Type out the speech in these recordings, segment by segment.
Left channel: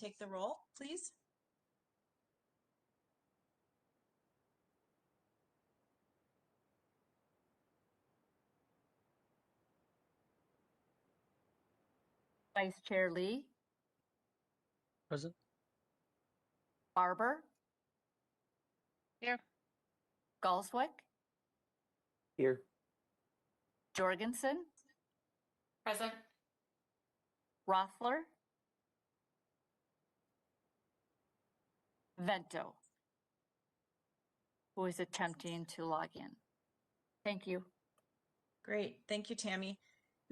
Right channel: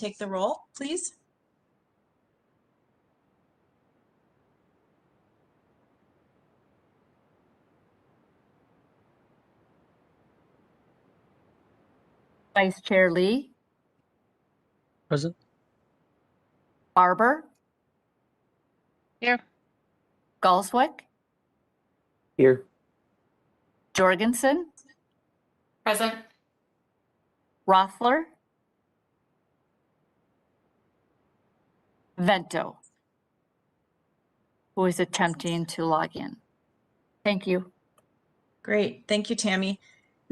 take the roll, please. Vice Chair Lee, Present. Barber, Here. Galswick, Here. Jorgensen, Present. Rothler, Vento, who is attempting to log in. Thank you. Great, thank you, Tammy.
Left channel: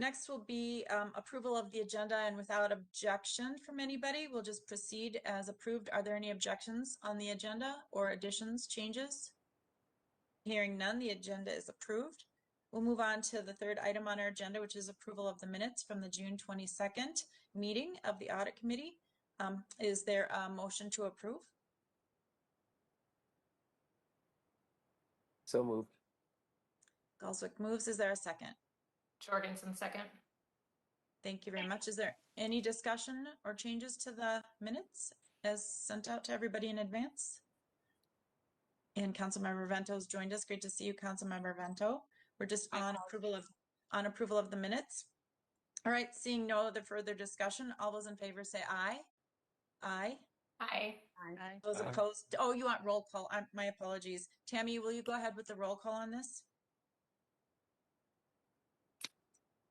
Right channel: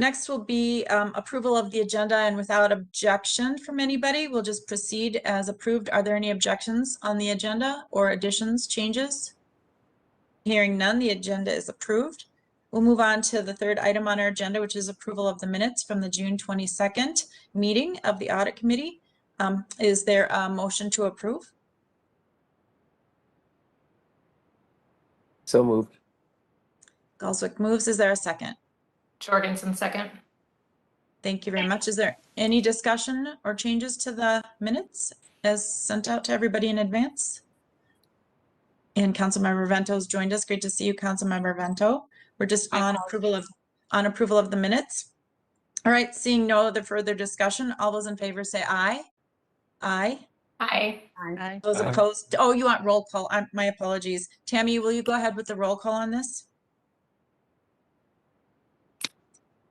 Next will be approval of the agenda, and without objection from anybody, we'll just proceed as approved. Are there any objections on the agenda or additions, changes? Hearing none, the agenda is approved. We'll move on to the third item on our agenda, which is approval of the minutes from the June 22nd meeting of the Audit Committee. Is there a motion to approve? So moved. Galswick moves. Is there a second? Jorgensen, second. Thank you very much. Is there any discussion or changes to the minutes as sent out to everybody in advance? And Councilmember Vento's joined us. Great to see you, Councilmember Vento. We're just on approval of the minutes. All right, seeing no other further discussion, all those in favor say aye. Aye. Aye. Aye. Those opposed, oh, you want roll call. My apologies. Tammy, will you go ahead with the roll call on this?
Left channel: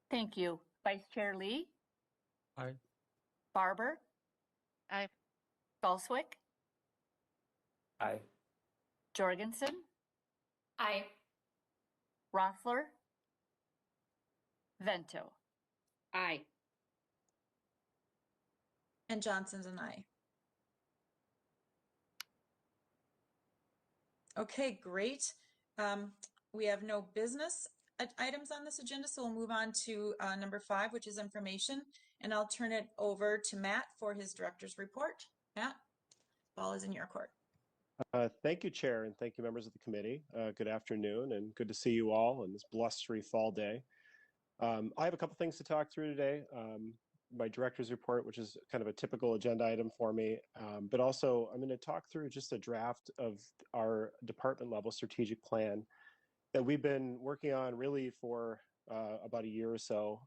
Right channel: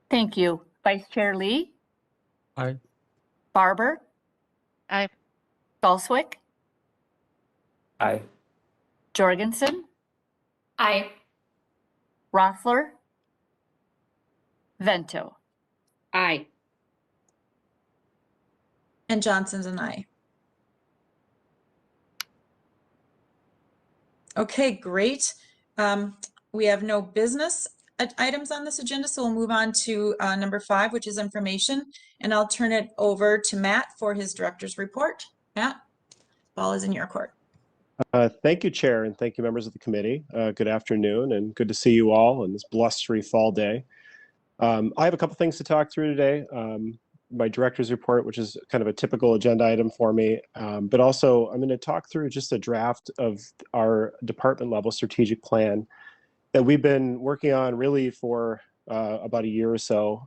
Thank you. Vice Chair Lee, Aye. Barber, Aye. Galswick, Aye. Jorgensen, Aye. Rothler, Vento. Aye. And Johnson's an aye. Okay, great. We have no business items on this agenda, so we'll move on to number 5, which is information. And I'll turn it over to Matt for his director's report. Matt, ball is in your court. Thank you, Chair, and thank you, members of the committee. Good afternoon, and good to see you all on this blustery fall day. I have a couple things to talk through today. My director's report, which is kind of a typical agenda item for me, but also I'm going to talk through just a draft of our department level strategic plan that we've been working on really for about a year or so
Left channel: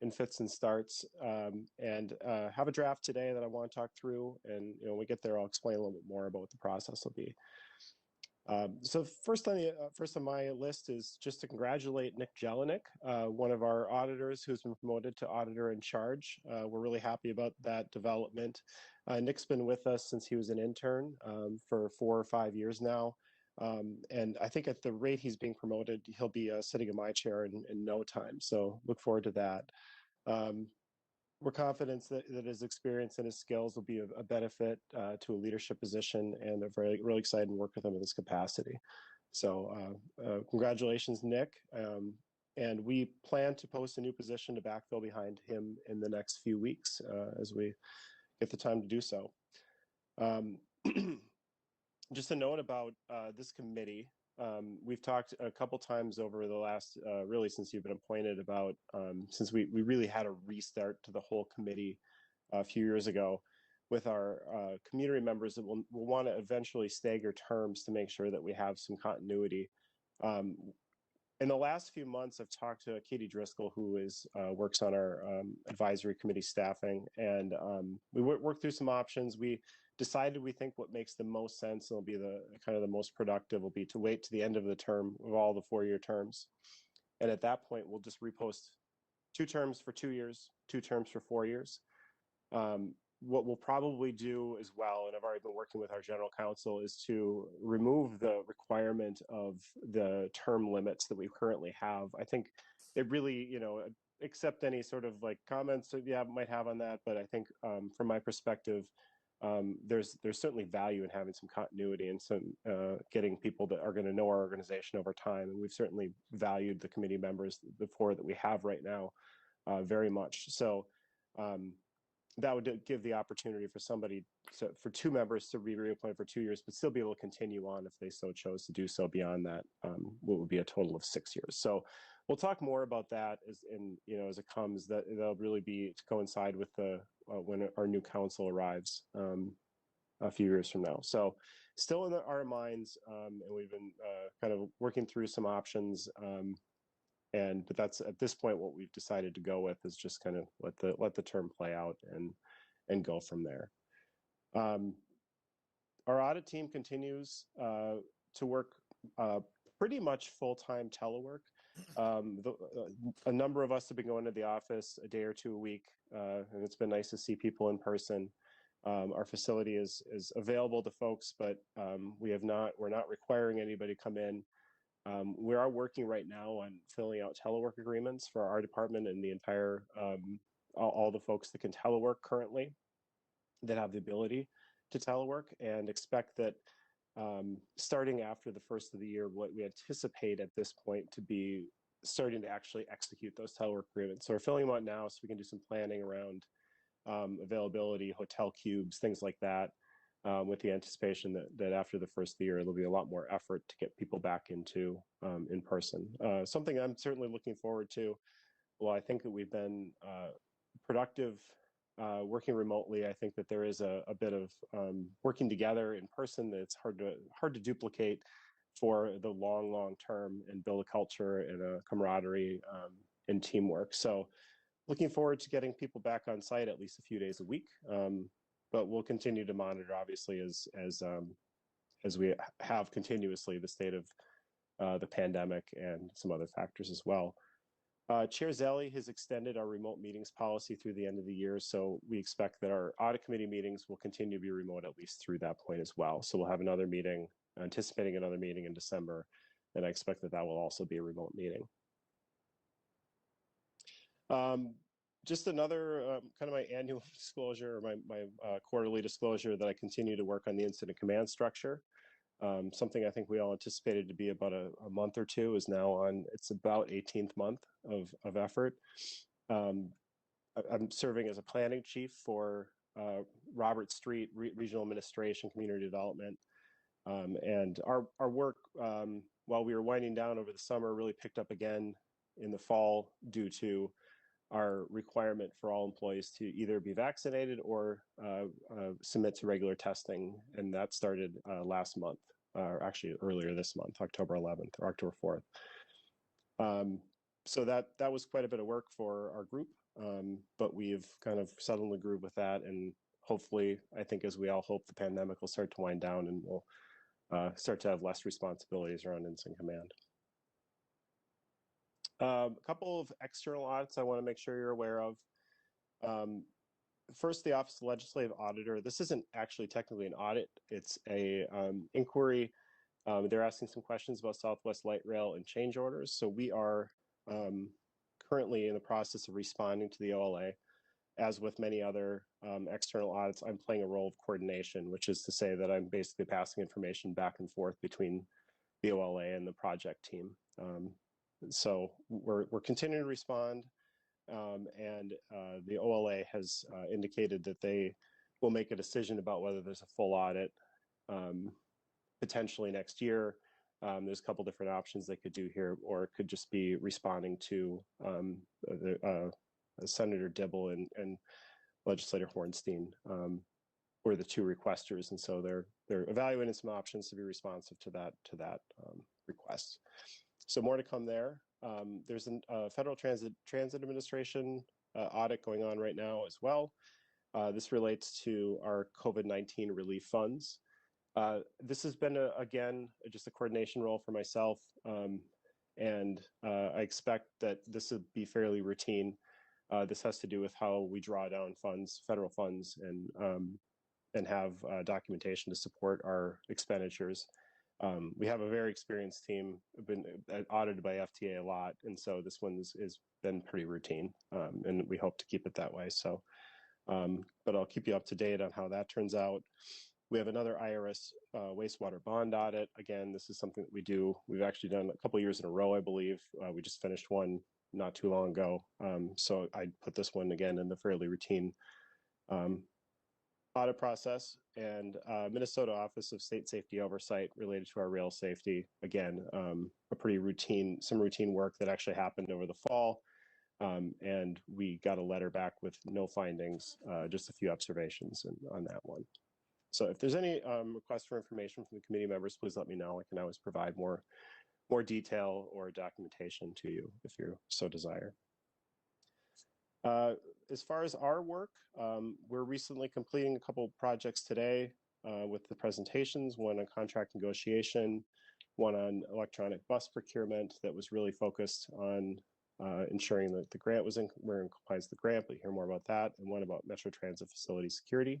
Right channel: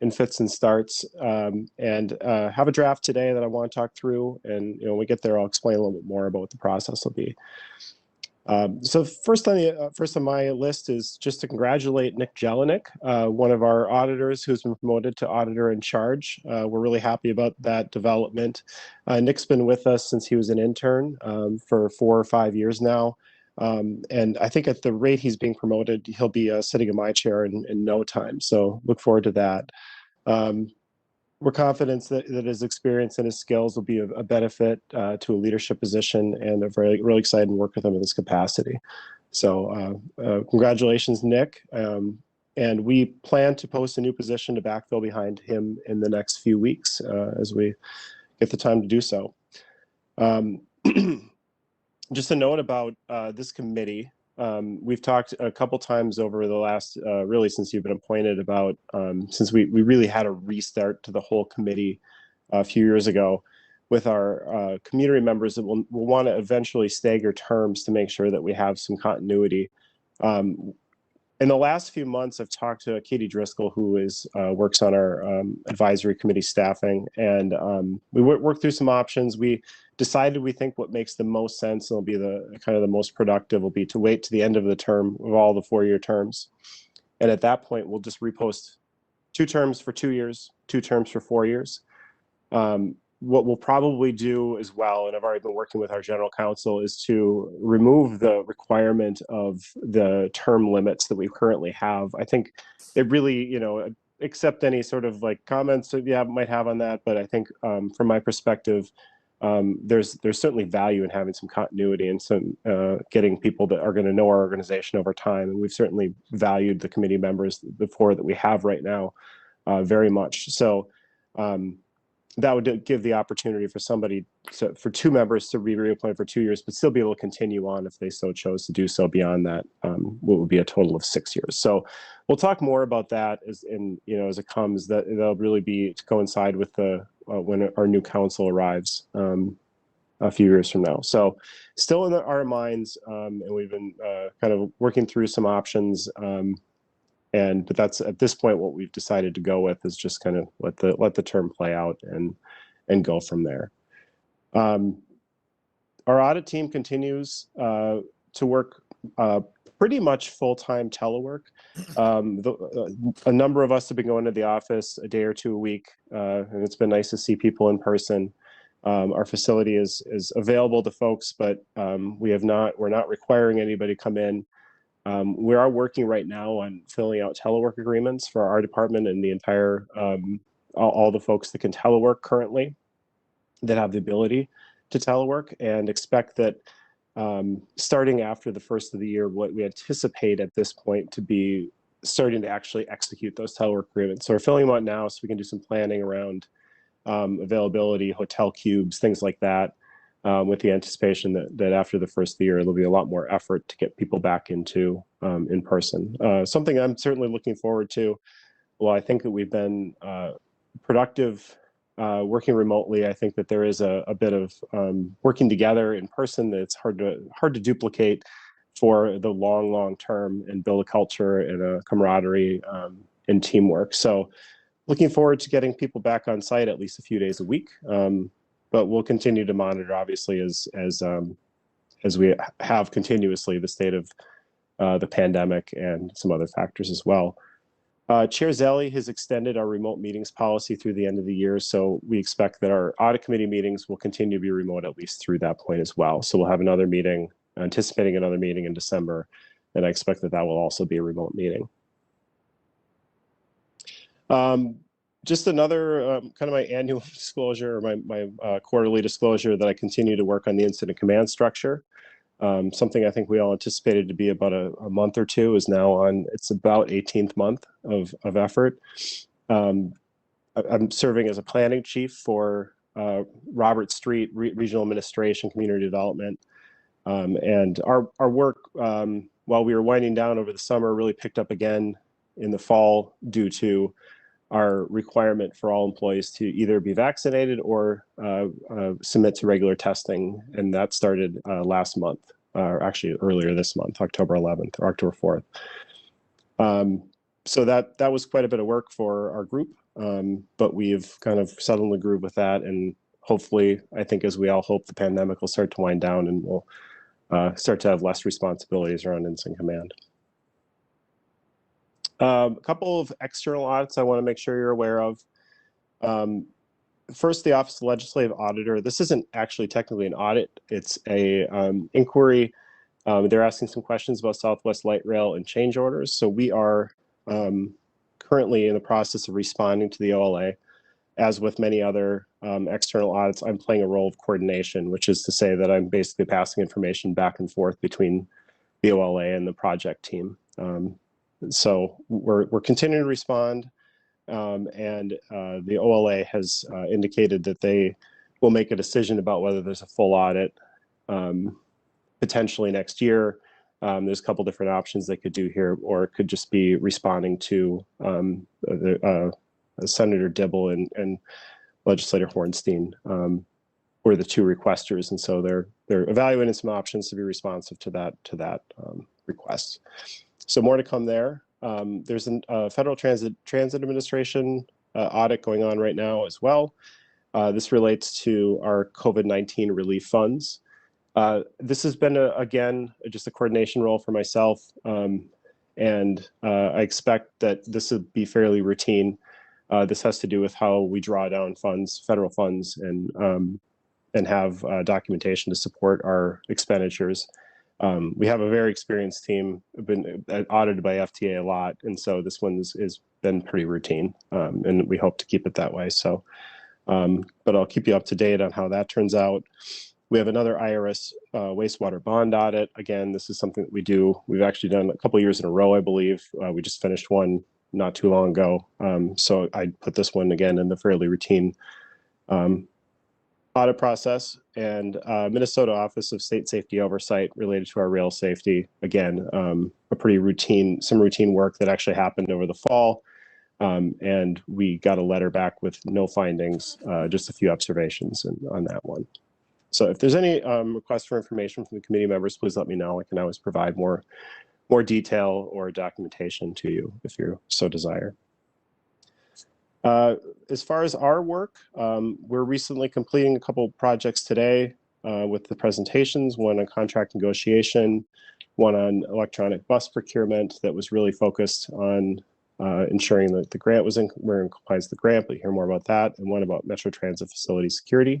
in fits and starts, and have a draft today that I want to talk through. And when we get there, I'll explain a little bit more about what the process will be. So first on my list is just to congratulate Nick Jelinek, one of our auditors who's been promoted to auditor in charge. We're really happy about that development. Nick's been with us since he was an intern for 4 or 5 years now. And I think at the rate he's being promoted, he'll be sitting in my chair in no time. So look forward to that. We're confident that his experience and his skills will be a benefit to a leadership position, and are really excited to work with him in this capacity. So congratulations, Nick. And we plan to post a new position to backfill behind him in the next few weeks as we get the time to do so. Just a note about this committee. We've talked a couple times over the last, really since you've been appointed, about since we really had a restart to the whole committee a few years ago with our community members that will want to eventually stagger terms to make sure that we have some continuity. In the last few months, I've talked to Katie Driscoll, who works on our advisory committee staffing, and we worked through some options. We decided we think what makes the most sense and will be the kind of the most productive will be to wait to the end of the term of all the 4-year terms. And at that point, we'll just repost 2 terms for 2 years, 2 terms for 4 years. What we'll probably do as well, and I've already been working with our general counsel, is to remove the requirement of the term limits that we currently have. I think it really, accept any sort of like comments that you might have on that, but I think from my perspective, there's certainly value in having some continuity and some getting people that are going to know our organization over time. And we've certainly valued the committee members, the 4 that we have right now, very much. So that would give the opportunity for for 2 members to be reappointed for 2 years, but still be able to continue on if they so chose to do so beyond that, what would be a total of 6 years. So we'll talk more about that as as it comes. That'll really be to coincide with the when our new council arrives a few years from now. So still in our minds, and we've been kind of working through some options. But that's at this point what we've decided to go with is just kind of let the term play out and go from there. Our audit team continues to work pretty much full-time telework. A number of us have been going to the office a day or two a week, and it's been nice to see people in person. Our facility is available to folks, but we're not requiring anybody to come in. We are working right now on filling out telework agreements for our department and the entire all the folks that can telework currently that have the ability to telework, and expect that starting after the first of the year, what we anticipate at this point to be starting to actually execute those telework agreements. So we're filling them out now so we can do some planning around availability, hotel cubes, things like that, with the anticipation that after the first of the year, there'll be a lot more effort to get people back into in person. Something I'm certainly looking forward to. Well, I think that we've been productive working remotely. I think that there is a bit of working together in person that's hard to duplicate for the long term and build a culture and a camaraderie and teamwork. So looking forward to getting people back on site at least a few days a week. But we'll continue to monitor, obviously, as we have continuously the state of the pandemic and some other factors as well. Chair Zelli has extended our remote meetings policy through the end of the year, so we expect that our audit committee meetings will continue to be remote at least through that point as well. So we'll have another meeting, anticipating another meeting in December, and I expect that will also be a remote meeting. Just another kind of my annual disclosure, or my quarterly disclosure, that I continue to work on the incident command structure. Something I think we all anticipated to be about a month or two is now on its about 18th month of effort. I'm serving as a planning chief for Robert Street Regional Administration Community Development. And our work, while we were winding down over the summer, really picked up again in the fall due to our requirement for all employees to either be vaccinated or submit to regular testing. And that started last month, or actually earlier this month, October 11th or October 4th. So that was quite a bit of work for our group, but we've kind of settled in the groove with that. And hopefully, I think as we all hope, the pandemic will start to wind down and we'll start to have less responsibilities around incident command. A couple of external audits I want to make sure you're aware of. First, the Office of Legislative Auditor. This isn't actually technically an audit. It's a inquiry. They're asking some questions about Southwest Light Rail and change orders. So we are currently in the process of responding to the OLA. As with many other external audits, I'm playing a role of coordination, which is to say that I'm basically passing information back and forth between the OLA and the project team. So we're continuing to respond, and the OLA has indicated that they will make a decision about whether there's a full audit potentially next year. There's a couple different options they could do here, or it could just be responding to Senator Dibble and Legislator Hornstein were the two requesters, and so they're evaluating some options to be responsive to that request. So more to come there. There's a Federal Transit Administration audit going on right now as well. This relates to our COVID-19 relief funds. This has been, again, just a coordination role for myself, and I expect that this would be fairly routine. This has to do with how we draw down funds, federal funds, and have documentation to support our expenditures. We have a very experienced team, been audited by FTA a lot, and so this one has been pretty routine, and we hope to keep it that way. So, but I'll keep you up to date on how that turns out. We have another IRS wastewater bond audit. Again, this is something that we do. We've actually done a couple of years in a row, I believe. We just finished one not too long ago. So I put this one again in the fairly routine audit audit process and Minnesota Office of State Safety Oversight related to our rail safety. Again, some routine work that actually happened over the fall. And we got a letter back with no findings, just a few observations on that one. So if there's any requests for information from the committee members, please let me know. I can always provide more detail or documentation to you if you so desire. As far as our work, we're recently completing a couple projects today with the presentations, one on contract negotiation, one on electronic bus procurement that was really focused on ensuring that the grant we're in compliance with the grant, but you hear more about that, and one about Metro Transit facility security.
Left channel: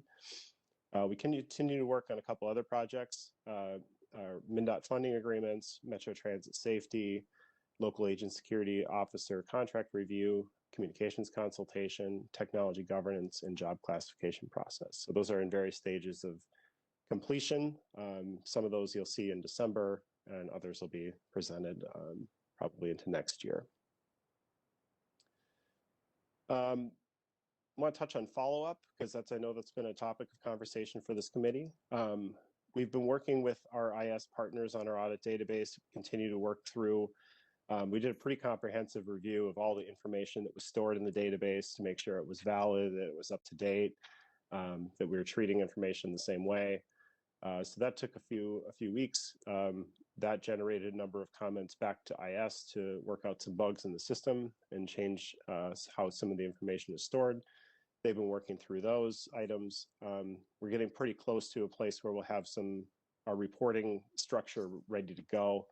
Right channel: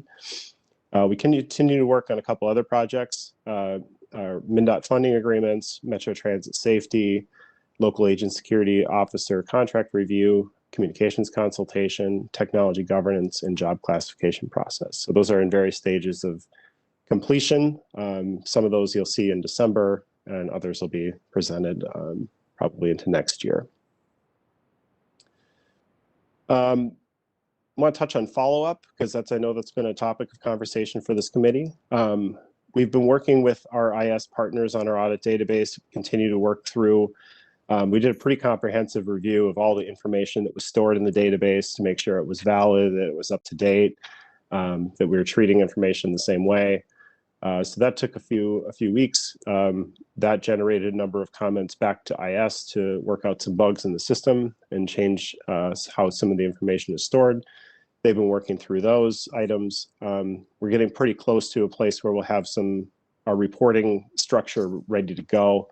We continue to work on a couple other projects, our MnDOT funding agreements, Metro Transit safety, local agent security officer contract review, communications consultation, technology governance, and job classification process. So those are in various stages of completion. Some of those you'll see in December, and others will be presented probably into next year. I want to touch on follow-up because I know that's been a topic of conversation for this committee. We've been working with our IS partners on our audit database, continue to work through. We did a pretty comprehensive review of all the information that was stored in the database to make sure it was valid, that it was up to date, that we were treating information the same way. So that took a few weeks. That generated a number of comments back to IS to work out some bugs in the system and change how some of the information is stored. They've been working through those items. We're getting pretty close to a place where we'll have our reporting structure ready to go.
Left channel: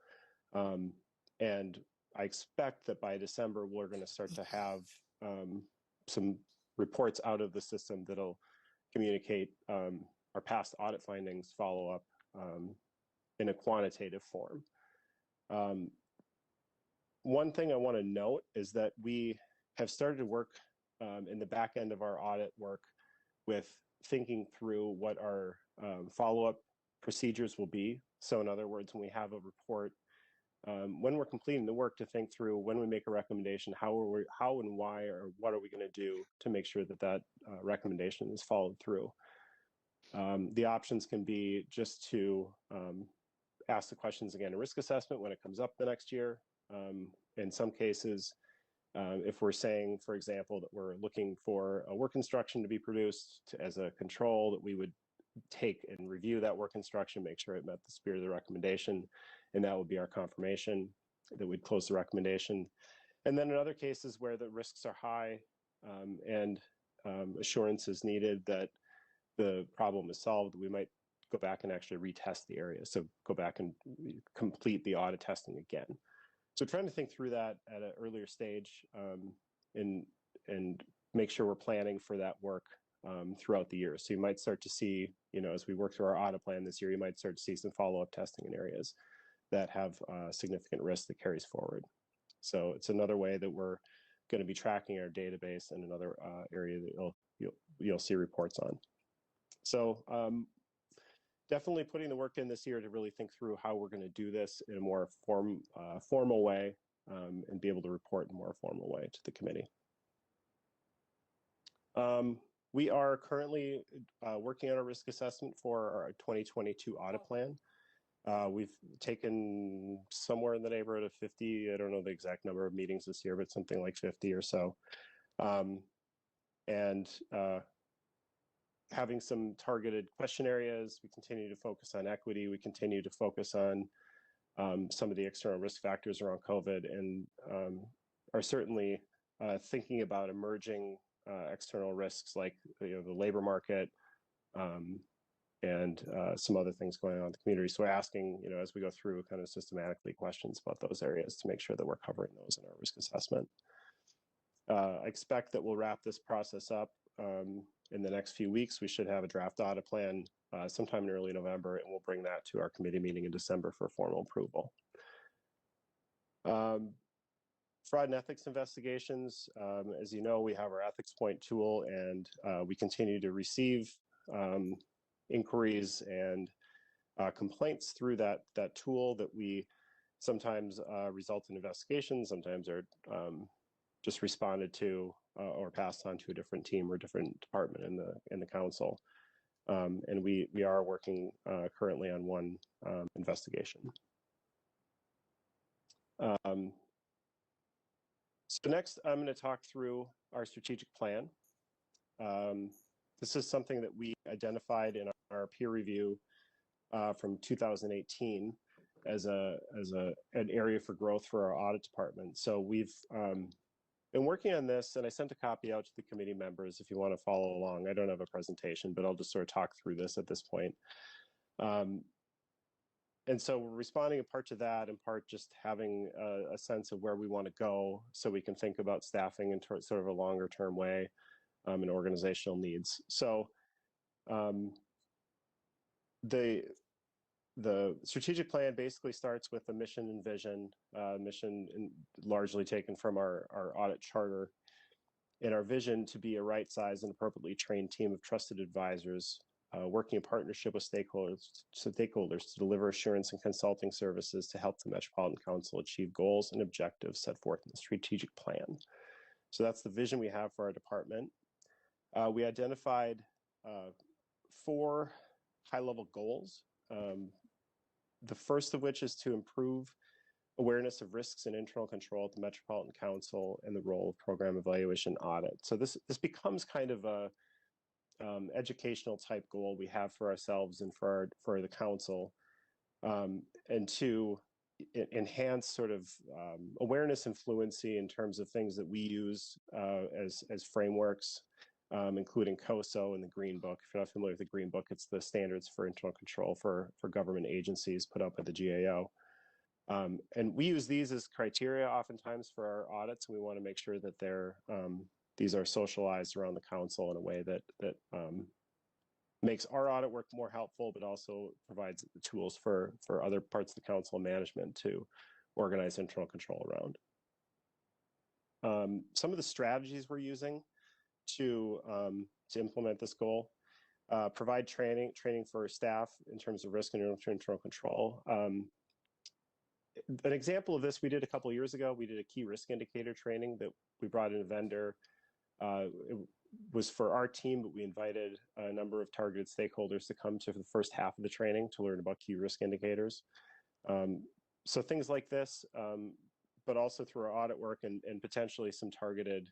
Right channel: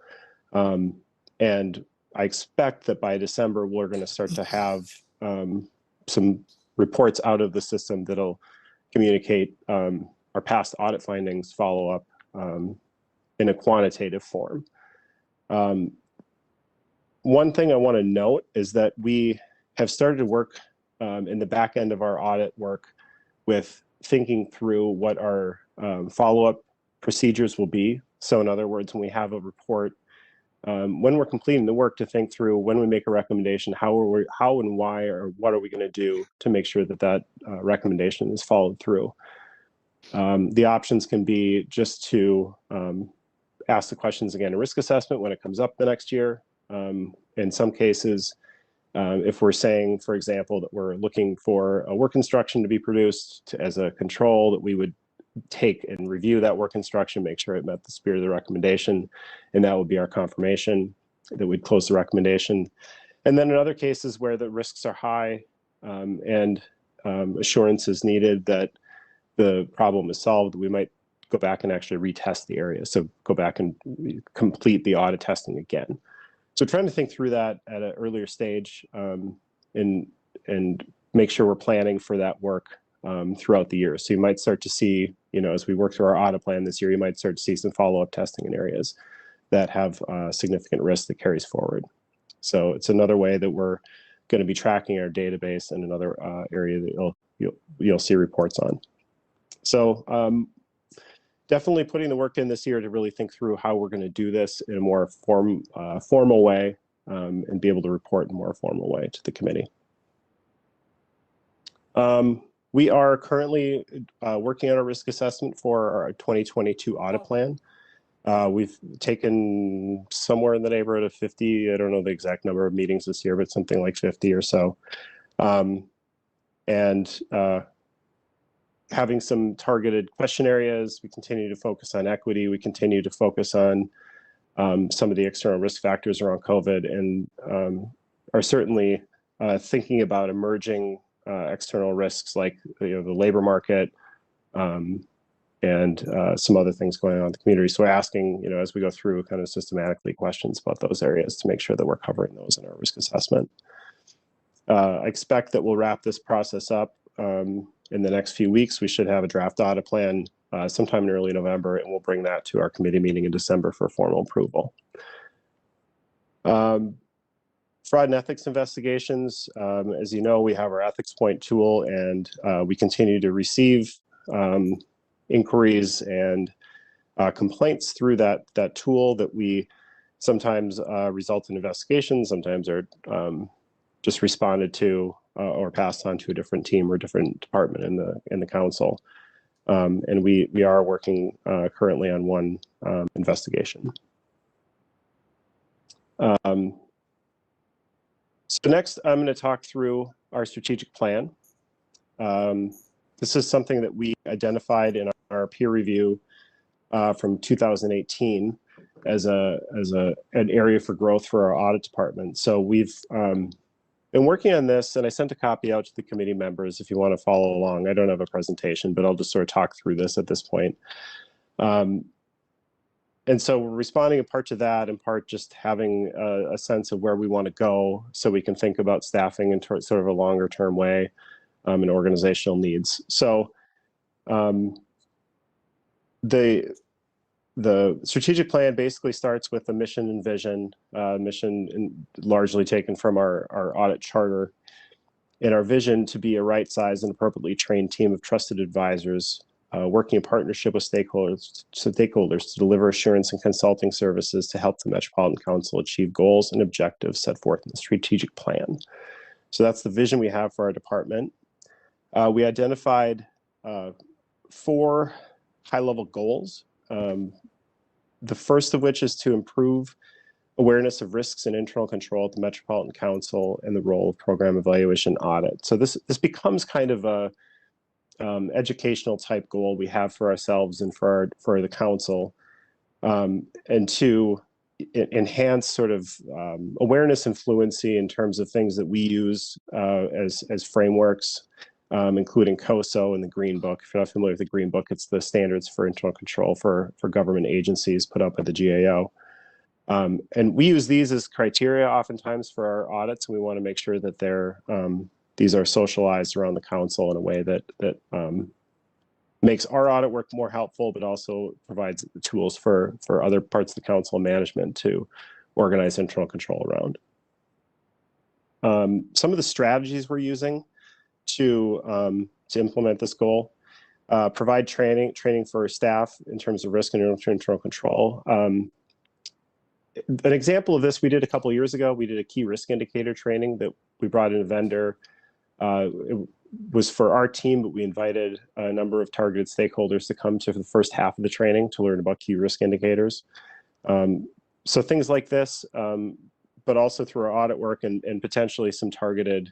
And I expect that by December, we're going to start to have some reports out of the system that'll communicate our past audit findings, follow up in a quantitative form. One thing I want to note is that we have started to work in the back end of our audit work with thinking through what our follow-up procedures will be. So in other words, when we have a report, when we're completing the work, to think through when we make a recommendation, how and why, or what are we going to do to make sure that that recommendation is followed through. The options can be just to ask the questions again in risk assessment when it comes up the next year. In some cases, if we're saying, for example, that we're looking for a work instruction to be produced as a control, that we would take and review that work instruction, make sure it met the spirit of the recommendation, and that would be our confirmation that we'd close the recommendation. And then in other cases where the risks are high and assurance is needed that the problem is solved, we might go back and actually retest the area. So go back and complete the audit testing again. So trying to think through that at an earlier stage and make sure we're planning for that work throughout the year. So you might start to see, as we work through our audit plan this year, you might start to see some follow-up testing in areas that have significant risk that carries forward. So it's another way that we're going to be tracking our database, and another area that you'll see reports on. So definitely putting the work in this year to really think through how we're going to do this in a more formal way and be able to report in a more formal way to the committee. We are currently working on a risk assessment for our 2022 audit plan. We've taken somewhere in the neighborhood of 50, I don't know the exact number of meetings this year, but something like 50 or so. Having some targeted question areas. We continue to focus on equity. We continue to focus on some of the external risk factors around COVID, and are certainly thinking about emerging external risks like the labor market and some other things going on in the community. So asking, as we go through, kind of systematically questions about those areas to make sure that we're covering those in our risk assessment. I expect that we'll wrap this process up in the next few weeks. We should have a draft audit plan sometime in early November, and we'll bring that to our committee meeting in December for formal approval. Fraud and ethics investigations. As you know, we have our ethics point tool, and we continue to receive inquiries and complaints through that tool that we sometimes result in investigations, sometimes are just responded to or passed on to a different team or different department in the council. And we are working currently on one investigation. So next, I'm going to talk through our strategic plan. This is something that we identified in our peer review from 2018 as an area for growth for our audit department. So we've been working on this, and I sent a copy out to the committee members if you want to follow along. I don't have a presentation, but I'll just sort of talk through this at this point. And so we're responding in part to that, in part just having a sense of where we want to go so we can think about staffing in sort of a longer term way and organizational needs. So the strategic plan basically starts with the mission and vision, largely taken from our audit charter, and our vision to be a right-sized and appropriately trained team of trusted advisors working in partnership with stakeholders to deliver assurance and consulting services to help the Metropolitan Council achieve goals and objectives set forth in the strategic plan. So that's the vision we have for our department. We identified 4 high-level goals. The first of which is to improve awareness of risks and internal control at the Metropolitan Council and the role of program evaluation audit. So this becomes kind of a educational type goal we have for ourselves and for the council, and to enhance sort of awareness and fluency in terms of things that we use as frameworks, including COSO and the Green Book. If you're not familiar with the Green Book, it's the standards for internal control for government agencies put up by the GAO. And we use these as criteria oftentimes for our audits, and we want to make sure that these are socialized around the council in a way that makes our audit work more helpful, but also provides tools for other parts of the council management to organize internal control around. Some of the strategies we're using to implement this goal: provide training for staff in terms of risk and internal control. An example of this we did a couple of years ago. We did a key risk indicator training that we brought in a vendor. It was for our team, but we invited a number of targeted stakeholders to come to the first half of the training to learn about key risk indicators. So things like this, but also through our audit work and potentially some targeted,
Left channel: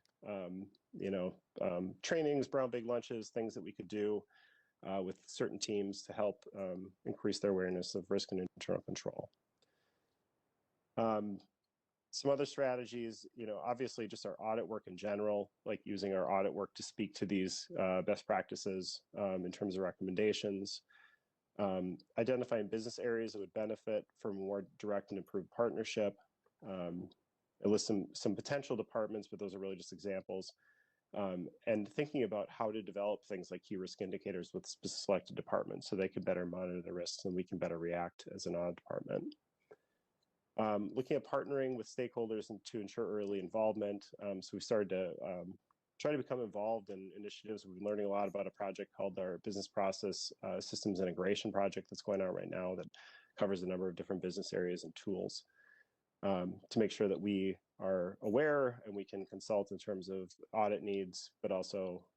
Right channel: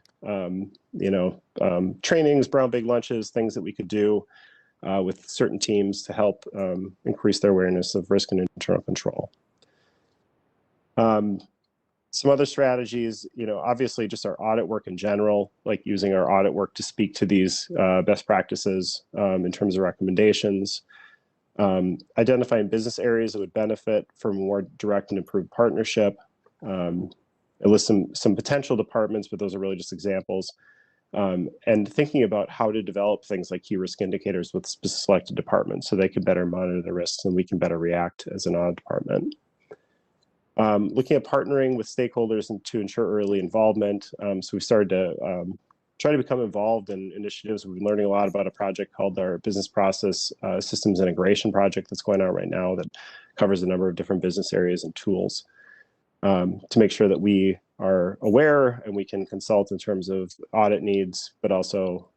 trainings, brown bag lunches, things that we could do with certain teams to help increase their awareness of risk and internal control. Some other strategies, obviously just our audit work in general, like using our audit work to speak to these best practices in terms of recommendations. Identifying business areas that would benefit from more direct and improved partnership. It lists some potential departments, but those are really just examples. And thinking about how to develop things like key risk indicators with selected departments so they can better monitor the risks and we can better react as an audit department. Looking at partnering with stakeholders and to ensure early involvement. So we started to try to become involved in initiatives. We've been learning a lot about a project called our Business Process Systems Integration Project that's going on right now that covers a number of different business areas and tools to make sure that we are aware and we can consult in terms of audit needs, but also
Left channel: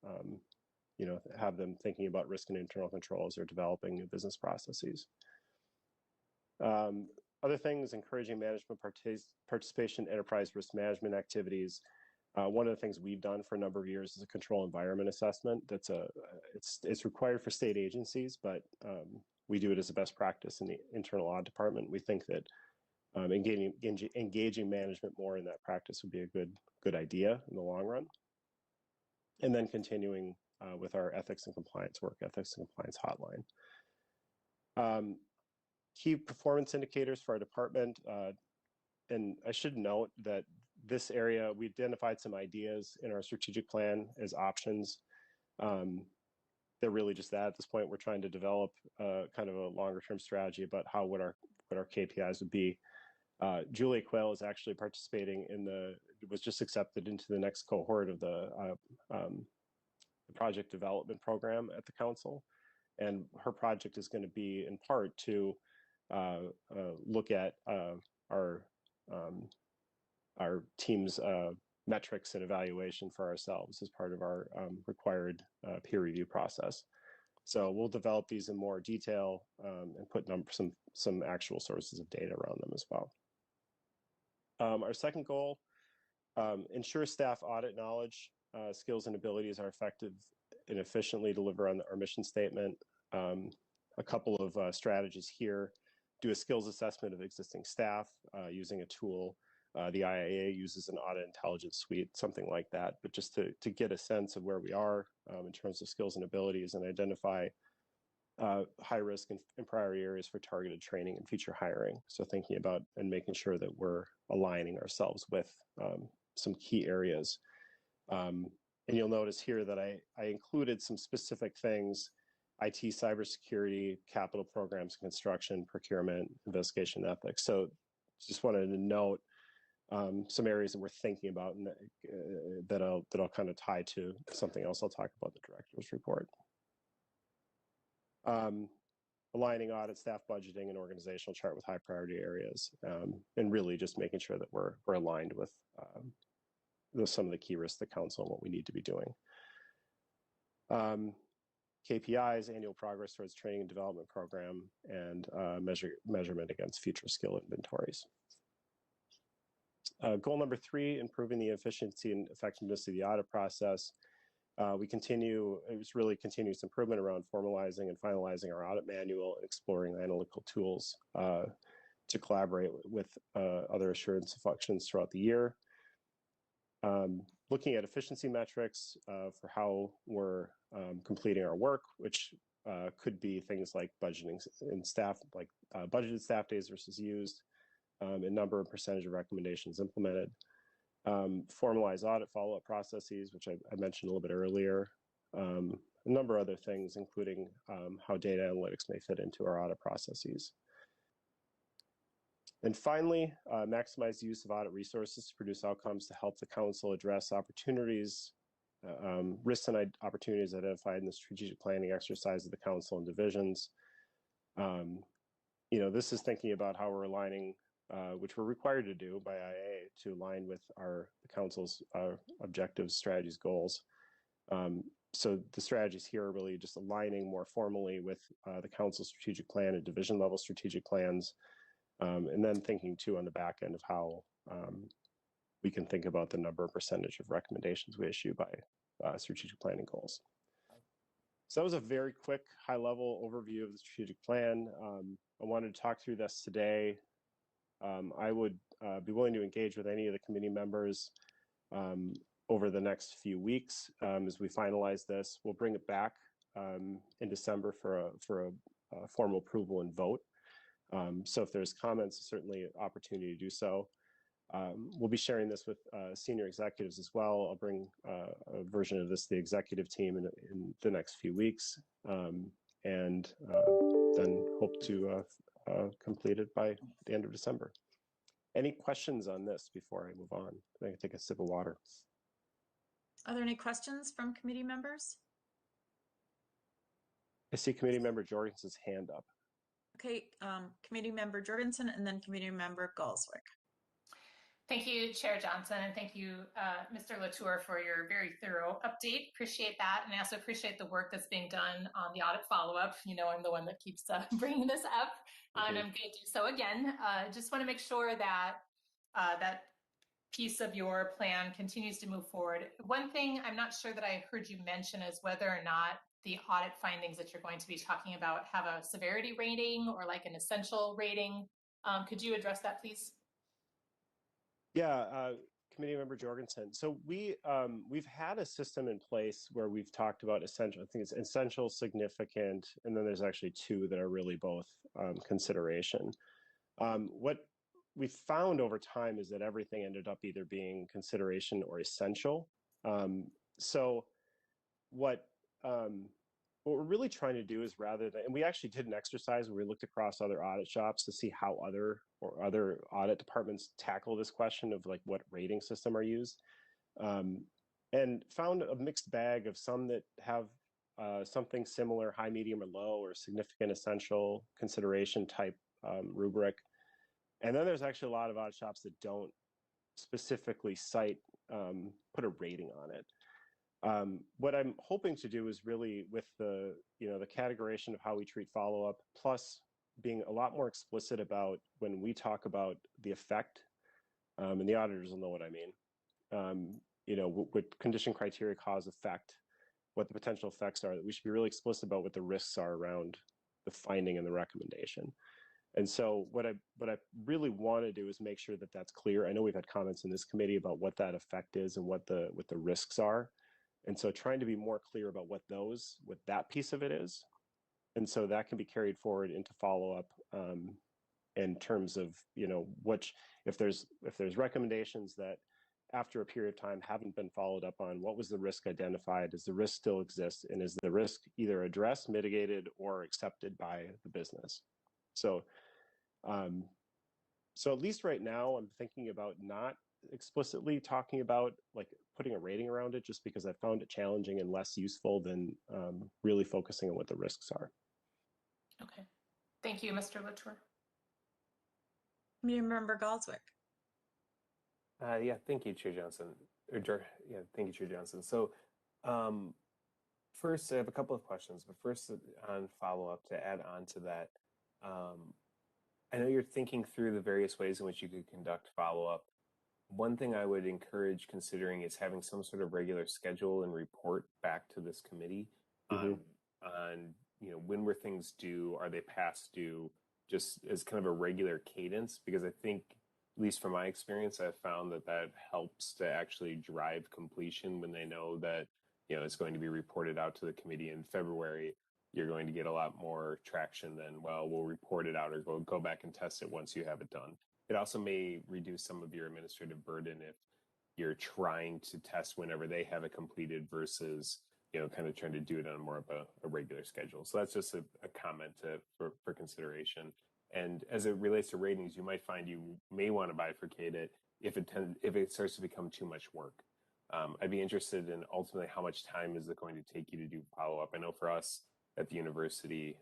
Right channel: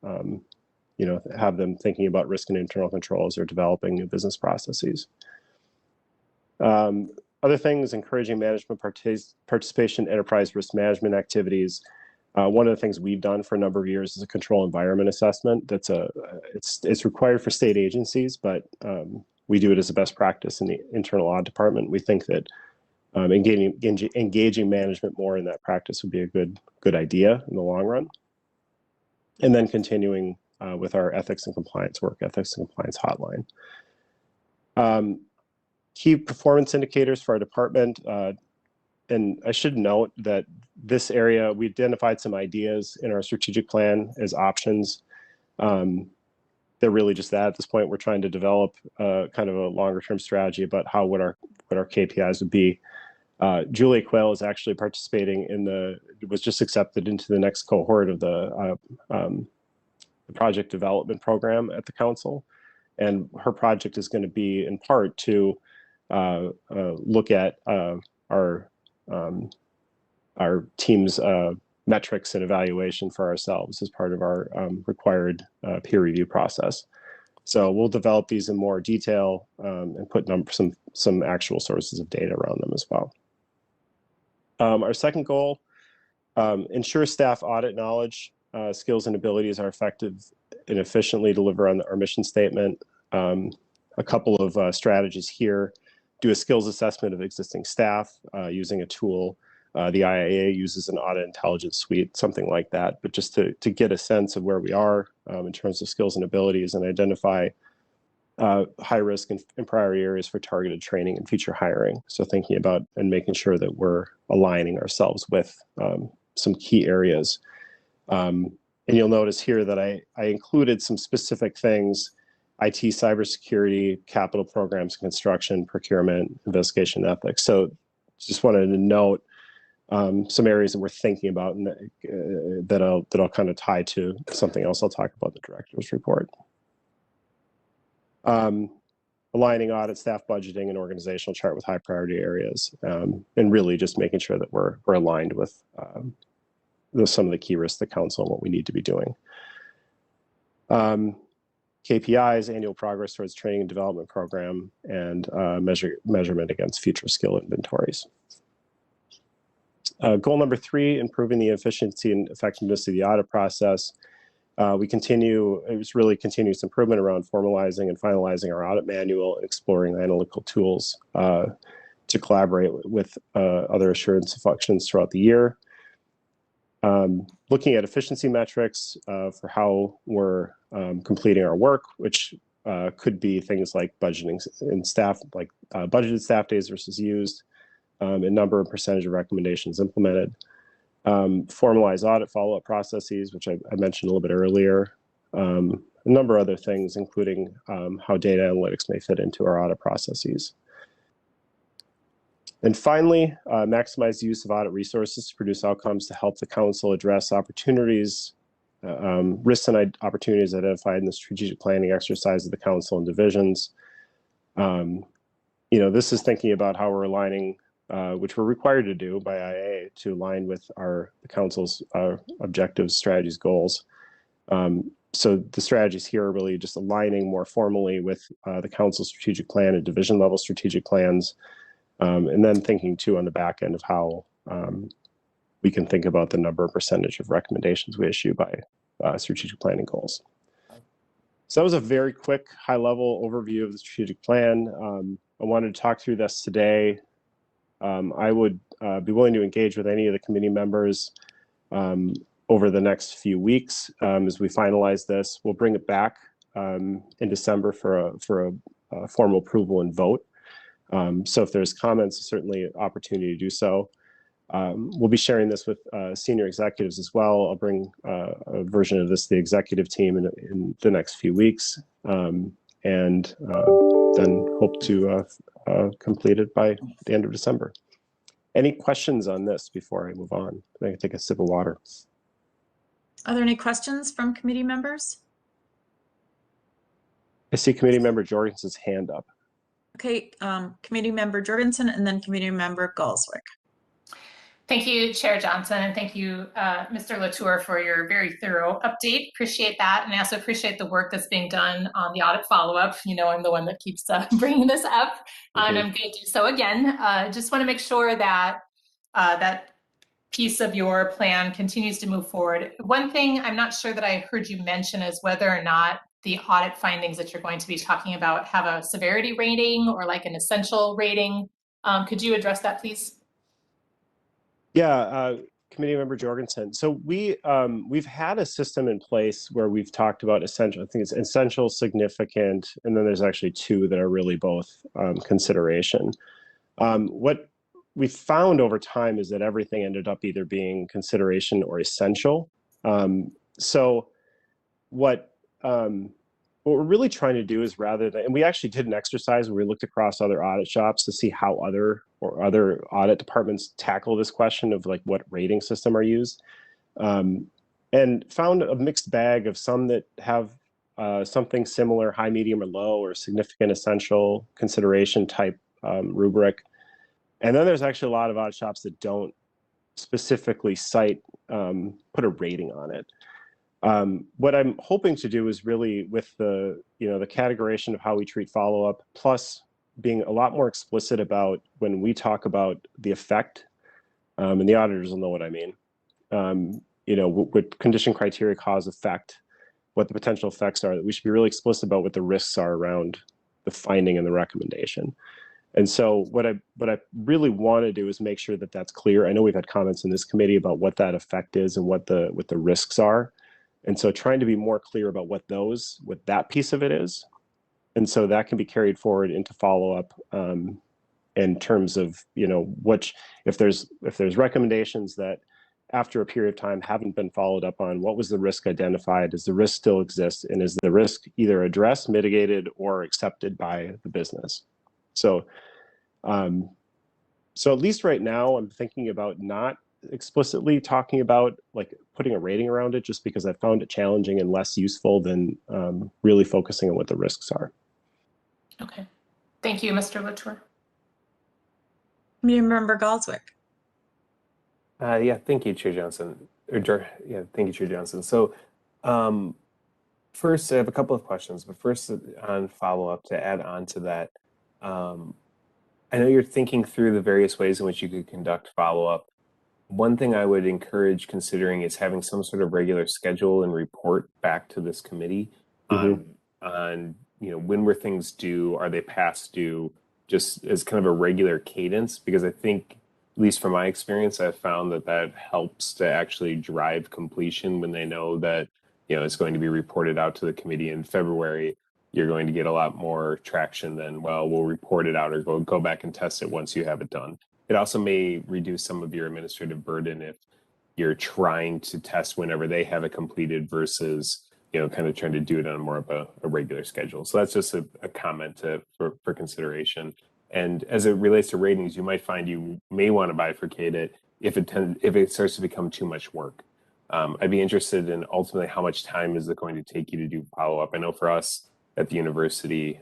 have them thinking about risk and internal controls or developing new business processes. Other things, encouraging management participation in enterprise risk management activities. One of the things we've done for a number of years is a control environment assessment. It's required for state agencies, but we do it as a best practice in the internal audit department. We think that engaging management more in that practice would be a good idea in the long run. And then continuing with our ethics and compliance work, ethics and compliance hotline. Key performance indicators for our department. And I should note that this area, we identified some ideas in our strategic plan as options. They're really just that at this point. We're trying to develop kind of a longer term strategy about what our KPIs would be. Julia Quehl is actually participating was just accepted into the next cohort of the project development program at the council. And her project is going to be in part to look at our team's metrics and evaluation for ourselves as part of our required peer review process. So we'll develop these in more detail and put some actual sources of data around them as well. Our second goal, ensure staff audit knowledge, skills, and abilities are effective and efficiently deliver on our mission statement. A couple of strategies here: do a skills assessment of existing staff using a tool. The IIA uses an audit intelligence suite, something like that, but just to get a sense of where we are in terms of skills and abilities, and identify high risk and priority areas for targeted training and future hiring. So thinking about and making sure that we're aligning ourselves with some key areas. And you'll notice here that I included some specific things: IT, cybersecurity, capital programs, construction, procurement, investigation, ethics. So just wanted to note some areas that we're thinking about, and that I'll kind of tie to something else I'll talk about in the director's report. Aligning audit, staff budgeting, and organizational chart with high priority areas, and really just making sure that we're aligned with some of the key risks to the council and what we need to be doing. KPIs, annual progress towards training and development program, and measurement against future skill inventories. Goal number 3, improving the efficiency and effectiveness of the audit process. It was really continuous improvement around formalizing and finalizing our audit manual, and exploring analytical tools to collaborate with other assurance functions throughout the year. Looking at efficiency metrics for how we're completing our work, which could be things like budgeting and staff, like budgeted staff days versus used, and number and percentage of recommendations implemented. Formalize audit follow-up processes, which I mentioned a little bit earlier. A number of other things, including how data analytics may fit into our audit processes. And finally, maximize the use of audit resources to produce outcomes to help the council address opportunities, risks and opportunities identified in the strategic planning exercise of the council and divisions. This is thinking about how we're aligning, which we're required to do by IA, to align with the council's objectives, strategies, goals. So the strategies here are really just aligning more formally with the council's strategic plan and division level strategic plans. And then thinking too on the back end of how we can think about the number and percentage of recommendations we issue by strategic planning goals. So that was a very quick high-level overview of the strategic plan. I wanted to talk through this today. I would be willing to engage with any of the committee members over the next few weeks as we finalize this. We'll bring it back in December for a formal approval and vote. So if there's comments, certainly an opportunity to do so. We'll be sharing this with senior executives as well. I'll bring a version of this to the executive team in the next few weeks, and then hope to complete it by the end of December. Any questions on this before I move on? I can take a sip of water. Are there any questions from committee members? I see Committee Member Jorgensen's hand up. Okay, Committee Member Jorgensen, and then Committee Member Galswick. Thank you, Chair Johnson, and thank you, Mr. Latour, for your very thorough update. Appreciate that, and I also appreciate the work that's being done on the audit follow-up. I'm the one that keeps bringing this up, and I'm going to do so again. Just want to make sure that that piece of your plan continues to move forward. One thing I'm not sure that I heard you mention is whether or not the audit findings that you're going to be talking about have a severity rating or like an essential rating. Could you address that, please? Yeah, Committee Member Jorgensen. So we've had a system in place where we've talked about essential. I think it's essential, significant, and then there's actually 2 that are really both consideration. What we found over time is that everything ended up either being consideration or essential. So what we're really trying to do is, rather than, and we actually did an exercise where we looked across other audit shops to see how other audit departments tackle this question of like what rating system are used, and found a mixed bag of some that have something similar, high, medium, or low, or significant, essential, consideration type rubric. And then there's actually a lot of audit shops that don't specifically cite, put a rating on it. What I'm hoping to do is really with the, the categorization of how we treat follow-up, plus being a lot more explicit about when we talk about the effect, and the auditors will know what I mean. What condition, criteria, cause, effect, what the potential effects are, that we should be really explicit about what the risks are around the finding and the recommendation. And so what I really want to do is make sure that that's clear. I know we've had comments in this committee about what that effect is and what the risks are. And so trying to be more clear about what that piece of it is. And so that can be carried forward into follow-up in terms of, if there's recommendations that after a period of time haven't been followed up on, what was the risk identified? Does the risk still exist? And is the risk either addressed, mitigated, or accepted by the business? So, so at least right now, I'm thinking about not explicitly talking about like putting a rating around it, just because I found it challenging and less useful than really focusing on what the risks are. Okay, thank you, Mr. Latour. Committee Member Galswick. Yeah, thank you, Chair Johnson. Yeah, thank you, Chair Johnson. So first, I have a couple of questions, but first on follow-up to add on to that. I know you're thinking through the various ways in which you could conduct follow-up. One thing I would encourage considering is having some sort of regular schedule and report back to this committee on when were things due, are they past due, just as kind of a regular cadence, because I think, at least from my experience, I've found that helps to actually drive completion when they know that, it's going to be reported out to the committee in February. You're going to get a lot more traction than, well, we'll report it out or go back and test it once you have it done. It also may reduce some of your administrative burden if you're trying to test whenever they have it completed versus, kind of trying to do it on more of a regular schedule. So that's just a comment for consideration. And as it relates to ratings, you might find you may want to bifurcate it if it starts to become too much work. I'd be interested in ultimately how much time is it going to take you to do follow-up. I know for us at the university,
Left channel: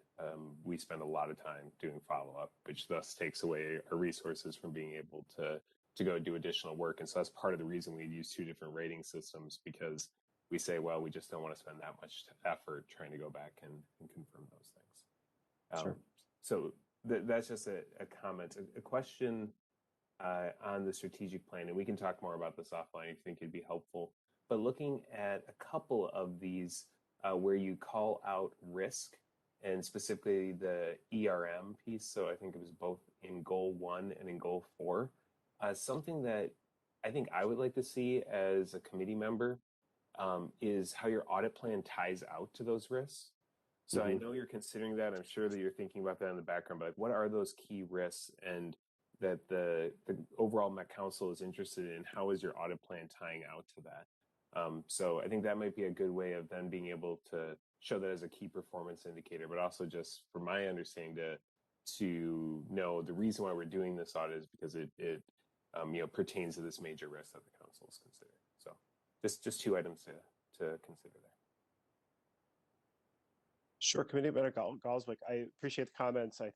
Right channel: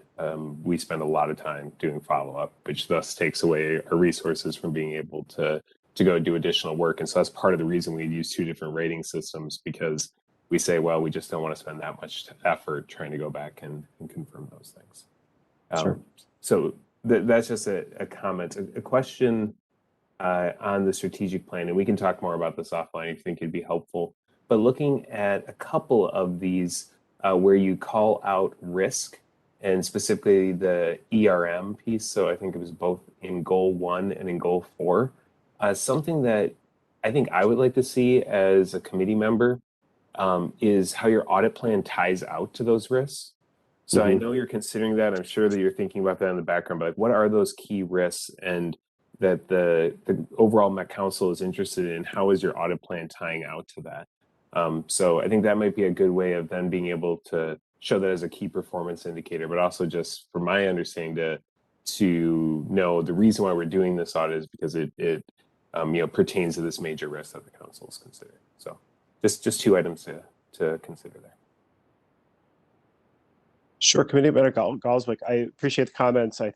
we spend a lot of time doing follow-up, which thus takes away our resources from being able to go do additional work. And so that's part of the reason we use two different rating systems, because we say, well, we just don't want to spend that much effort trying to go back and confirm those things. Sure. So that's just a comment. A question on the strategic plan, and we can talk more about this offline if you think it'd be helpful. But looking at a couple of these where you call out risk, and specifically the ERM piece. So I think it was both in goal 1 and in goal 4. Something that I think I would like to see as a committee member is how your audit plan ties out to those risks. So I know you're considering that. I'm sure that you're thinking about that in the background, but what are those key risks and that the overall Met Council is interested in? How is your audit plan tying out to that? So I think that might be a good way of then being able to show that as a key performance indicator, but also just from my understanding to know the reason why we're doing this audit is because it pertains to this major risk that the council is considering. So just two items to consider there. Sure, Committee Member Galswick, I appreciate the comments. I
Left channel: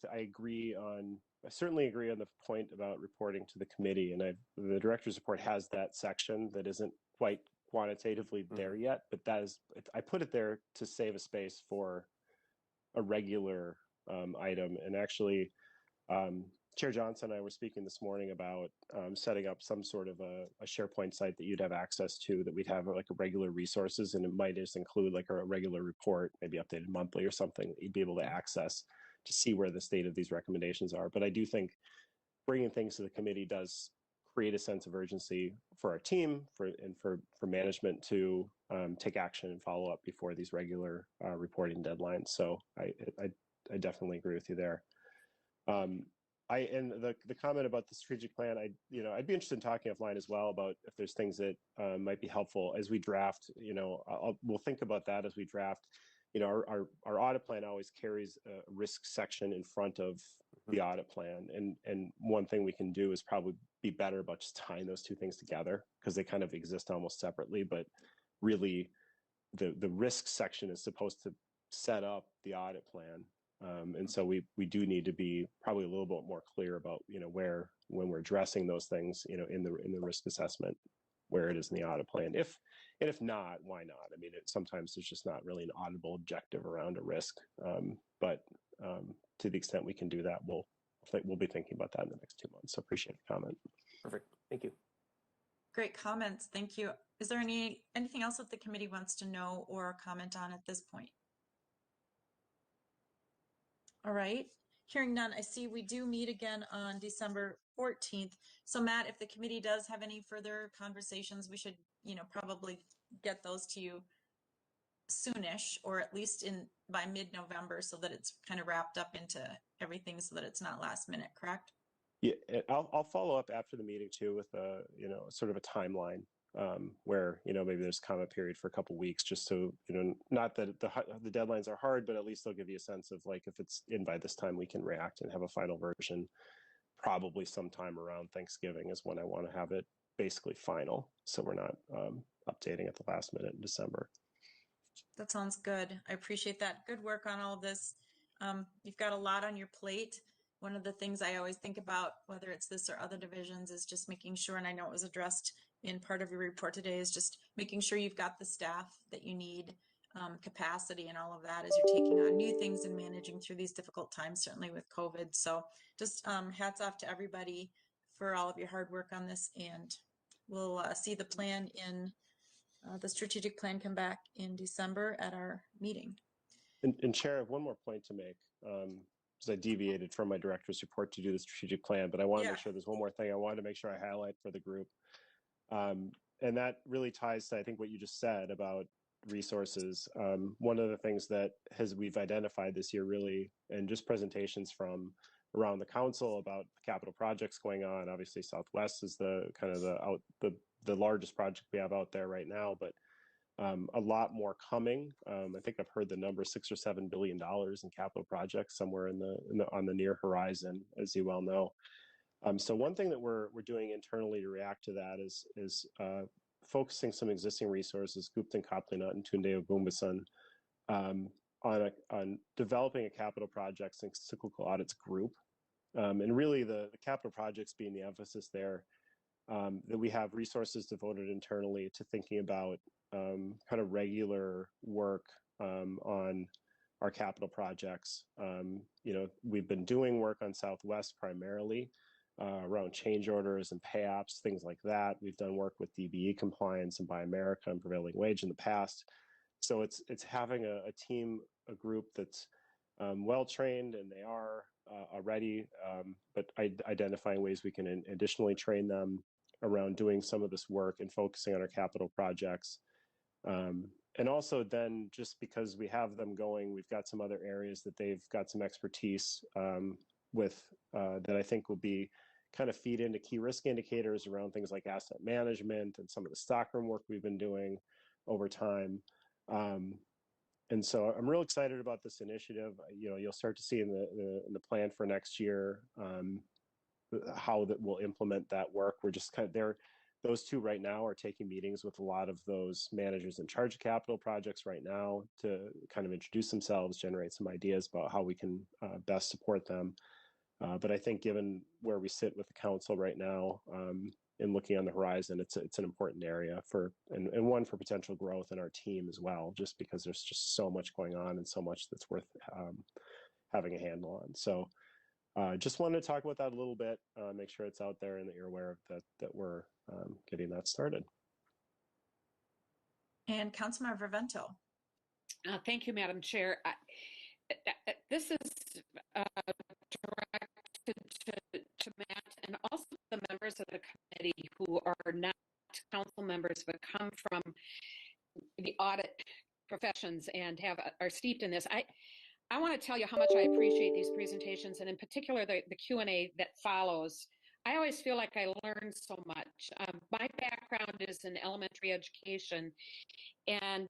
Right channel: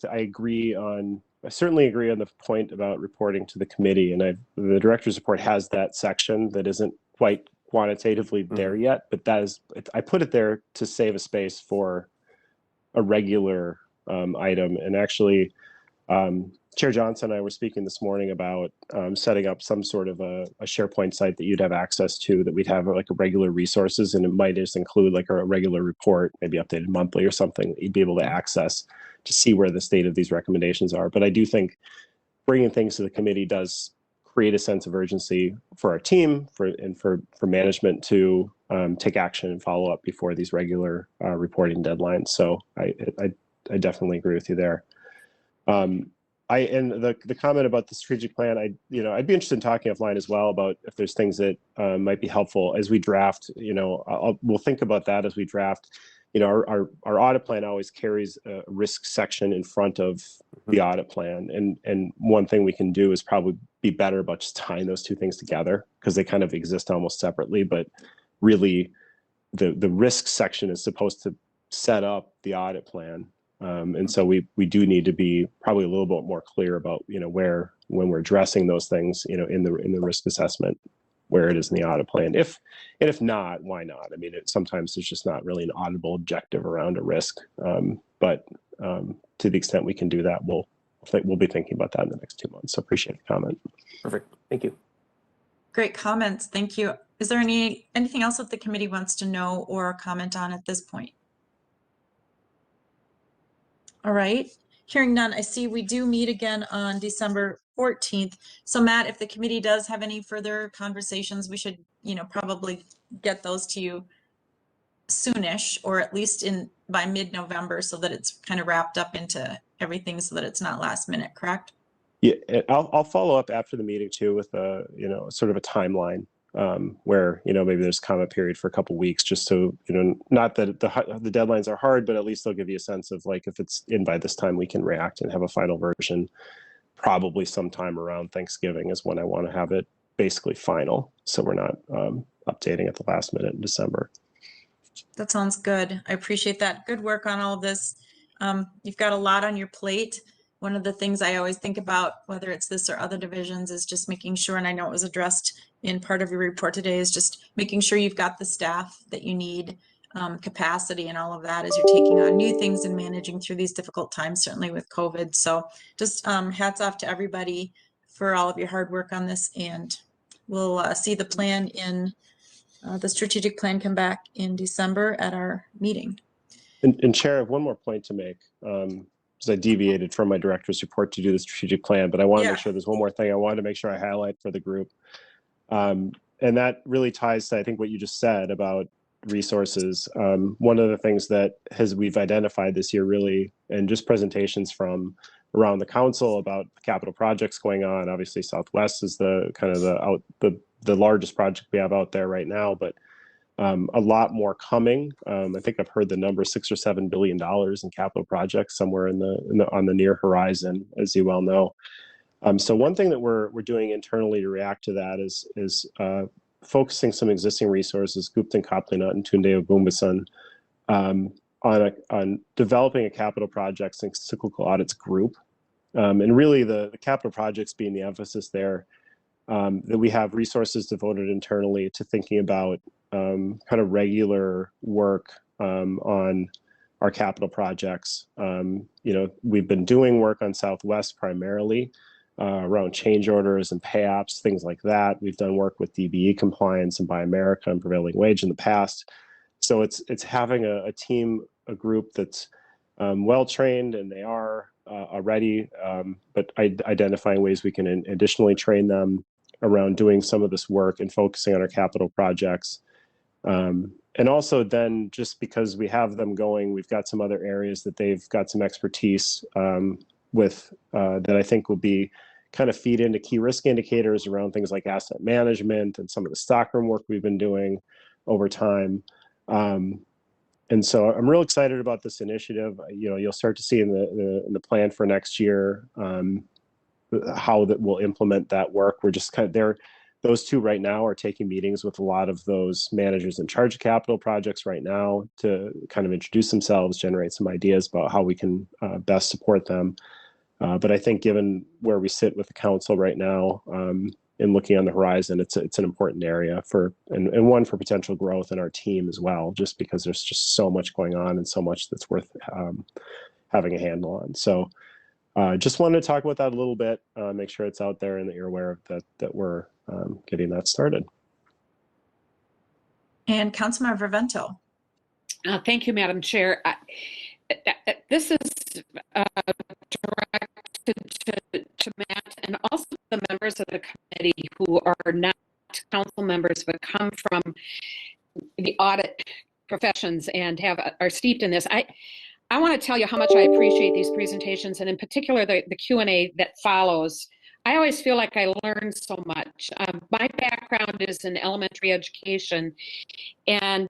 certainly agree on the point about reporting to the committee, and the director's report has that section that isn't quite quantitatively there yet, but I put it there to save a space for a regular item. And actually, Chair Johnson and I were speaking this morning about setting up some sort of a SharePoint site that you'd have access to, that we'd have like a regular resources, and it might just include like a regular report, maybe updated monthly or something that you'd be able to access to see where the state of these recommendations are. But I do think bringing things to the committee does create a sense of urgency for our team and for management to take action and follow up before these regular reporting deadlines. So I definitely agree with you there. And the comment about the strategic plan, I'd be interested in talking offline as well about if there's things that might be helpful as we draft. We'll think about that as we draft. Our audit plan always carries a risk section in front of the audit plan, and one thing we can do is probably be better about just tying those two things together, because they kind of exist almost separately. But really, the risk section is supposed to set up the audit plan. And so we do need to be probably a little bit more clear about when we're addressing those things in the risk assessment where it is in the audit plan. If not, why not? I mean, sometimes there's just not really an auditable objective around a risk. But to the extent we can do that, we'll be thinking about that in the next 2 months. So appreciate the comment. Perfect. Thank you. Great comments. Thank you. Is there anything else that the committee wants to know or comment on at this point? All right. Hearing none, I see we do meet again on December 14th. So Matt, if the committee does have any further conversations, we should, probably get those to you soonish, or at least by mid-November, so that it's kind of wrapped up into everything, so that it's not last minute, correct? Yeah, I'll follow up after the meeting too with sort of a timeline where maybe there's a comment period for a couple weeks, just so not that the deadlines are hard, but at least they'll give you a sense of like, if it's in by this time, we can react and have a final version. Probably sometime around Thanksgiving is when I want to have it basically final, so we're not updating at the last minute in December. That sounds good. I appreciate that. Good work on all of this. You've got a lot on your plate. One of the things I always think about, whether it's this or other divisions, is just making sure, and I know it was addressed in part of your report today, is just making sure you've got the staff that you need, capacity and all of that as you're taking on new things and managing through these difficult times, certainly with COVID. So just hats off to everybody for all of your hard work on this, and we'll see the plan in the strategic plan come back in December at our meeting. And Chair, I have one more point to make. Because I deviated from my director's report to do the strategic plan, but I want to make sure there's one more thing I wanted to make sure I highlight for the group. And that really ties to, I think, what you just said about resources. One of the things that we've identified this year really, and just presentations from around the council about capital projects going on. Obviously, Southwest is the largest project we have out there right now, but a lot more coming. I think I've heard the number $6 or $7 billion in capital projects somewhere on the near horizon, as you well know. So one thing that we're doing internally to react to that is focusing some existing resources, Guptan, Kaplingat, and Tunde, Ogungbesan, on developing a capital projects and cyclical audits group, and really the capital projects being the emphasis there. That we have resources devoted internally to thinking about kind of regular work on our capital projects. We've been doing work on Southwest primarily around change orders and pay apps, things like that. We've done work with DBE compliance and Buy America and prevailing wage in the past. So it's having a team, a group that's well trained, and they are already, but identifying ways we can additionally train them around doing some of this work and focusing on our capital projects. And also then, just because we have them going, we've got some other areas that they've got some expertise with that I think will be kind of feed into key risk indicators around things like asset management and some of the stockroom work we've been doing over time. And so I'm real excited about this initiative. You'll start to see in the plan for next year how that we'll implement that work. We're just kind of there. Those two right now are taking meetings with a lot of those managers in charge of capital projects right now to kind of introduce themselves, generate some ideas about how we can best support them. But I think given where we sit with the council right now and looking on the horizon, it's an important area and one for potential growth in our team as well, just because there's just so much going on and so much that's worth having a handle on. So just wanted to talk about that a little bit, make sure it's out there and that you're aware of that we're getting that started. And Councilmember Vento. Thank you, Madam Chair. This is directed to Matt and also the members of the committee who are not council members but come from the audit professions and are steeped in this. I want to tell you how much I appreciate these presentations, and in particular the Q&A that follows. I always feel like I learn so much. My background is in elementary education and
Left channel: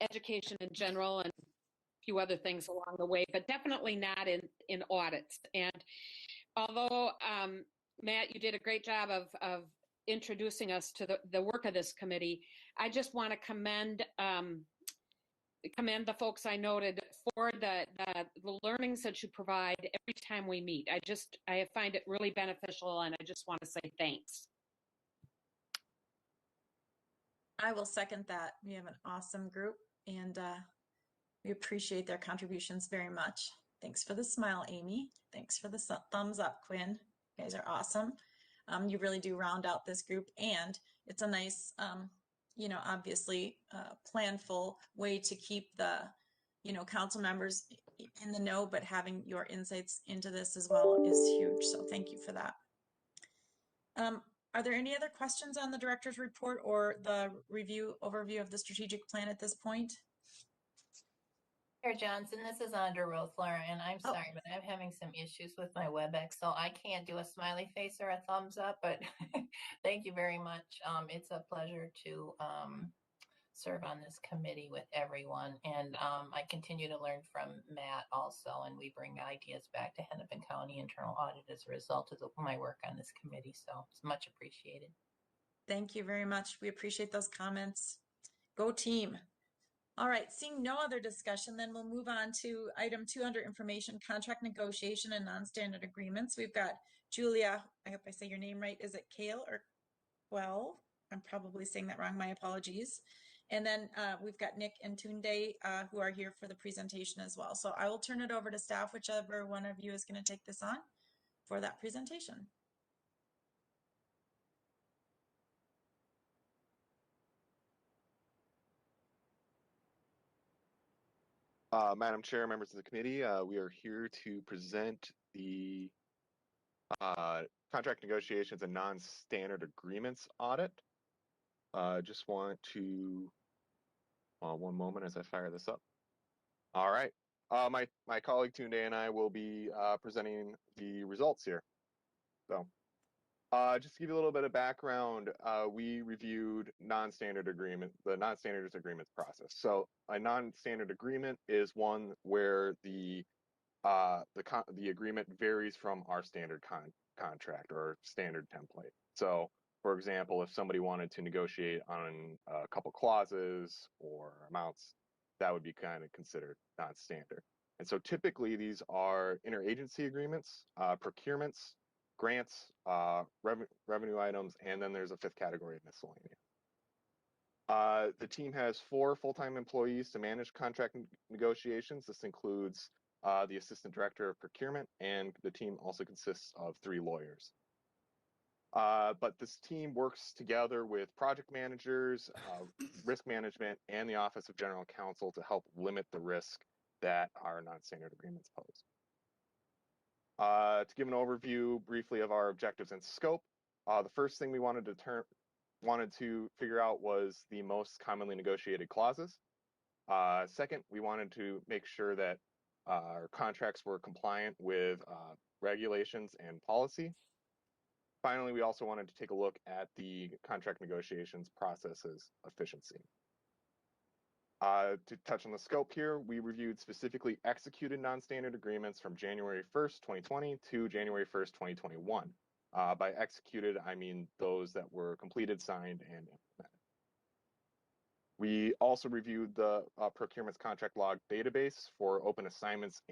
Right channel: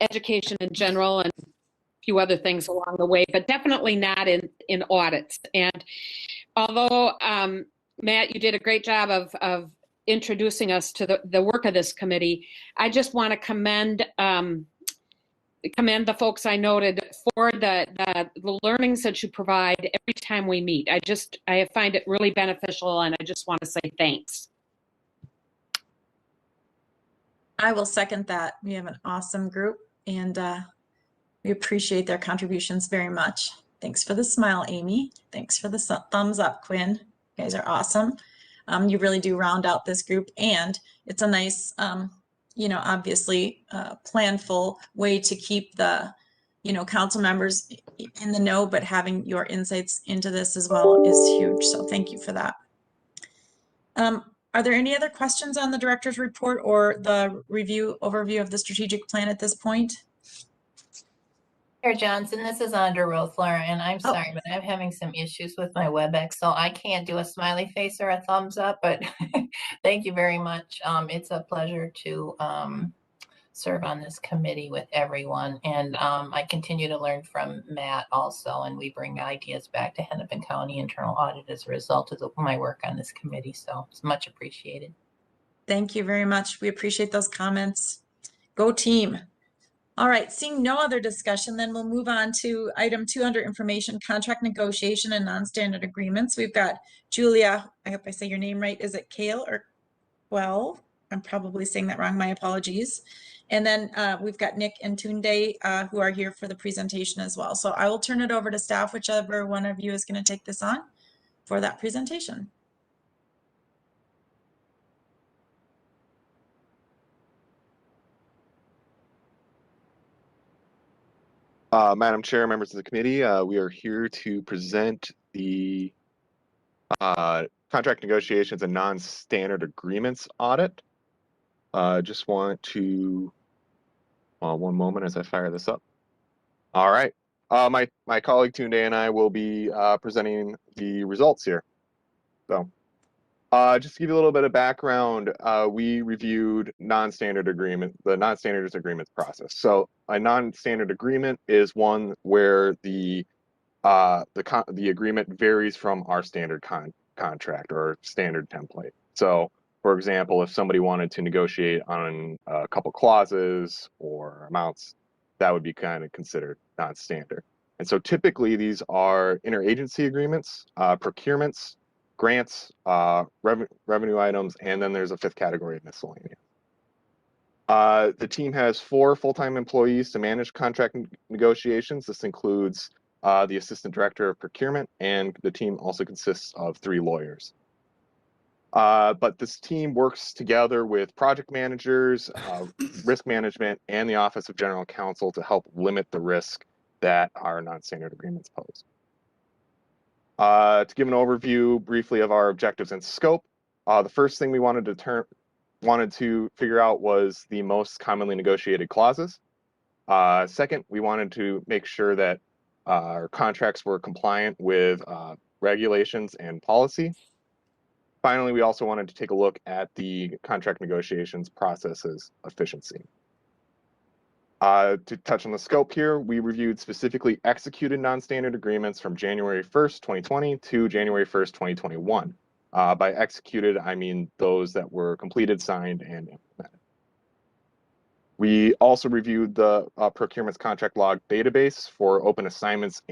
education in general, and a few other things along the way, but definitely not in audits. And although, Matt, you did a great job of introducing us to the work of this committee, I just want to commend the folks I noted for the learnings that you provide every time we meet. I find it really beneficial, and I just want to say thanks. I will second that. We have an awesome group, and we appreciate their contributions very much. Thanks for the smile, Amy. Thanks for the thumbs up, Quinn. You guys are awesome. You really do round out this group, and it's a nice, you know, obviously planful way to keep the, you know, council members in the know, but having your insights into this as well is huge. So thank you for that. Are there any other questions on the director's report or the overview of the strategic plan at this point? Chair Johnson, this is Andra Rothler, and I'm Oh. sorry, but I'm having some issues with my WebEx, so I can't do a smiley face or a thumbs up, but thank you very much. It's a pleasure to serve on this committee with everyone, and I continue to learn from Matt also, and we bring ideas back to Hennepin County Internal Audit as a result of my work on this committee, so it's much appreciated. Thank you very much. We appreciate those comments. Go team. All right, seeing no other discussion, then we'll move on to item 2 under information, contract negotiation and non-standard agreements. We've got Julia, I hope I say your name right. Is it Quehl or Quehl? I'm probably saying that wrong, my apologies. And then we've got Nick and Tunde who are here for the presentation as well. So I will turn it over to staff, whichever one of you is going to take this on for that presentation. Madam Chair, members of the committee, we are here to present the contract negotiations and non-standard agreements audit. Just want to, one moment as I fire this up. All right, my colleague Tunde and I will be presenting the results here. So, just to give you a little bit of background, we reviewed the non-standard agreements process. So a non-standard agreement is one where the agreement varies from our standard contract or standard template. So, for example, if somebody wanted to negotiate on a couple clauses or amounts, that would be kind of considered non-standard. And so typically these are interagency agreements, procurements, grants, revenue items, and then there's a 5th category of miscellaneous. The team has 4 full-time employees to manage contract negotiations. This includes the assistant director of procurement, and the team also consists of 3 lawyers. But this team works together with project managers, risk management, and the Office of General Counsel to help limit the risk that our non-standard agreements pose. To give an overview briefly of our objectives and scope, the first thing we wanted to figure out was the most commonly negotiated clauses. Second, we wanted to make sure that our contracts were compliant with regulations and policy. Finally, we also wanted to take a look at the contract negotiations process's efficiency. To touch on the scope here, we reviewed specifically executed non-standard agreements from January 1st, 2020 to January 1st, 2021. By executed, I mean those that were completed, signed, and implemented. We also reviewed the procurement's contract log database for open assignments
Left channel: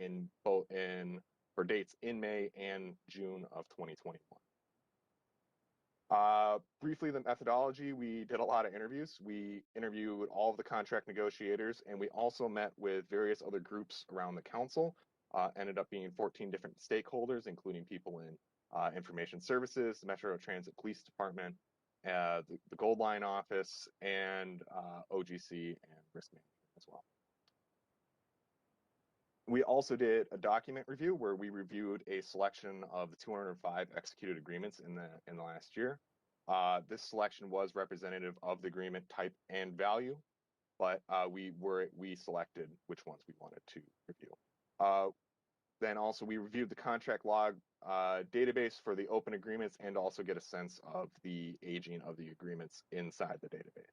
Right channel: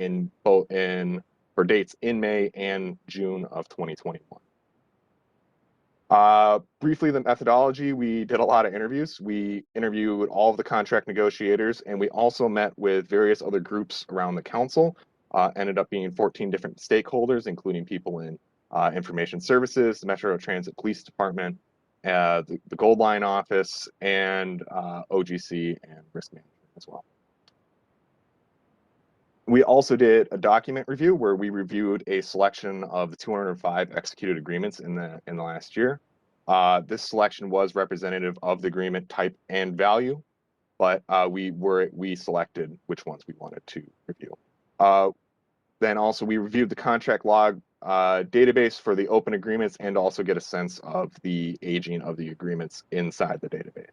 for dates in May and June of 2021. Briefly, the methodology, we did a lot of interviews. We interviewed all of the contract negotiators, and we also met with various other groups around the council. Ended up being 14 different stakeholders, including people in information services, the Metro Transit Police Department, the Gold Line office, and OGC and risk management as well. We also did a document review where we reviewed a selection of the 205 executed agreements in the last year. This selection was representative of the agreement type and value, but we selected which ones we wanted to review. Then also we reviewed the contract log database for the open agreements and also get a sense of the aging of the agreements inside the database.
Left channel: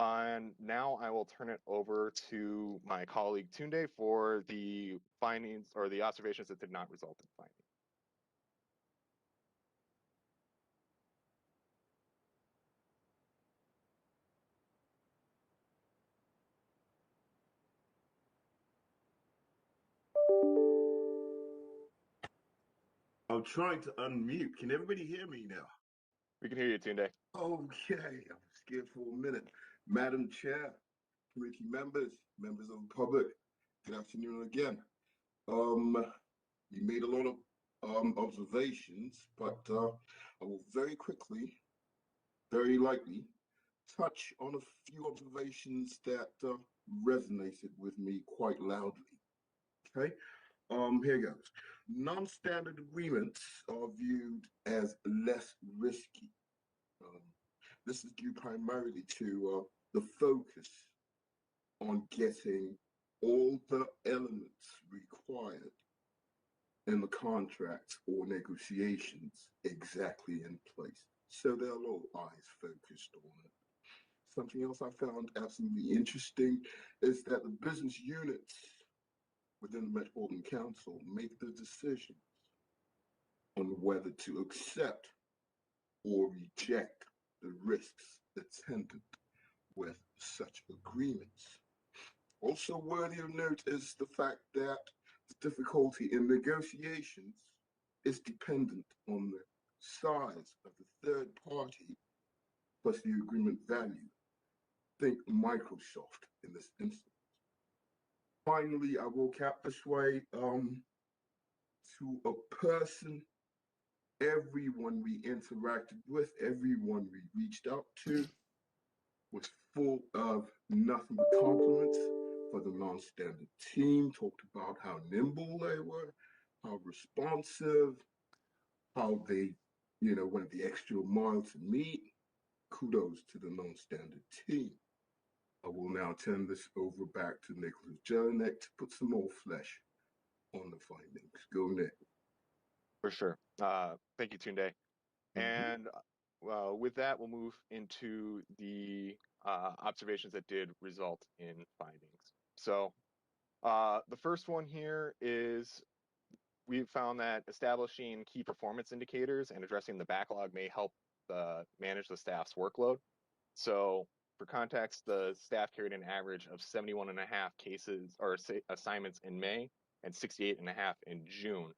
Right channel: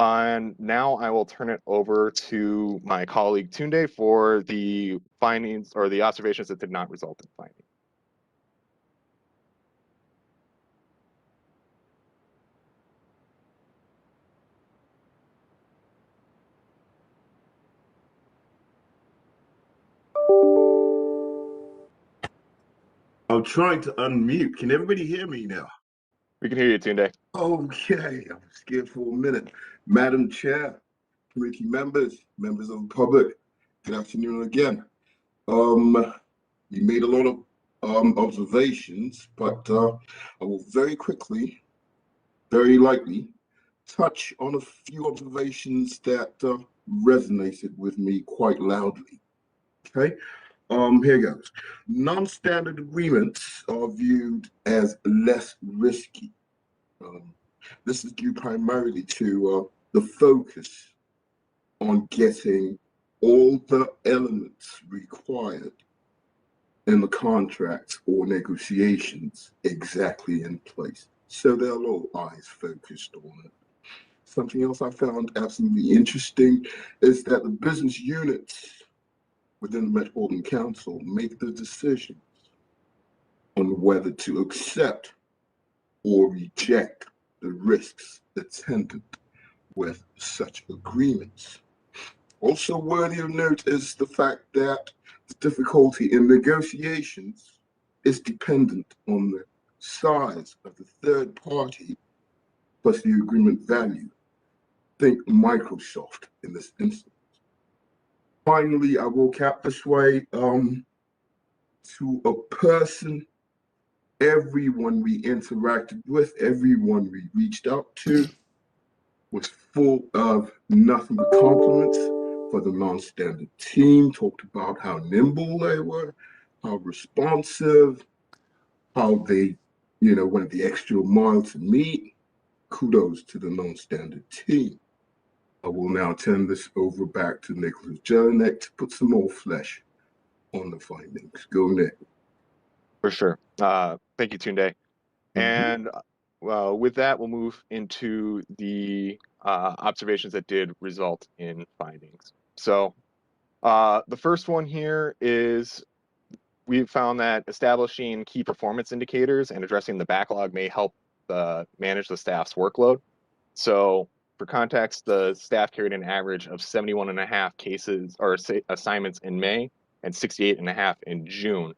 And now I will turn it over to my colleague Tunde for the findings or the observations that did not result in findings. I'm trying to unmute. Can everybody hear me now? We can hear you, Tunde. Okay, I'm scared for a minute. Madam Chair, committee members, members of the public, good afternoon again. You made a lot of observations, but I will very quickly, very lightly, touch on a few observations that resonated with me quite loudly. Okay, here goes. Non-standard agreements are viewed as less risky. This is due primarily to the focus on getting all the elements required in the contracts or negotiations exactly in place. So there are all eyes focused on it. Something else I found absolutely interesting is that the business units within the Metropolitan Council make the decisions on whether to accept or reject the risks attendant with such agreements. Also worthy of note is the fact that the difficulty in negotiations is dependent on the size of the third party plus the agreement value. Think Microsoft in this instance. Finally, I will cap this way, to a person, everyone we interacted with, everyone we reached out to was full of nothing but compliments for the non-standard team, talked about how nimble they were, how responsive, how they, went the extra mile to meet. Kudos to the non-standard team. I will now turn this over back to Nicholas Jelinek to put some more flesh on the findings. Go, Nick. For sure. Thank you, Tunde. And with that, we'll move into the observations that did result in findings. So the first one here is we've found that establishing key performance indicators and addressing the backlog may help manage the staff's workload. So for context, the staff carried an average of 71.5 cases or assignments in May and 68.5 in June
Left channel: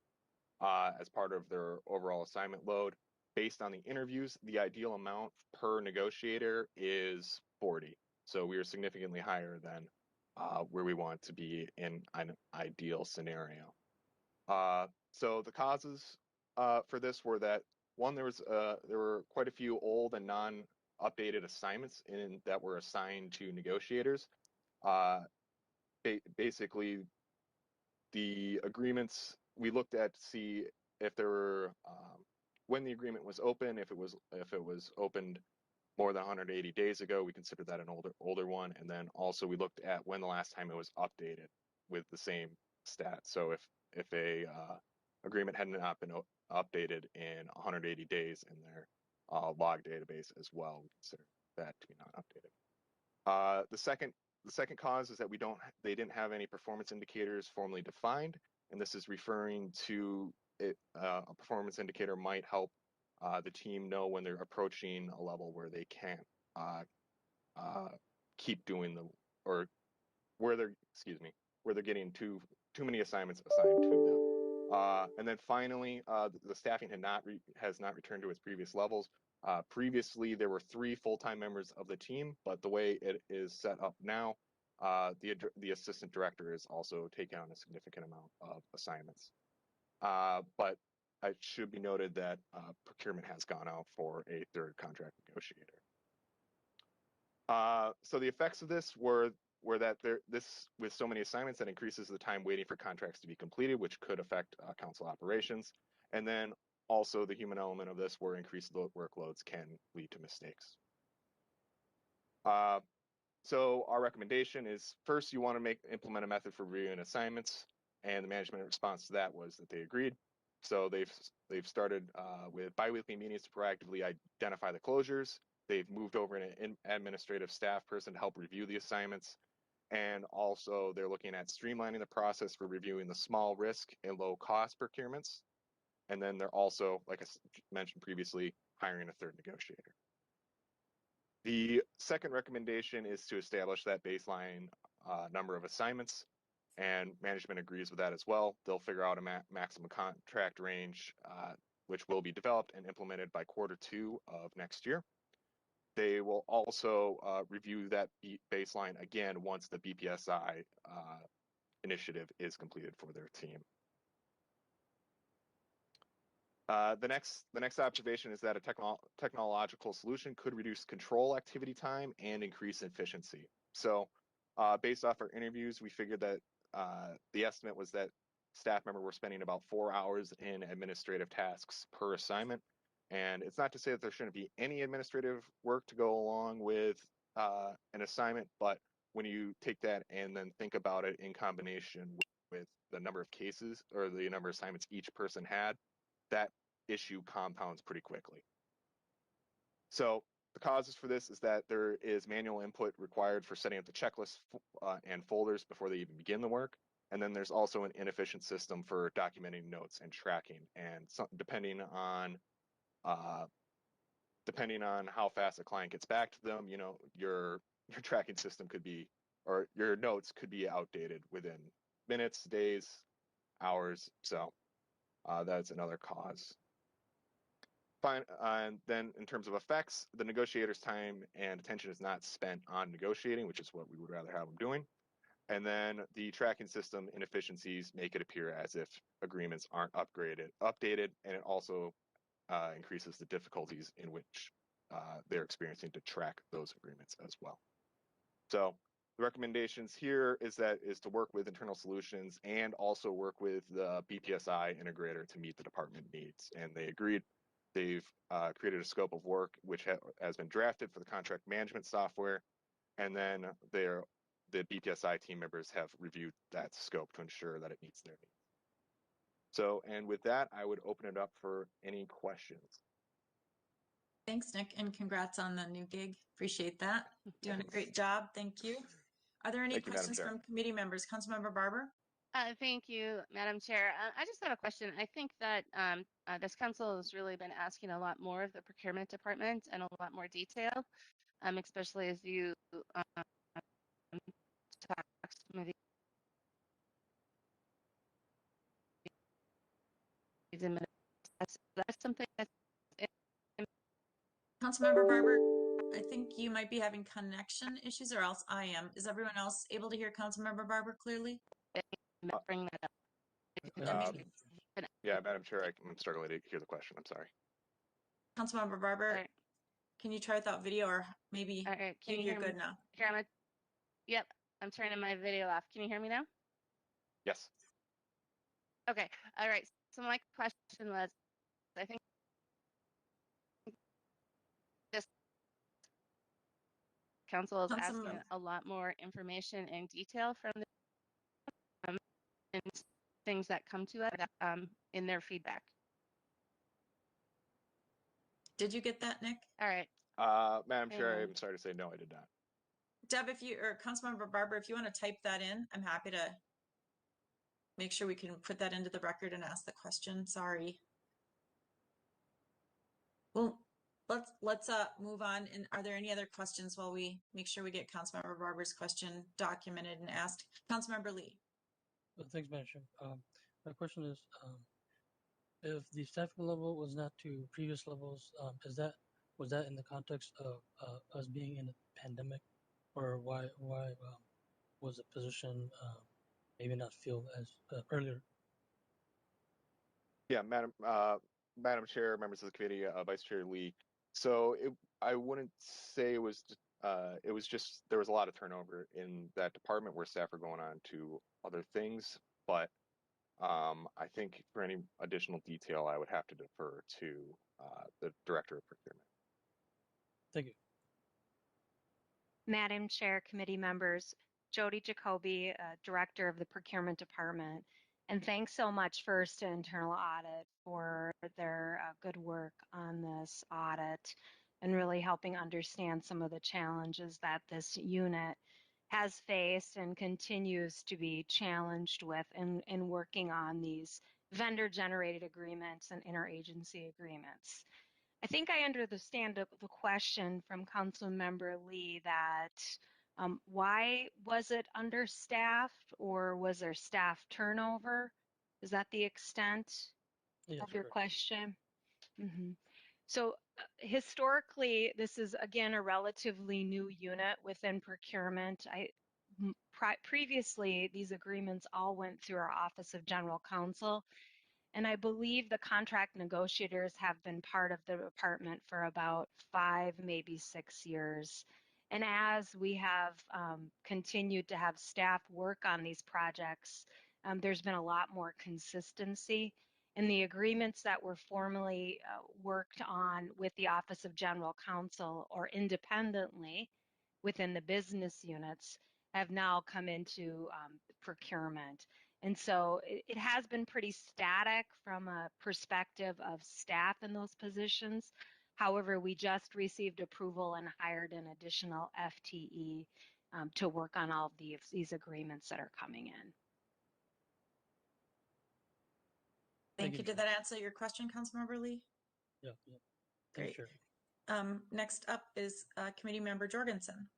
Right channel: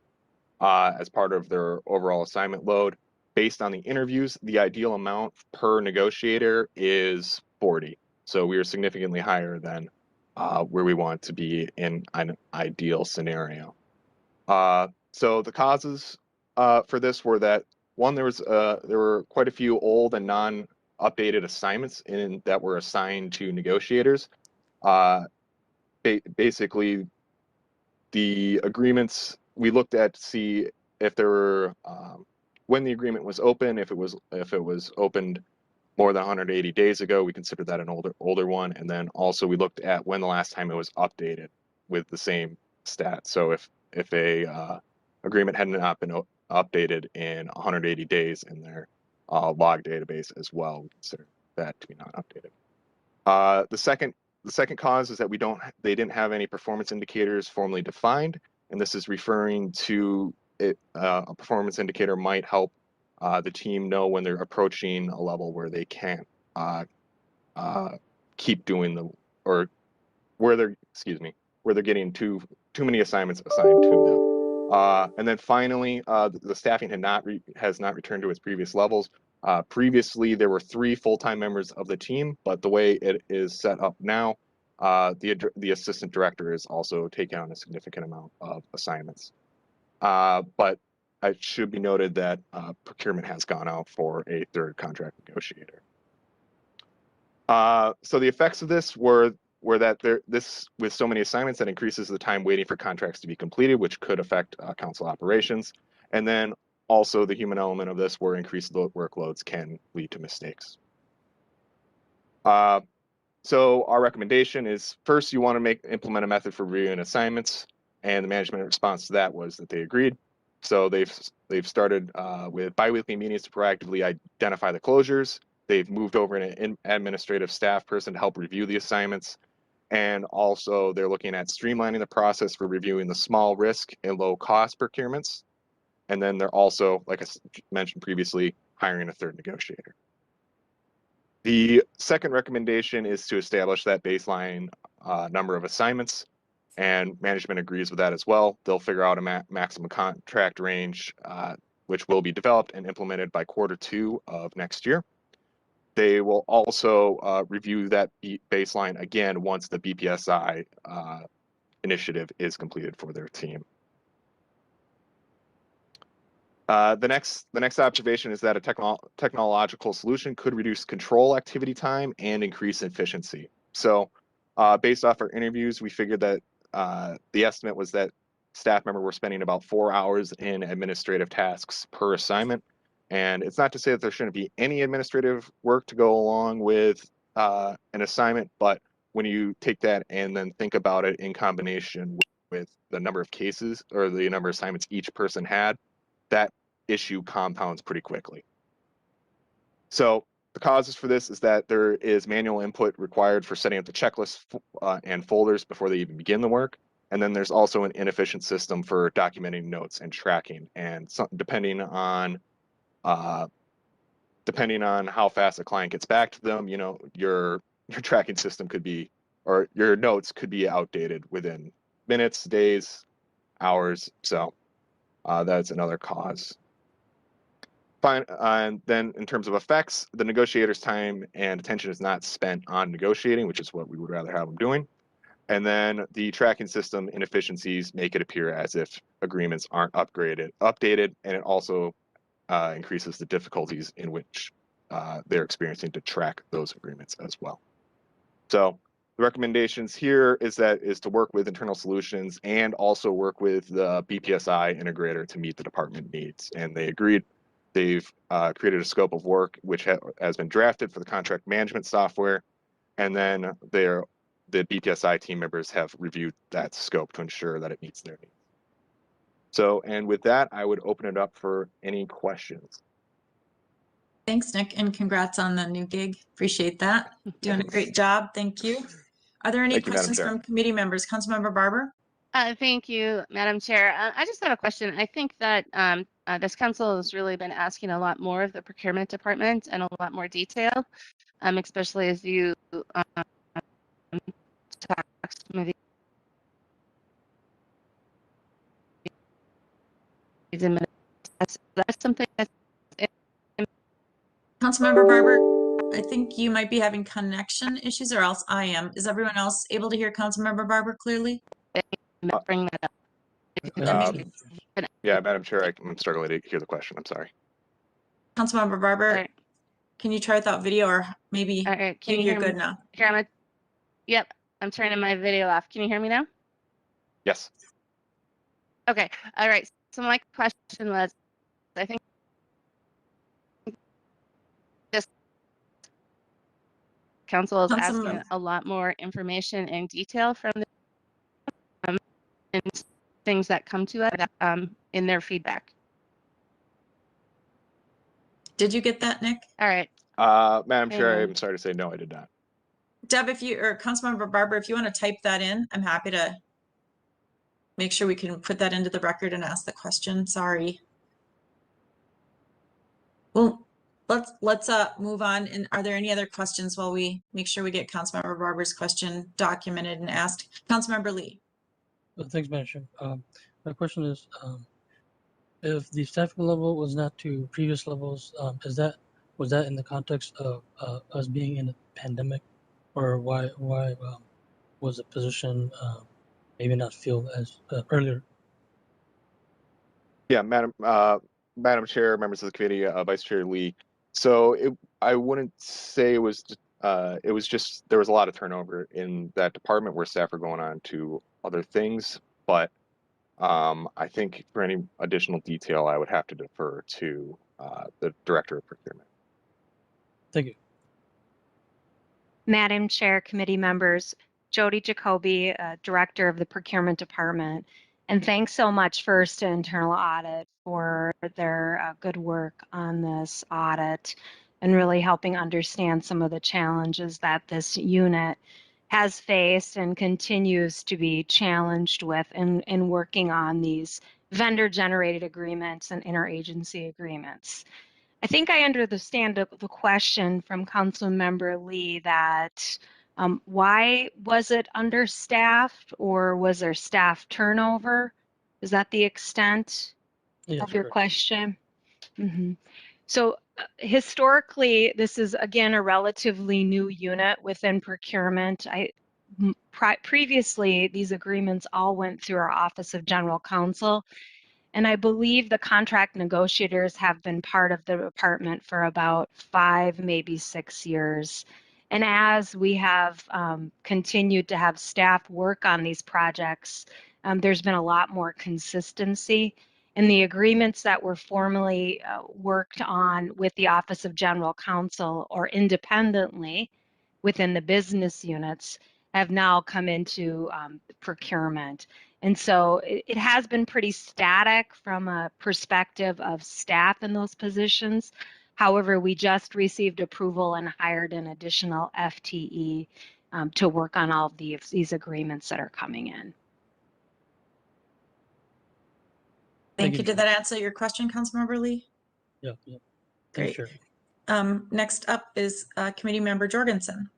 as part of their overall assignment load. Based on the interviews, the ideal amount per negotiator is 40. So we are significantly higher than where we want to be in an ideal scenario. So the causes for this were that one, there were quite a few old and non-updated assignments that were assigned to negotiators. Basically, the agreements we looked at to see if there were when the agreement was open, if it was opened more than 180 days ago, we considered that an older one, and then also we looked at when the last time it was updated with the same stat. So if a agreement had not been updated in 180 days in their log database as well, we consider that to be not updated. The second cause is that they didn't have any performance indicators formally defined, and this is referring to it. A performance indicator might help the team know when they're approaching a level where they can't keep doing or where they're getting too many assignments assigned to them. And then finally, the staffing has not returned to its previous levels. Previously, there were 3 full-time members of the team, but the way it is set up now, the assistant director is also taking on a significant amount of assignments. But it should be noted that procurement has gone out for a 3rd contract negotiator. So the effects of this were that this, with so many assignments, that increases the time waiting for contracts to be completed, which could affect council operations. And then also the human element of this, where increased workloads can lead to mistakes. So our recommendation is, first, you want to implement a method for reviewing assignments, and the management response to that was that they agreed. So they've started with biweekly meetings to proactively identify the closures. They've moved over an administrative staff person to help review the assignments. And also they're looking at streamlining the process for reviewing the small risk and low cost procurements. And then they're also, like I mentioned previously, hiring a 3rd negotiator. The second recommendation is to establish that baseline number of assignments, and management agrees with that as well. They'll figure out a maximum contract range, which will be developed and implemented by Q2 of next year. They will also review that baseline again once the BPSI initiative is completed for their team. The next observation is that a technological solution could reduce control activity time and increase efficiency. So based off our interviews, we figured that the estimate was that staff member were spending about 4 hours in administrative tasks per assignment. And it's not to say that there shouldn't be any administrative work to go along with an assignment, but when you take that and then think about it in combination with the number of cases or the number of assignments each person had, that issue compounds pretty quickly. So the causes for this is that there is manual input required for setting up the checklist and folders before they even begin the work. And then there's also an inefficient system for documenting notes and tracking. And depending on how fast a client gets back to them, you know, your tracking system could be, or your notes could be outdated within minutes, days, hours. So that's another cause. Fine. And then in terms of effects, the negotiator's time and attention is not spent on negotiating, which is what we would rather have them doing. And then the tracking system inefficiencies make it appear as if agreements aren't updated, and it also increases the difficulties in which they're experiencing to track those agreements as well. So the recommendations here is to work with internal solutions and also work with the BPSI integrator to meet the department needs. And they agreed. They've created a scope of work which has been drafted for the contract management software, and then the BPSI team members have reviewed that scope to ensure that it meets their needs. So, and with that, I would open it up for any questions. Thanks, Nick, and congrats on the new gig. Appreciate that. Doing a great job. Thank you. Are there any Thank you, Madam questions Chair. from committee members? Councilmember Barber? Thank you, Madam Chair. I just have a question. I think that this council has really been asking a lot more of the procurement department and a lot more detail, especially as you talk some of these that's something that's Councilmember Barber, I think you might be having connection issues, or else I am. Is everyone else able to hear Councilmember Barber clearly? bring that up. Yeah, Madam Chair, I'm struggling to hear the question. I'm sorry. Councilmember Barber, All right. can you try without video, or maybe, All right. Can maybe you you're hear good me? now? Here, yep, I'm turning my video off. Can you hear me now? Yes. Okay. All right. So my question was, I think this council is asking a lot more information and detail from the and things that come to us in their feedback. Did you get that, Nick? All right. Madam Chair, I'm sorry to say no, I did not. Deb, if you, or Councilmember Barber, if you want to type that in, I'm happy to make sure we can put that into the record and ask the question. Sorry. Well, let's move on. And are there any other questions while we make sure we get Councilmember Barber's question documented and asked? Councilmember Lee. Thanks, Madam Chair. My question is, if the staffing level was not to previous levels, was that in the context of us being in a pandemic, or why was the position maybe not filled as earlier? Yeah, Madam Chair, members of the committee, Vice Chair Lee. So I wouldn't say it was just there was a lot of turnover in that department where staff are going on to other things, but I think for any additional detail, I would have to defer to the Director of Procurement. Thank you. Madam Chair, committee members, Jody Jacoby, Director of the Procurement Department. And thanks so much first to Internal Audit for their good work on this audit and really helping understand some of the challenges that this unit has faced and continues to be challenged with in working on these vendor-generated agreements and interagency agreements. I think I understand the question from Councilmember Lee that why was it understaffed, or was there staff turnover? Is that the extent of your question? So historically, this is again a relatively new unit within procurement. Previously, these agreements all went through our Office of General Counsel, and I believe the contract negotiators have been part of the department for about 5, maybe 6 years. And as we have continued to have staff work on these projects, there's been a lot more consistency. And the agreements that were formally worked on with the Office of General Counsel or independently within the business units have now come into procurement. And so it has been pretty static from a perspective of staff in those positions. However, we just received approval and hired an additional FTE to work on all of these agreements that are coming in. Thank you. Did that answer your question, Councilmember Lee? Yeah, yeah. Thanks, Great. Chair. Next up is Committee Member Jorgensen.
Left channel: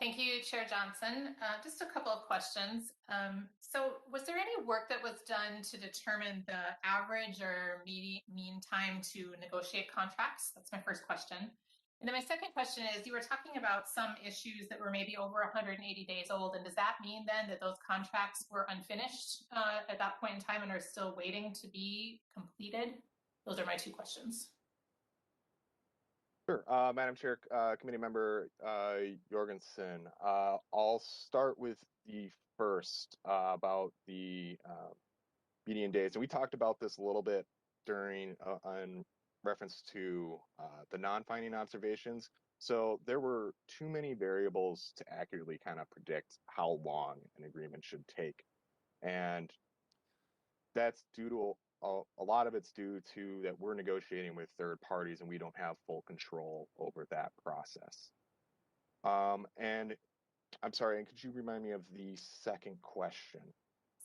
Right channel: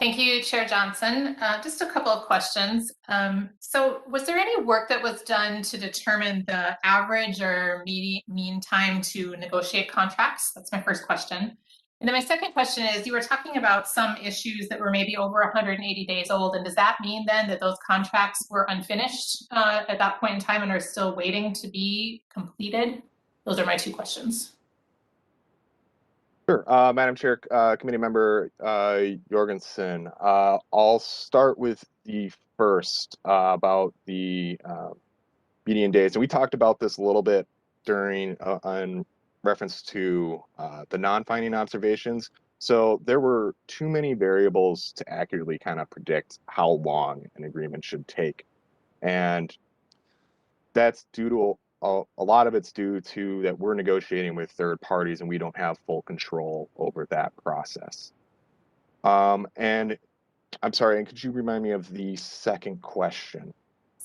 Thank you, Chair Johnson. Just a couple of questions. So was there any work that was done to determine the average or mean time to negotiate contracts? That's my first question. And then my second question is, you were talking about some issues that were maybe over 180 days old. And does that mean then that those contracts were unfinished at that point in time and are still waiting to be completed? Those are my two questions. Sure, Madam Chair, Committee Member Jorgensen. I'll start with the first about the median days, and we talked about this a little bit during on reference to the non-finding observations. So there were too many variables to accurately kind of predict how long an agreement should take, and that's due to a lot of it's due to that we're negotiating with third parties and we don't have full control over that process. And I'm sorry, and could you remind me of the second question?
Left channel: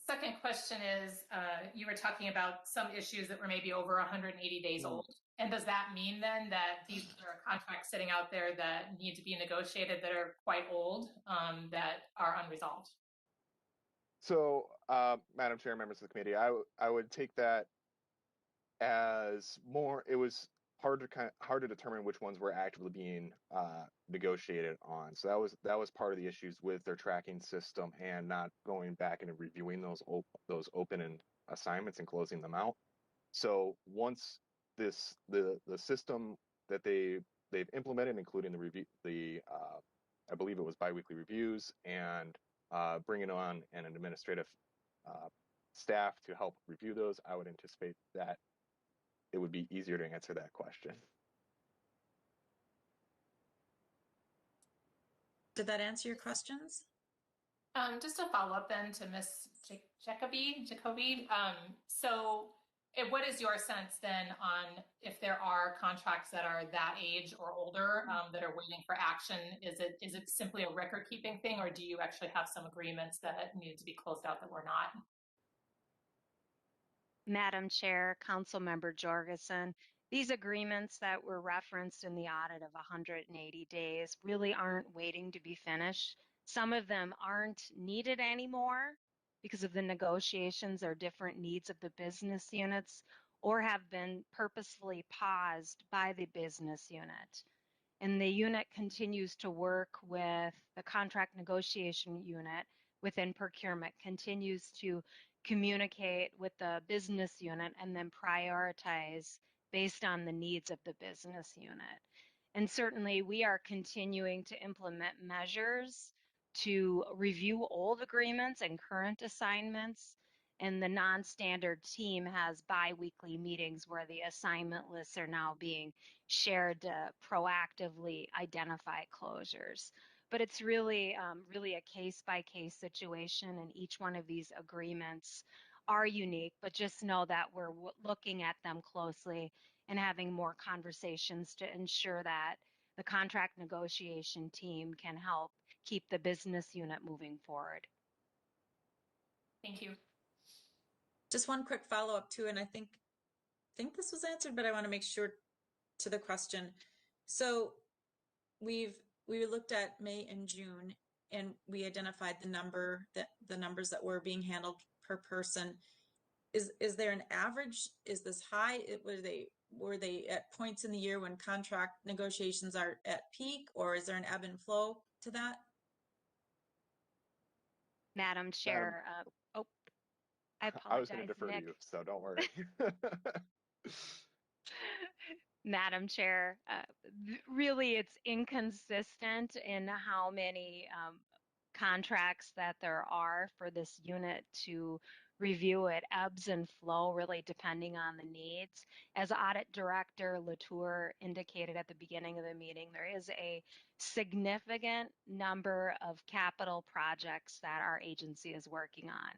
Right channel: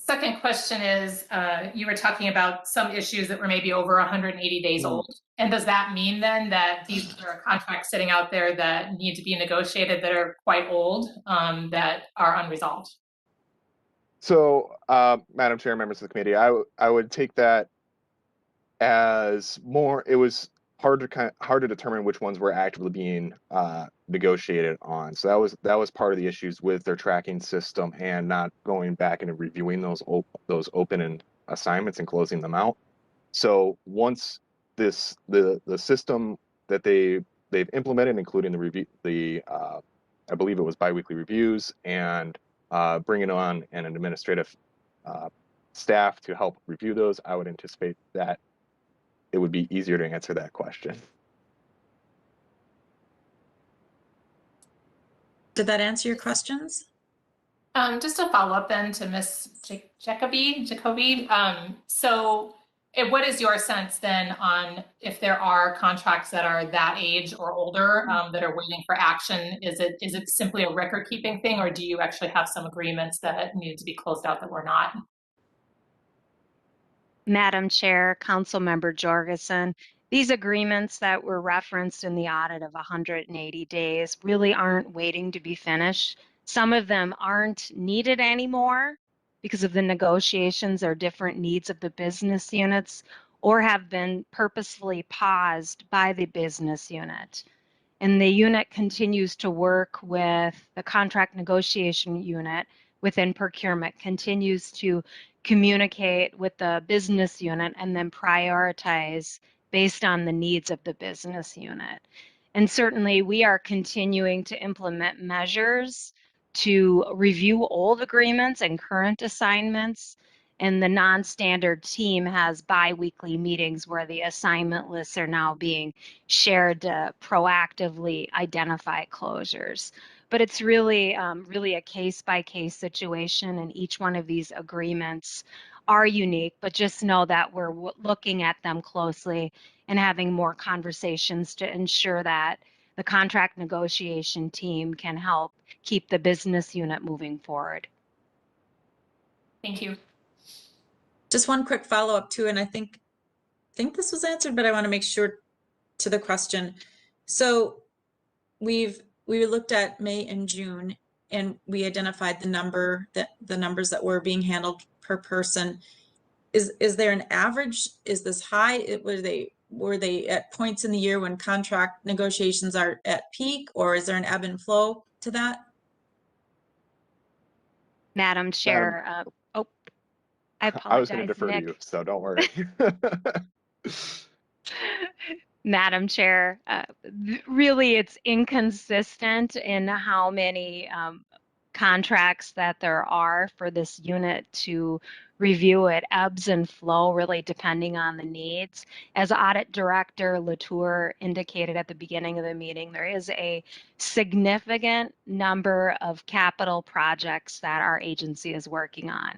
Second question is, you were talking about some issues that were maybe over 180 days old. And does that mean then that these are contracts sitting out there that need to be negotiated that are quite old, that are unresolved? So, Madam Chair, members of the committee, I would take that as more. It was hard to determine which ones were actively being negotiated on. So that was part of the issues with their tracking system and not going back and reviewing those open assignments and closing them out. So once the system that they've implemented, including the review, I believe it was biweekly reviews and bringing on an administrative staff to help review those, I would anticipate that it would be easier to answer that question. Did that answer your questions? Just a follow up then to Ms. Jacoby. So what is your sense then on if there are contracts that are that age or older that are waiting for action? Is it simply a record keeping thing, or do you actually have some agreements that needed to be closed out that were not? Madam Chair, Councilmember Jorgensen, these agreements that were referenced in the audit of 180 days really aren't waiting to be finished. Some of them aren't needed anymore because of the negotiations or different needs of the business units, or have been purposefully paused by the business unit. And the unit continues to work with the contract negotiation unit within procurement, continues to communicate with the business unit and then prioritize based on the needs of the business unit. And certainly we are continuing to implement measures to review old agreements and current assignments. And the non-standard team has bi-weekly meetings where the assignment lists are now being shared to proactively identify closures. But it's really, really a case-by-case situation, and each one of these agreements are unique, but just know that we're looking at them closely and having more conversations to ensure that the contract negotiation team can help keep the business unit moving forward. Thank you. Just one quick follow-up too, and I think this was answered, but I want to make sure to the question. So we looked at May and June, and we identified the numbers that were being handled per person. Is there an average? Is this high? Were they were they at points in the year when contract negotiations are at peak, or is there an ebb and flow to that? Madam Chair, oh, I I was going to apologize, defer to Nick. you, so don't worry. Madam Chair, really it's inconsistent in how many contracts that there are for this unit to review. It ebbs and flow really depending on the needs. As Audit Director Latour indicated at the beginning of the meeting, there is a significant number of capital projects that our agency is working on.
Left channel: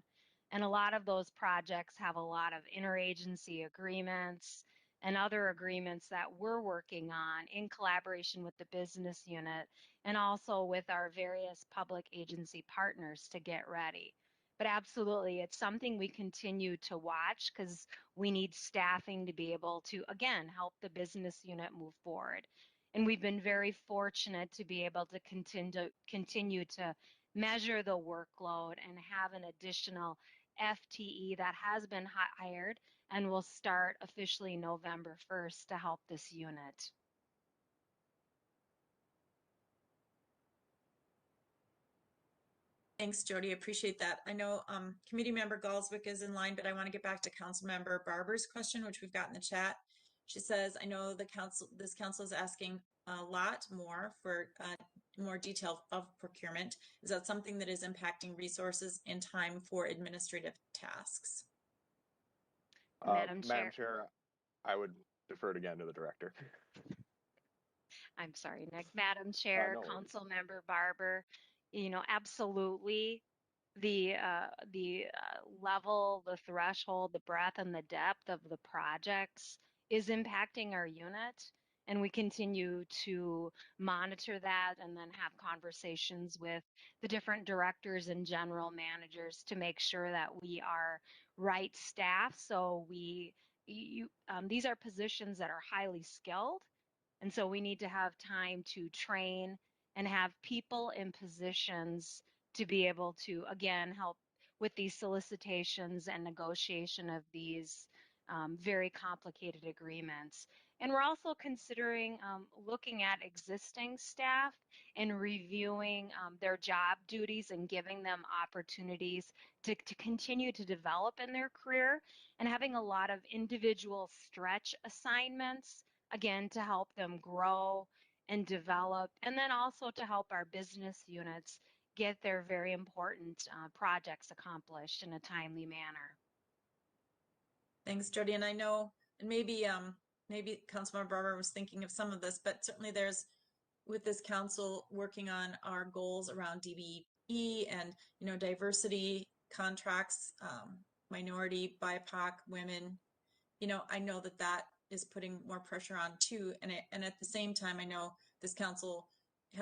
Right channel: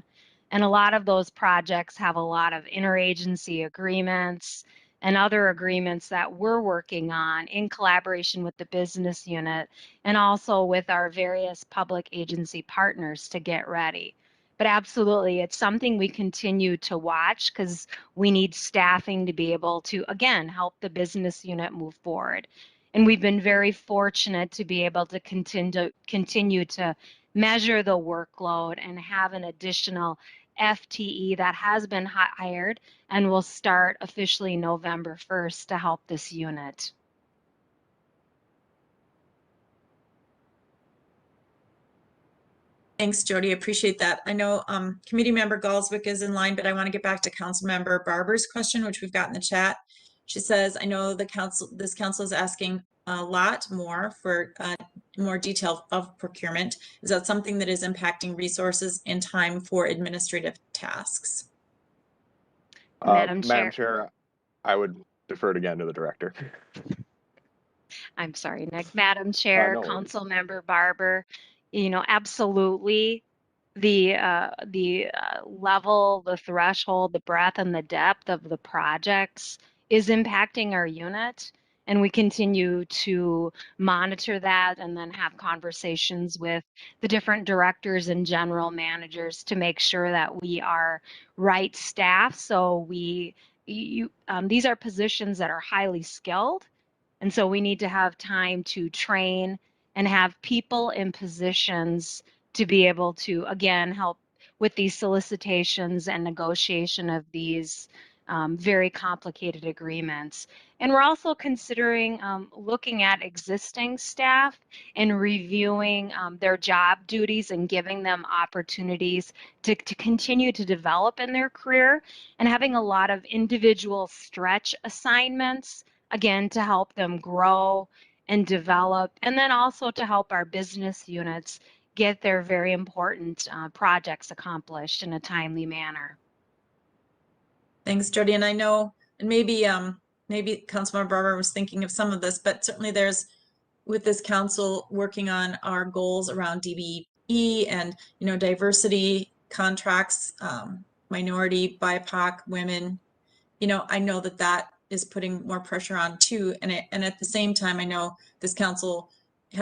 And a lot of those projects have a lot of interagency agreements and other agreements that we're working on in collaboration with the business unit and also with our various public agency partners to get ready. But absolutely, it's something we continue to watch because we need staffing to be able to, again, help the business unit move forward. And we've been very fortunate to be able to continue to measure the workload and have an additional FTE that has been hired and will start officially November 1st to help this unit. Thanks, Jody. Appreciate that. I know Committee Member Galswick is in line, but I want to get back to Council Member Barber's question, which we've got in the chat. She says, I know this council is asking a lot more for more detail of procurement. Is that something that is impacting resources and time for administrative tasks? Madam Madam Chair. Chair, I would defer it again to the director. I'm sorry, Nick. Madam Chair, No worries. Council Member Barber, you know, absolutely the level, the threshold, the breadth and the depth of the projects is impacting our unit. And we continue to monitor that and then have conversations with the different directors and general managers to make sure that we are right staff. So these are positions that are highly skilled. And so we need to have time to train and have people in positions to be able to, again, help with these solicitations and negotiation of these very complicated agreements. And we're also considering looking at existing staff and reviewing their job duties and giving them opportunities to continue to develop in their career and having a lot of individual stretch assignments, again, to help them grow and develop, and then also to help our business units get their very important projects accomplished in a timely manner. Thanks, Jody. And I know, and maybe Councilmember Barber was thinking of some of this, but certainly there's, with this council working on our goals around DBE and, you know, diversity contracts, minority, BIPOC, women, you know, I know that is putting more pressure on too. And at the same time, I know this council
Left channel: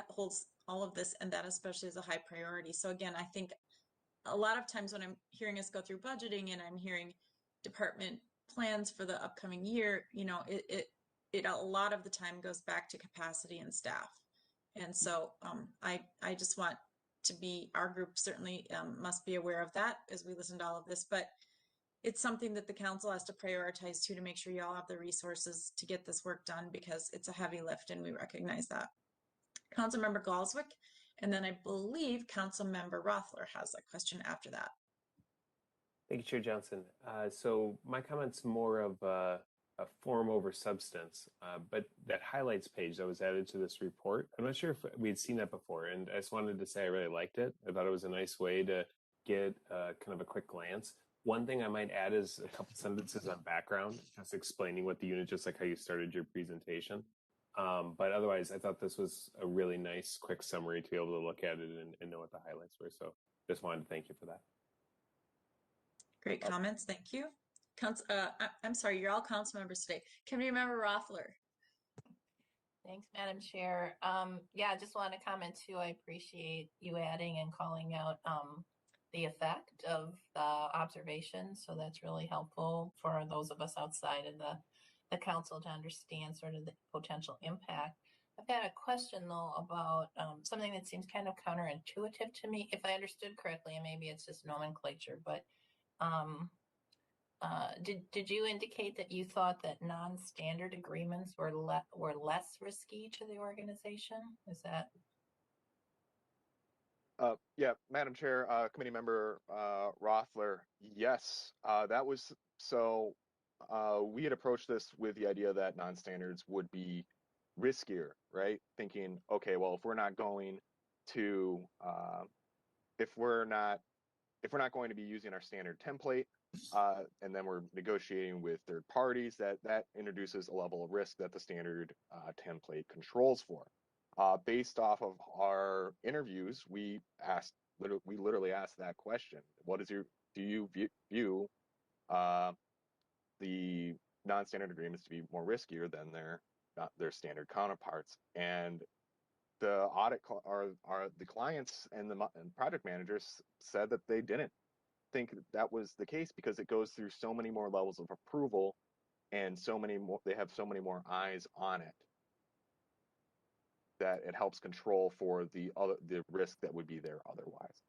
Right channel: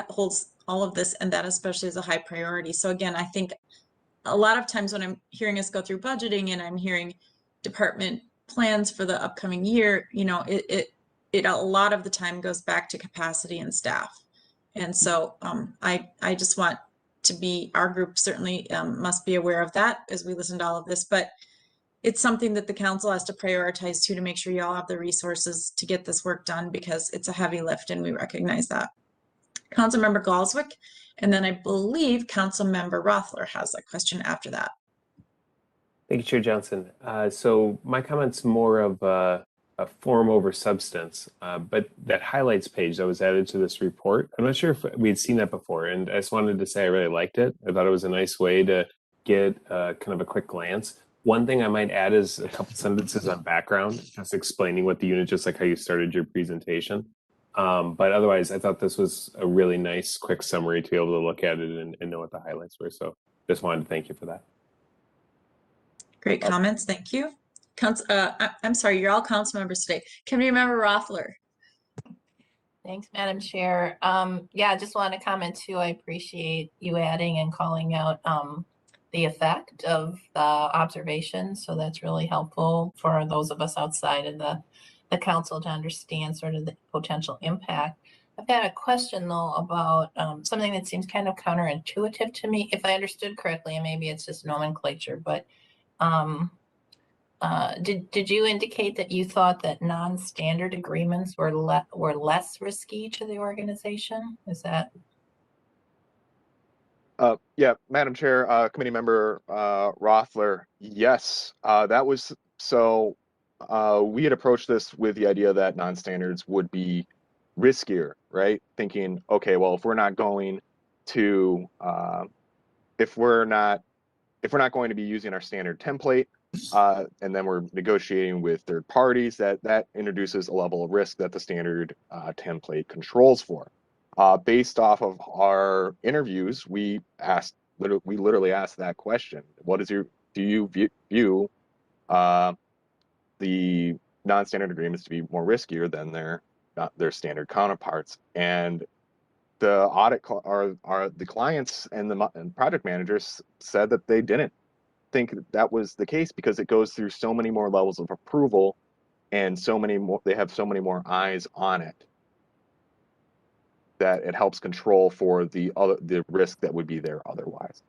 holds all of this, and that especially is a high priority. So again, I think a lot of times when I'm hearing us go through budgeting and I'm hearing department plans for the upcoming year, you know, it a lot of the time goes back to capacity and staff. And so I just want to be, our group certainly must be aware of that as we listen to all of this, but it's something that the council has to prioritize too, to make sure you all have the resources to get this work done, because it's a heavy lift and we recognize that. Councilmember Galswick, and then I believe Councilmember Rothler has a question after that. Thank you, Chair Johnson. So my comment's more of a form over substance, but that highlights page that was added to this report, I'm not sure if we'd seen that before, and I just wanted to say I really liked it. I thought it was a nice way to get kind of a quick glance. One thing I might add is a couple sentences on background, just explaining what the unit, just like how you started your presentation. But otherwise, I thought this was a really nice, quick summary to be able to look at it and know what the highlights were. So just wanted to thank you for that. Great comments, thank you. I'm sorry, you're all council members today. Committee Member Rothler. Thanks, Madam Chair. Yeah, I just want to comment too. I appreciate you adding and calling out the effect of the observations. So that's really helpful for those of us outside of the council to understand sort of the potential impact. I've got a question though about something that seems kind of counterintuitive to me, if I understood correctly, and maybe it's just nomenclature, but did you indicate that you thought that non-standard agreements were less risky to the organization? Is that? Yeah, Madam Chair, Committee Member Rothler, yes, that was so. We had approached this with the idea that non-standards would be riskier, right? Thinking, okay, well, if we're not going to, if we're not going to be using our standard template, and then we're negotiating with third parties, that introduces a level of risk that the standard template controls for. Based off of our interviews, we literally asked that question: what is do you view the non-standard agreements to be more riskier than their standard counterparts? And the audit the clients and the project managers said that they didn't think that was the case, because it goes through so many more levels of approval and so many more, they have so many more eyes on it, that it helps control for the risk that would be there otherwise.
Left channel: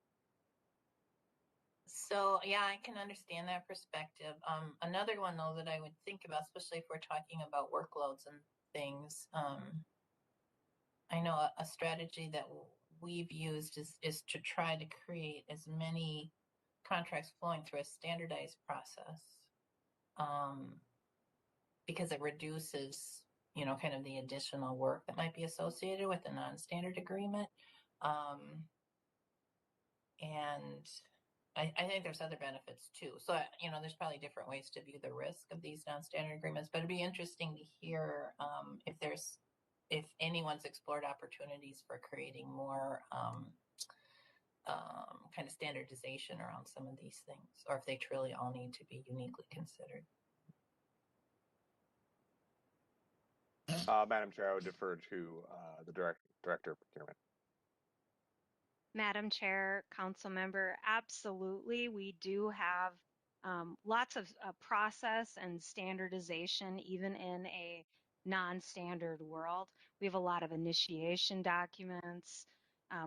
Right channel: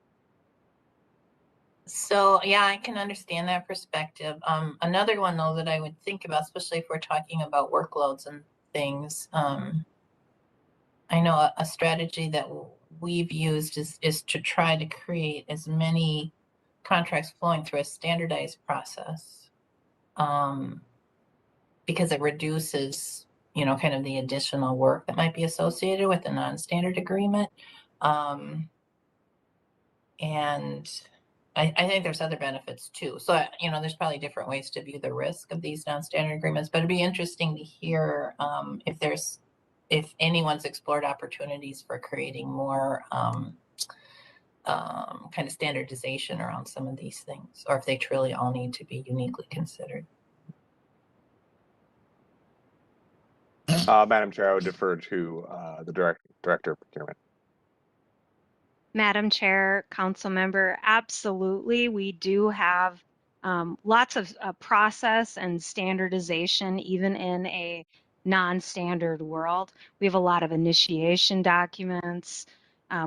So yeah, I can understand that perspective. Another one though that I would think about, especially if we're talking about workloads and things, I know a strategy that we've used is to try to create as many contracts flowing through a standardized process, because it reduces, kind of the additional work that might be associated with a non-standard agreement. And I think there's other benefits too. So, there's probably different ways to view the risk of these non-standard agreements, but it'd be interesting to hear if anyone's explored opportunities for creating more kind of standardization around some of these things, or if they truly all need to be uniquely considered. Madam Chair, I would defer to the Director of Procurement. Madam Chair, Council Member, absolutely. We do have lots of process and standardization, even in a non-standard world. We have a lot of initiation documents.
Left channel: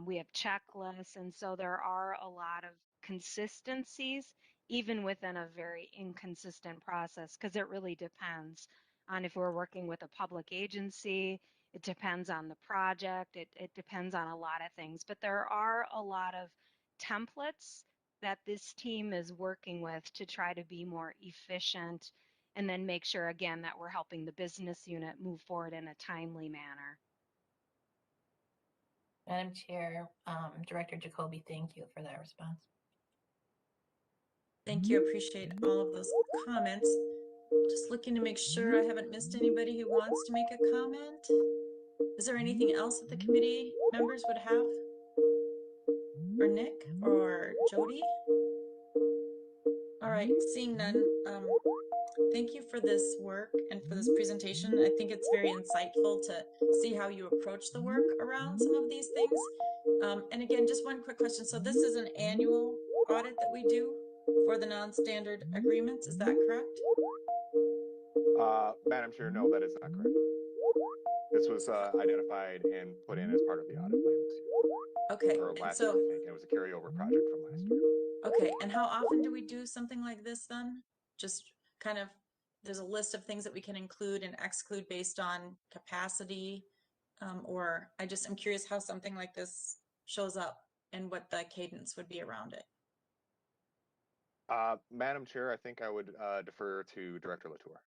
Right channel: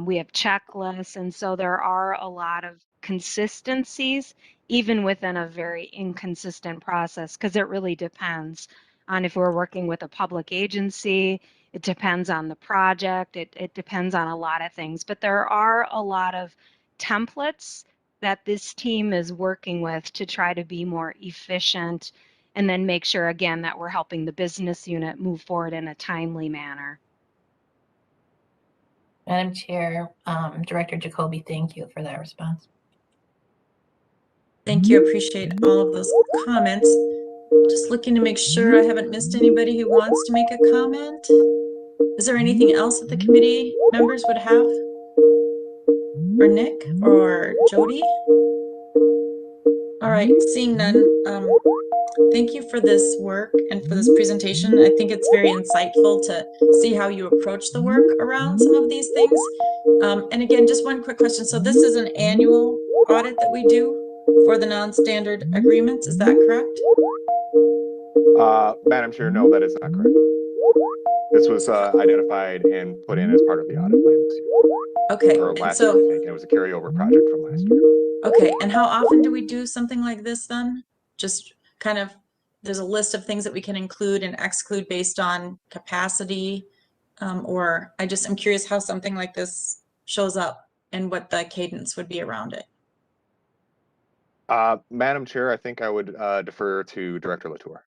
We have checklists. And so there are a lot of consistencies, even within a very inconsistent process, because it really depends on if we're working with a public agency. It depends on the project. It depends on a lot of things, but there are a lot of templates that this team is working with to try to be more efficient and then make sure, again, that we're helping the business unit move forward in a timely manner. Madam Chair, Director Jacoby, thank you for that response. Thank you. Appreciate all of those comments. Just looking to make sure I haven't missed anybody who wants to make a comment. Is there anything else that the committee members would have? Or Nick or Jody? All right, seeing none, thank you for this work and for this presentation. I think it's very insightful to see how you approach the work around some of these things. And again, just one quick question. So this is an annual audit that we do for the non-standard agreements, is that correct? Madam Chair, no, that is not correct. This was identified and put in as part of the audit plan this year. Okay, or and last so year, I think. It was a carryover project from last year. okay, and how often do we do something like this then? Just kind of, there's a list of things that we can include and exclude based on capacity, or I'm curious how something like this shows up and what the cadence would be around it. Madam Chair, I think I would defer to Director Latour.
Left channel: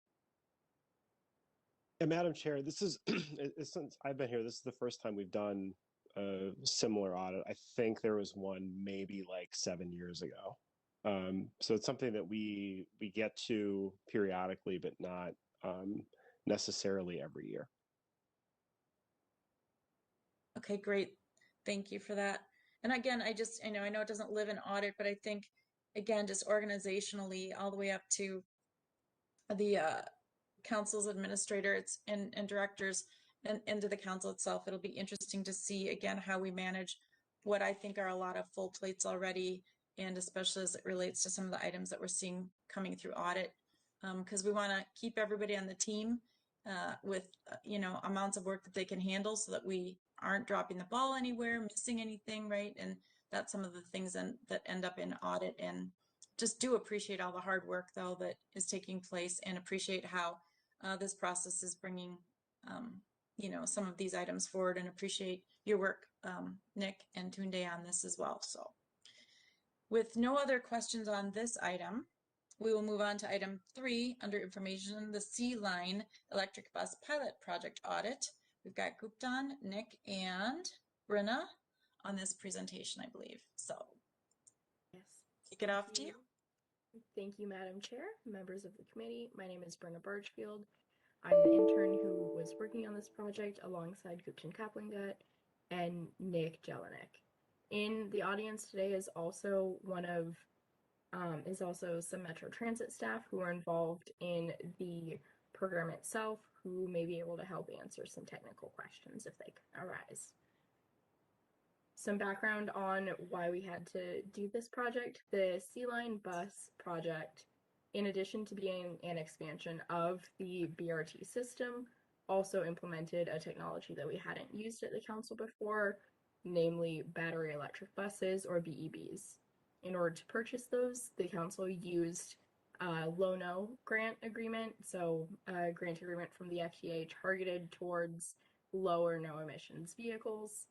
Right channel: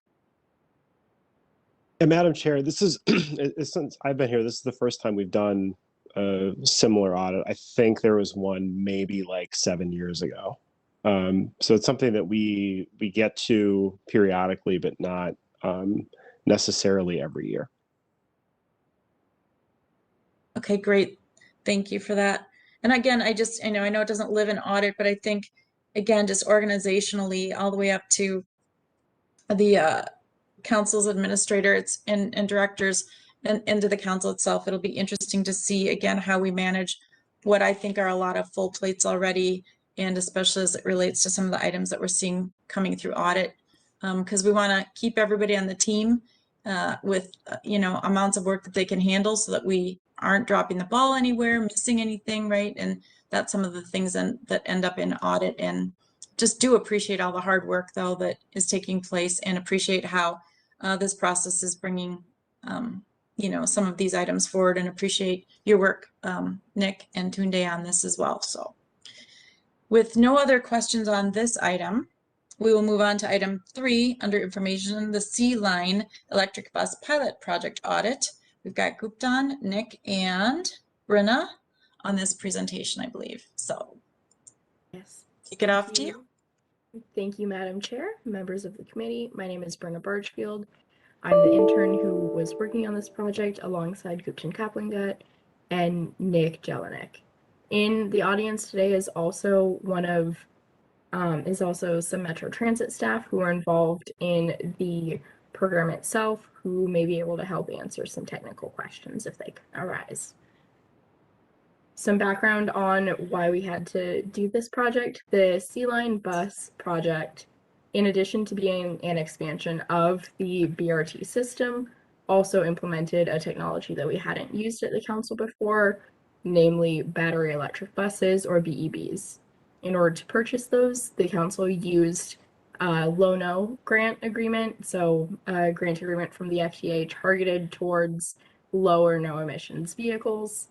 And Madam Chair, this is, since I've been here, this is the first time we've done a similar audit. I think there was one maybe like 7 years ago. So it's something that we get to periodically, but not necessarily every year. Okay, great. Thank you for that. And again, I know it doesn't live in audit, but I think, again, just organizationally, all the way up to the council's administrator and directors and to the council itself, it'll be interesting to see, again, how we manage what I think are a lot of full plates already, and especially as it relates to some of the items that we're seeing coming through audit, because we want to keep everybody on the team with amounts of work that they can handle, so that we aren't dropping the ball anywhere, missing anything, right? And that's some of the things that end up in audit and just do appreciate all the hard work though that is taking place, and appreciate how this process is bringing you know, some of these items forward, and appreciate your work, Nick and Tunde, on this as well. So with no other questions on this item, we will move on to item 3 under information, the C-Line Electric Bus Pilot Project Audit. We've got Guptan, Nick, and Brynna on this presentation, I believe. So Yes. kick it off to you. Thank you, Madam Chair, members of the committee. My name is Brynna Bargfield. I'm the intern who was working on this project alongside Guptan Kaplingat and Nick Jelinek. In the audience today is also some Metro Transit staff who are involved in the program itself, who may be able to help answer some technical questions if they arise. Some background on why we had to do this project. The C-Line bus project, in addition to being an expansion of the BRT system, also implemented a technology that we hadn't used at the council before, namely battery electric buses, or BEBs. In order to purchase those, the council used a low-no grant agreement, so a grant agreement from the FTA targeted towards low or no emissions vehicles.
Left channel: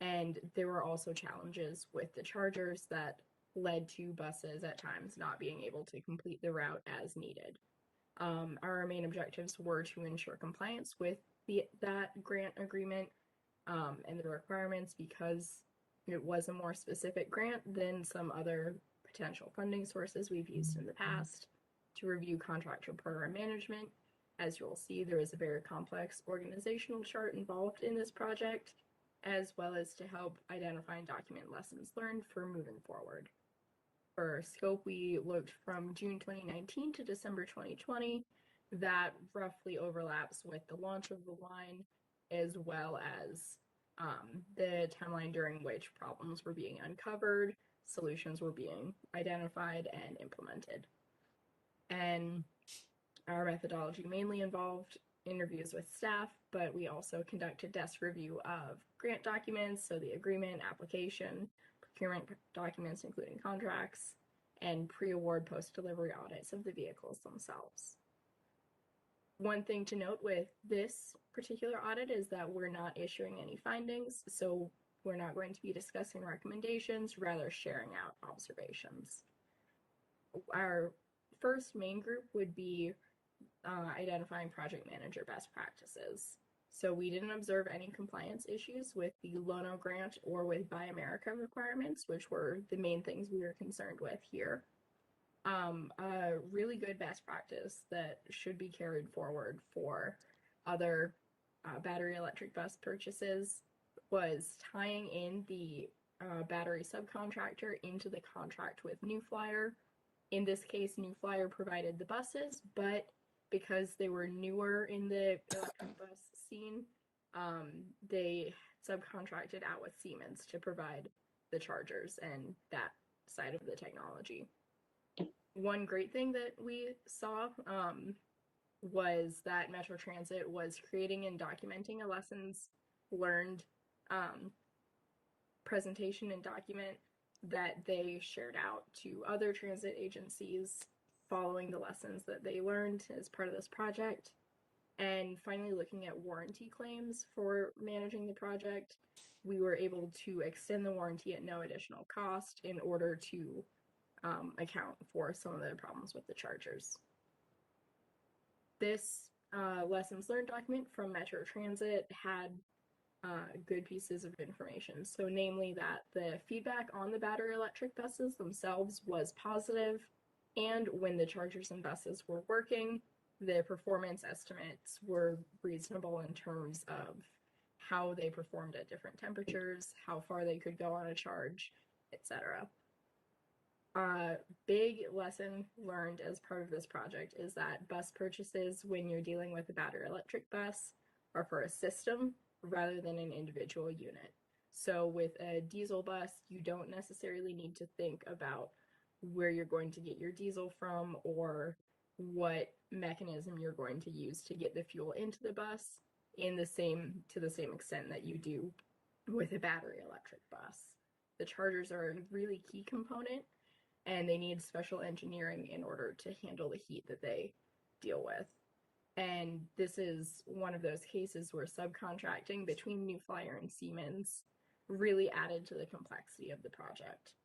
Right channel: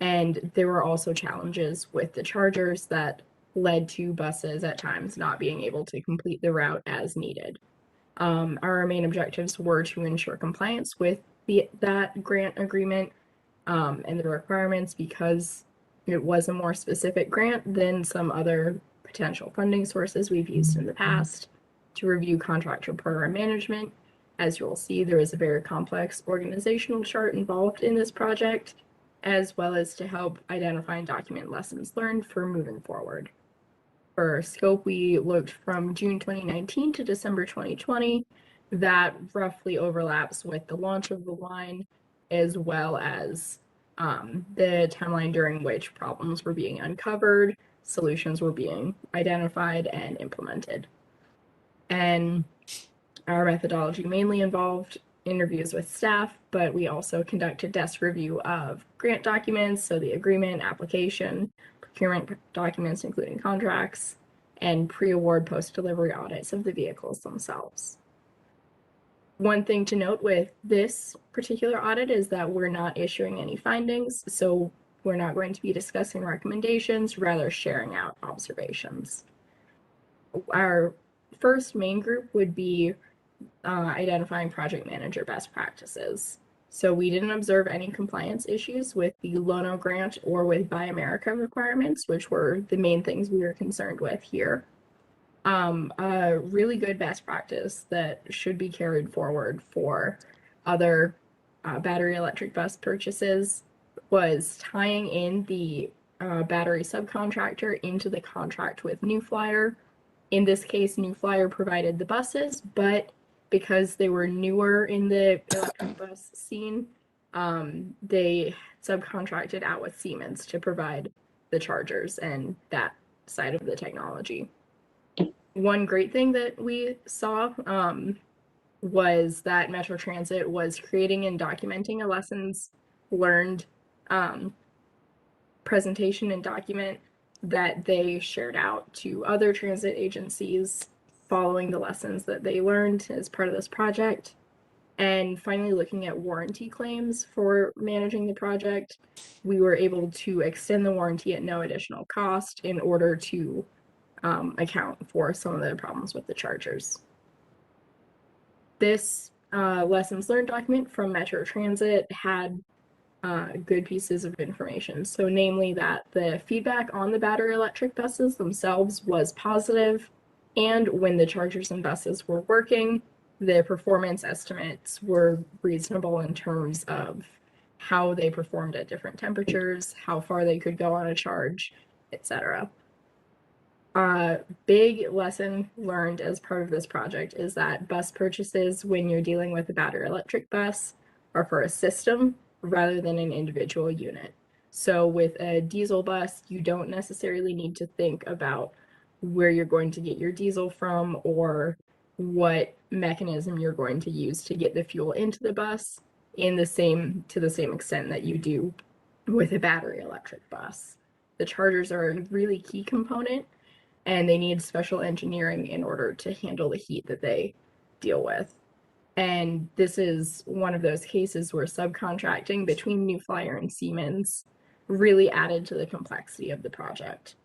And there were also challenges with the chargers that led to buses at times not being able to complete the route as needed. Our main objectives were to ensure compliance with that grant agreement and the requirements, because it was a more specific grant than some other potential funding sources we've used in the past. To review contractor program management, as you'll see, there is a very complex organizational chart involved in this project, as well as to help identify and document lessons learned for moving forward. For scope, we looked from June 2019 to December 2020. That roughly overlaps with the launch of the line, as well as the timeline during which problems were being uncovered, solutions were being identified and implemented. And our methodology mainly involved interviews with staff, but we also conducted desk review of grant documents, so the agreement, application, procurement documents, including contracts, and pre-award post-delivery audits of the vehicles themselves. One thing to note with this particular audit is that we're not issuing any findings, so we're not going to be discussing recommendations, rather sharing out observations. Our first main group would be identifying project manager best practices. So we didn't observe any compliance issues with the Lono grant or with Buy America requirements, which were the main things we were concerned with here. A really good best practice that should be carried forward for other battery electric bus purchases was tying in the battery subcontractor into the contract with New Flyer. In this case, New Flyer provided the buses, but because they were newer in the electric bus scene, they subcontracted out with Siemens to provide the chargers and that side of the technology. One great thing that we saw was that Metro Transit was creating and documenting a lessons learned presentation and document that they shared out to other transit agencies following the lessons that they learned as part of this project. And finally, looking at warranty claims for managing the project, we were able to extend the warranty at no additional cost in order to account for some of the problems with the chargers. This lessons learned document from Metro Transit had good pieces of information. So namely that the feedback on the battery electric buses themselves was positive, and when the chargers and buses were working, the performance estimates were reasonable in terms of how they performed at different temperatures, how far they could go on a charge, etc. Big lesson learned as part of this project is that bus purchases, when you're dealing with a battery electric bus, are for a system rather than an individual unit. So with a diesel bus, you don't necessarily need to think about where you're going to get your diesel from or what mechanism you're going to use to get the fuel into the bus to the same extent that you do with a battery electric bus. The chargers are a really key component and they need special engineering in order to handle the heat that they deal with. And this is one of those cases where subcontracting between New Flyer and Siemens really added to the complexity of the project.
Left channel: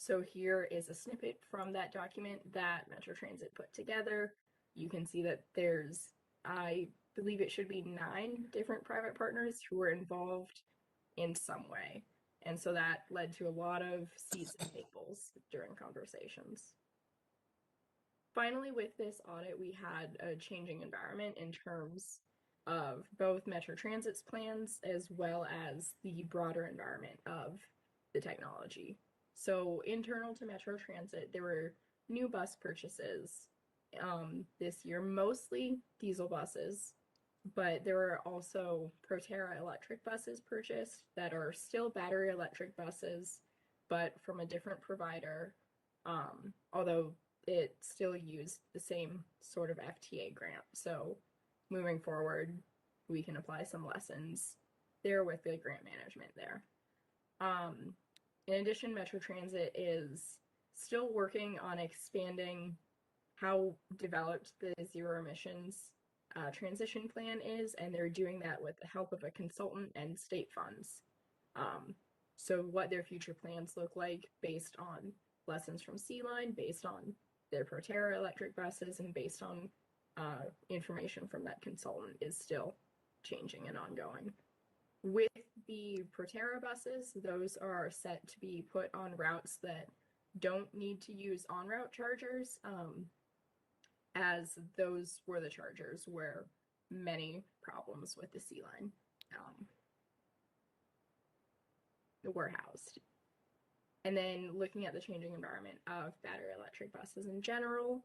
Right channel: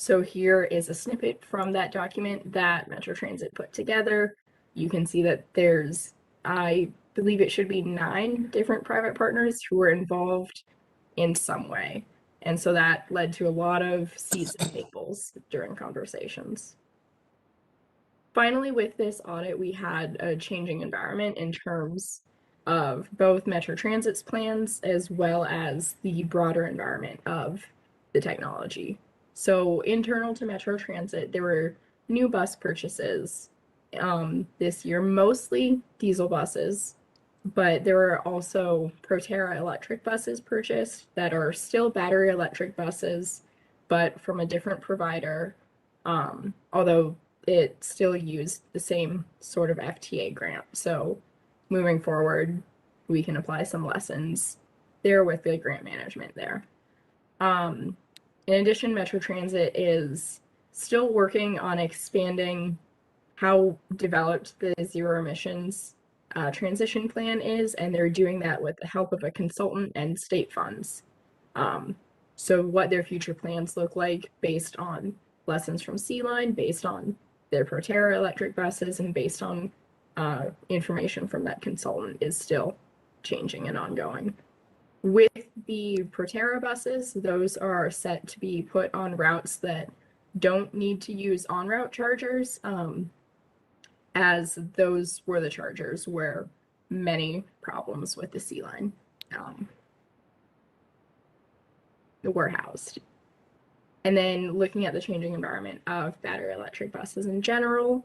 So here is a snippet from that document that Metro Transit put together. You can see that there's, I believe it should be 9 different private partners who were involved in some way. And so that led to a lot of seats at tables during conversations. Finally, with this audit, we had a changing environment in terms of both Metro Transit's plans as well as the broader environment of the technology. So internal to Metro Transit, there were new bus purchases this year, mostly diesel buses, but there were also Proterra electric buses purchased that are still battery electric buses, but from a different provider, although it still used the same sort of FTA grant. So moving forward, we can apply some lessons there with the grant management there. In addition, Metro Transit is still working on expanding how developed the zero emissions transition plan is, and they're doing that with the help of a consultant and state funds. So what their future plans look like based on lessons from C-Line, based on their Proterra electric buses, and based on information from that consultant is still changing and ongoing. With the Proterra buses, those are set to be put on routes that don't need to use on-route chargers, as those were the chargers where many problems with the C-Line were housed. And then looking at the changing environment of battery electric buses in general,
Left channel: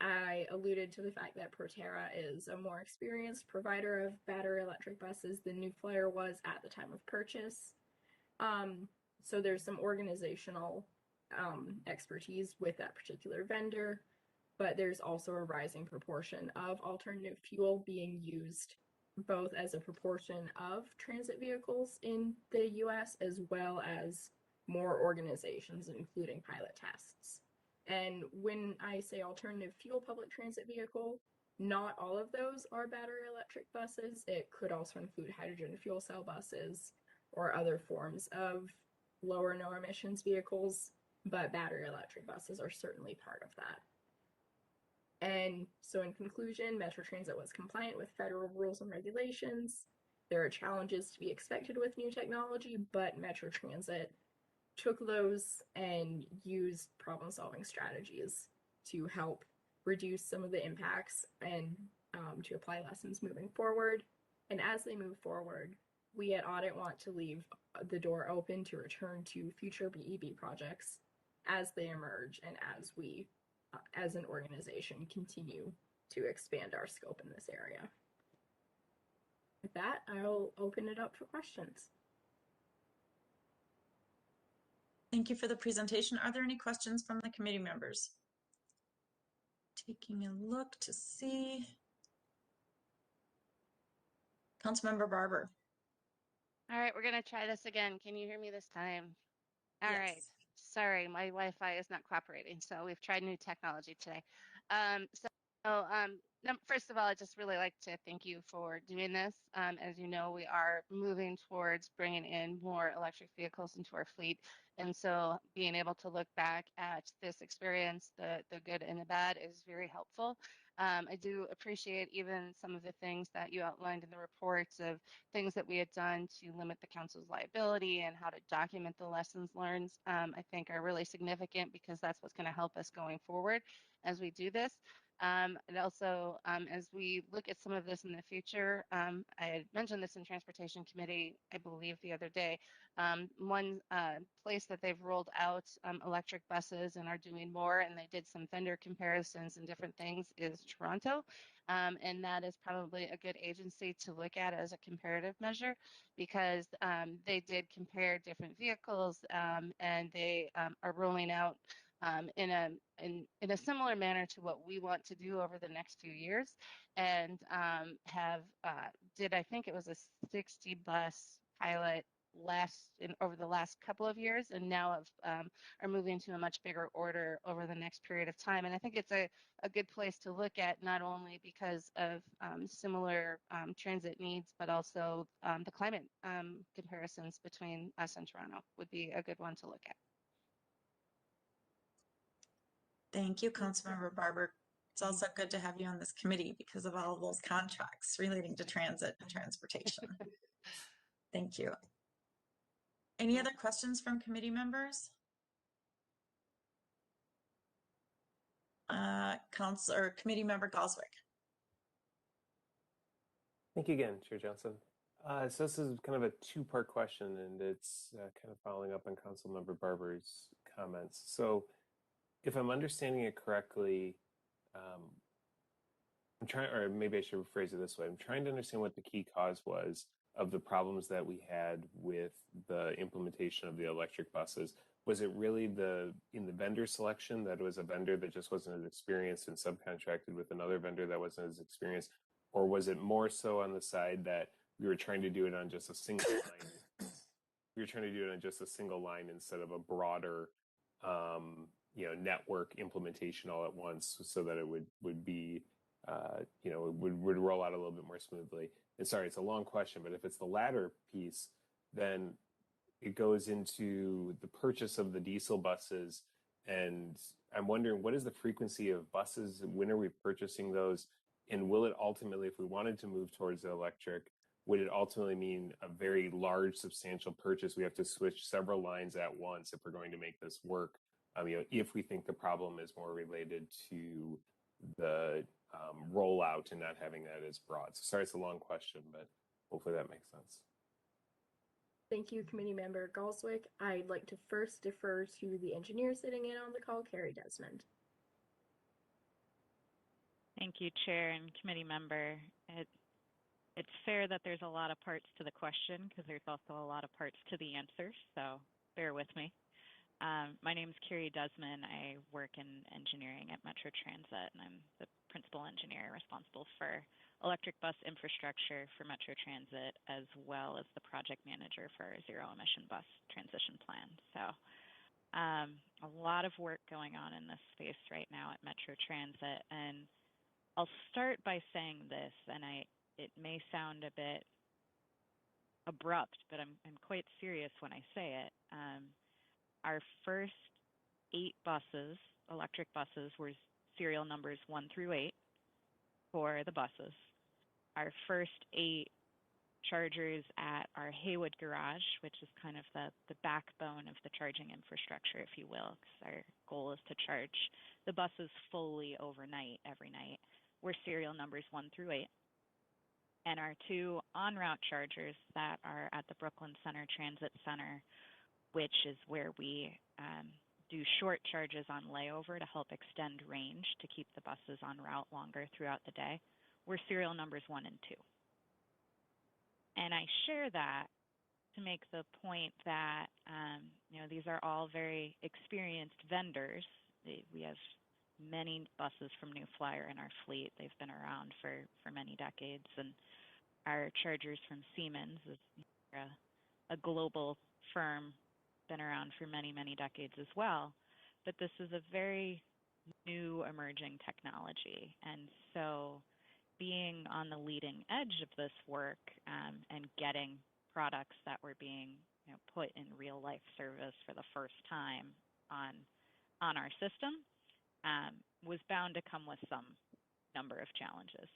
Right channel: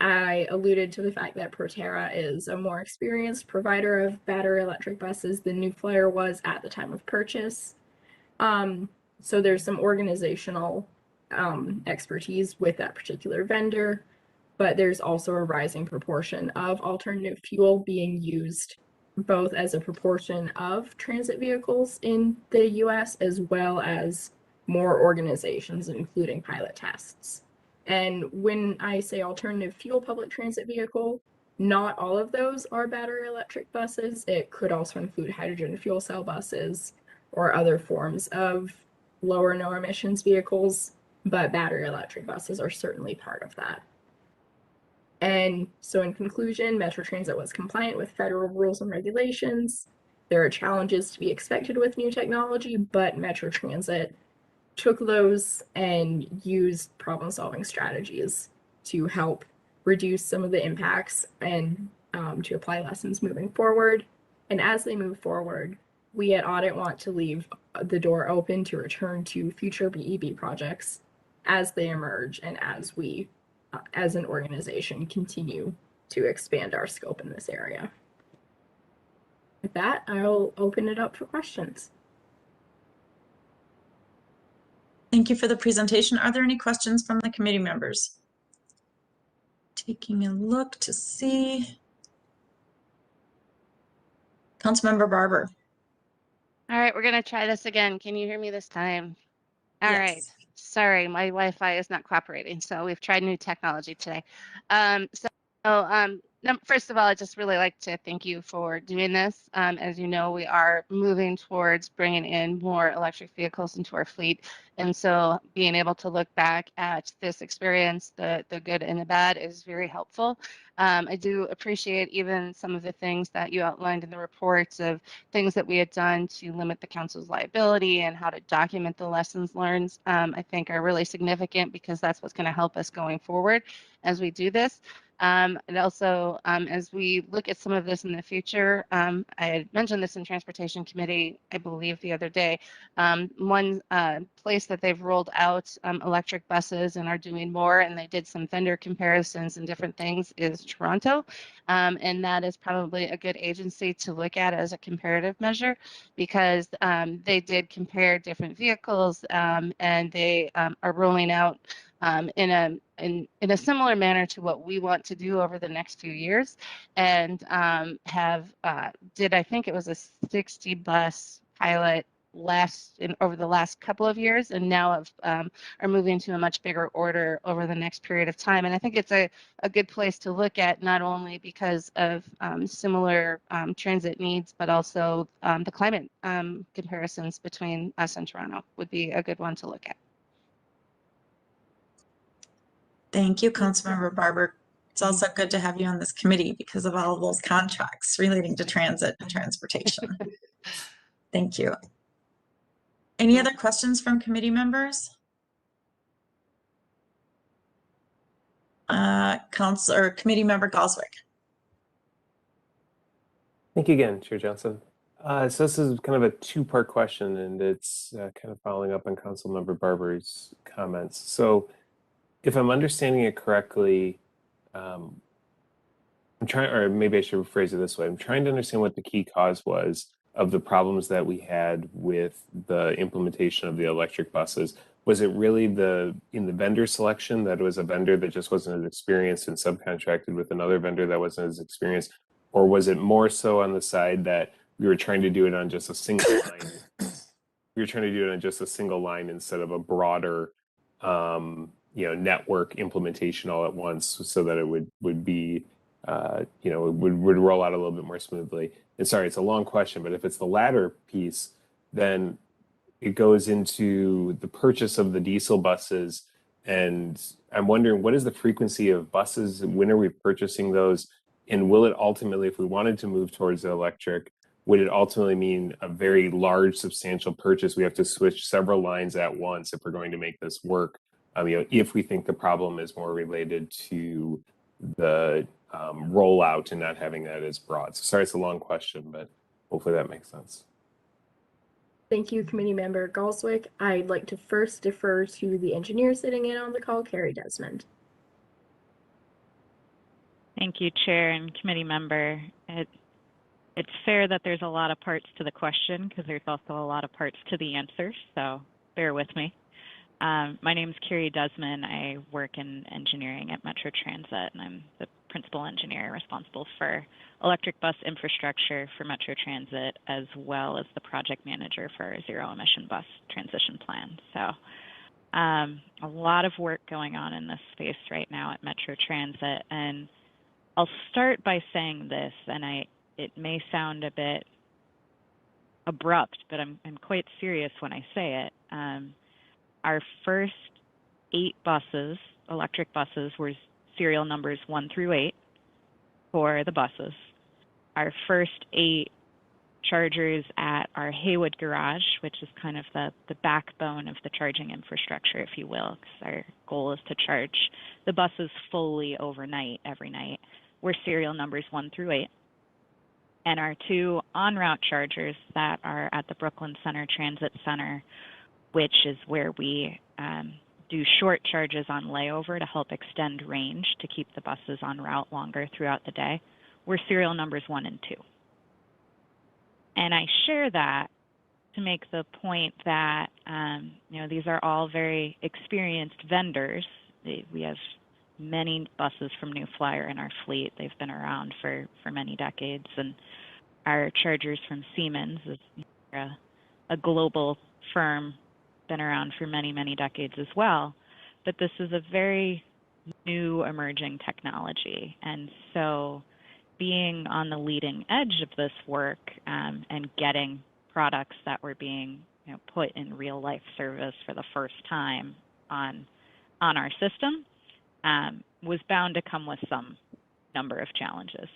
I alluded to the fact that Proterra is a more experienced provider of battery electric buses than New Flyer was at the time of purchase. So there's some organizational expertise with that particular vendor, but there's also a rising proportion of alternative fuel being used both as a proportion of transit vehicles in the US as well as more organizations, including pilot tests. And when I say alternative fuel public transit vehicle, not all of those are battery electric buses. It could also include hydrogen fuel cell buses or other forms of low or no emissions vehicles, but battery electric buses are certainly part of that. And so in conclusion, Metro Transit was compliant with federal rules and regulations. There are challenges to be expected with new technology, but Metro Transit took those and used problem-solving strategies to help reduce some of the impacts and to apply lessons moving forward. And as they move forward, we at Audit want to leave the door open to return to future BEB projects as they emerge and as we, as an organization, continue to expand our scope in this area. With that, I'll open it up for questions. Thank you for the presentation. Are there any questions from the committee members? Taking a look to see. Councilmember Barber. All right, we're going to try this again. Can you hear me this time? All right. Yes. Sorry, my Wi-Fi is not cooperating, so we've tried new technology today. First of all, I'd just really like to thank you for doing this. As you know, we are moving towards bringing in more electric vehicles into our fleet. And so being able to look back at this experience, the good and the bad, is very helpful. I do appreciate even some of the things that you outlined in the reports of things that we had done to limit the council's liability and how to document the lessons learned, I think are really significant because that's what's going to help us going forward as we do this. And also, as we look at some of this in the future, I had mentioned this in Transportation Committee, I believe, the other day. One place that they've rolled out electric buses and are doing more, and they did some vendor comparisons and different things, is Toronto. And that is probably a good agency to look at as a comparative measure because they did compare different vehicles and they are rolling out in a similar manner to what we want to do over the next few years, and I think it was a 60 bus pilot over the last couple of years, and now are moving to a much bigger order over the next period of time. And I think it's a good place to look at, not only because of similar transit needs, but also the climate comparisons between us and Toronto would be a good one to look at. Thank you, Councilmember Barber. It's also good to have you on this committee because of all of those contracts relating to transit and transportation. Thank you. Any other questions from committee members? Committee member Goswick. Thank you again, Chair Johnson. So this is kind of a two-part question, and it's kind of following up on Councilmember Barber's comments. So if I'm understanding it correctly, I'm trying, or maybe I should rephrase it this way. I'm trying to understand what the key cause was of the problems that we had with the implementation of the electric buses. Was it really in the vendor selection, that it was a vendor that just wasn't as experienced and subcontracted with another vendor that wasn't as experienced? Or was it more so on the side that we were trying to do it on just a single line? We were trying to do it on just a single line instead of a broader network implementation all at once, so that it would be it would roll out a little bit more smoothly. And sorry, it's a long question, but if it's the latter piece, then it goes into the purchase of the diesel buses. And I'm wondering, what is the frequency of buses? When are we purchasing those? And will it ultimately, if we wanted to move towards the electric, would it ultimately mean a very large, substantial purchase? We have to switch several lines at once if we're going to make this work. If we think the problem is more related to the rollout and not having that as broad. So sorry, it's a long question, but hopefully that makes sense. Thank you, committee member Galswick. I'd like to first defer to the engineer sitting in on the call, Carrie Desmond. Thank you, Chair and committee member. It's fair that there's a lot of parts to the question because there's also a lot of parts to the answer, so bear with me. My name is Carrie Desmond. I work in engineering at Metro Transit, and I'm the principal engineer responsible for electric bus infrastructure for Metro Transit, as well as the project manager for our zero emission bus transition plan. So a lot of work going on in this space right now at Metro Transit. And I'll start by saying this, and it may sound a bit abrupt, but I'm quite serious when I say it. Our first 8 buses, electric buses, were serial numbers 1 through 8 for the buses. Our first 8 chargers at our Haywood garage, which is kind of the backbone of the charging infrastructure, if you will, because our goal is to charge the buses fully overnight, every night, were serial numbers 1 through 8. And our 2 en-route chargers that are at the Brooklyn Center Transit Center, which is where we do short charges on layover to help extend range to keep the buses on route longer throughout the day, were serial numbers 1 and 2. And I share that to make the point that these are all very experienced vendors. We have many buses from New Flyer in our fleet. They've been around for many decades, and our chargers from Siemens is a global firm, been around for many, many decades as well. But this is a very new emerging technology. And so being on the leading edge of this work and getting products that were being put in real life service for the first time on our system was bound to come with some number of challenges.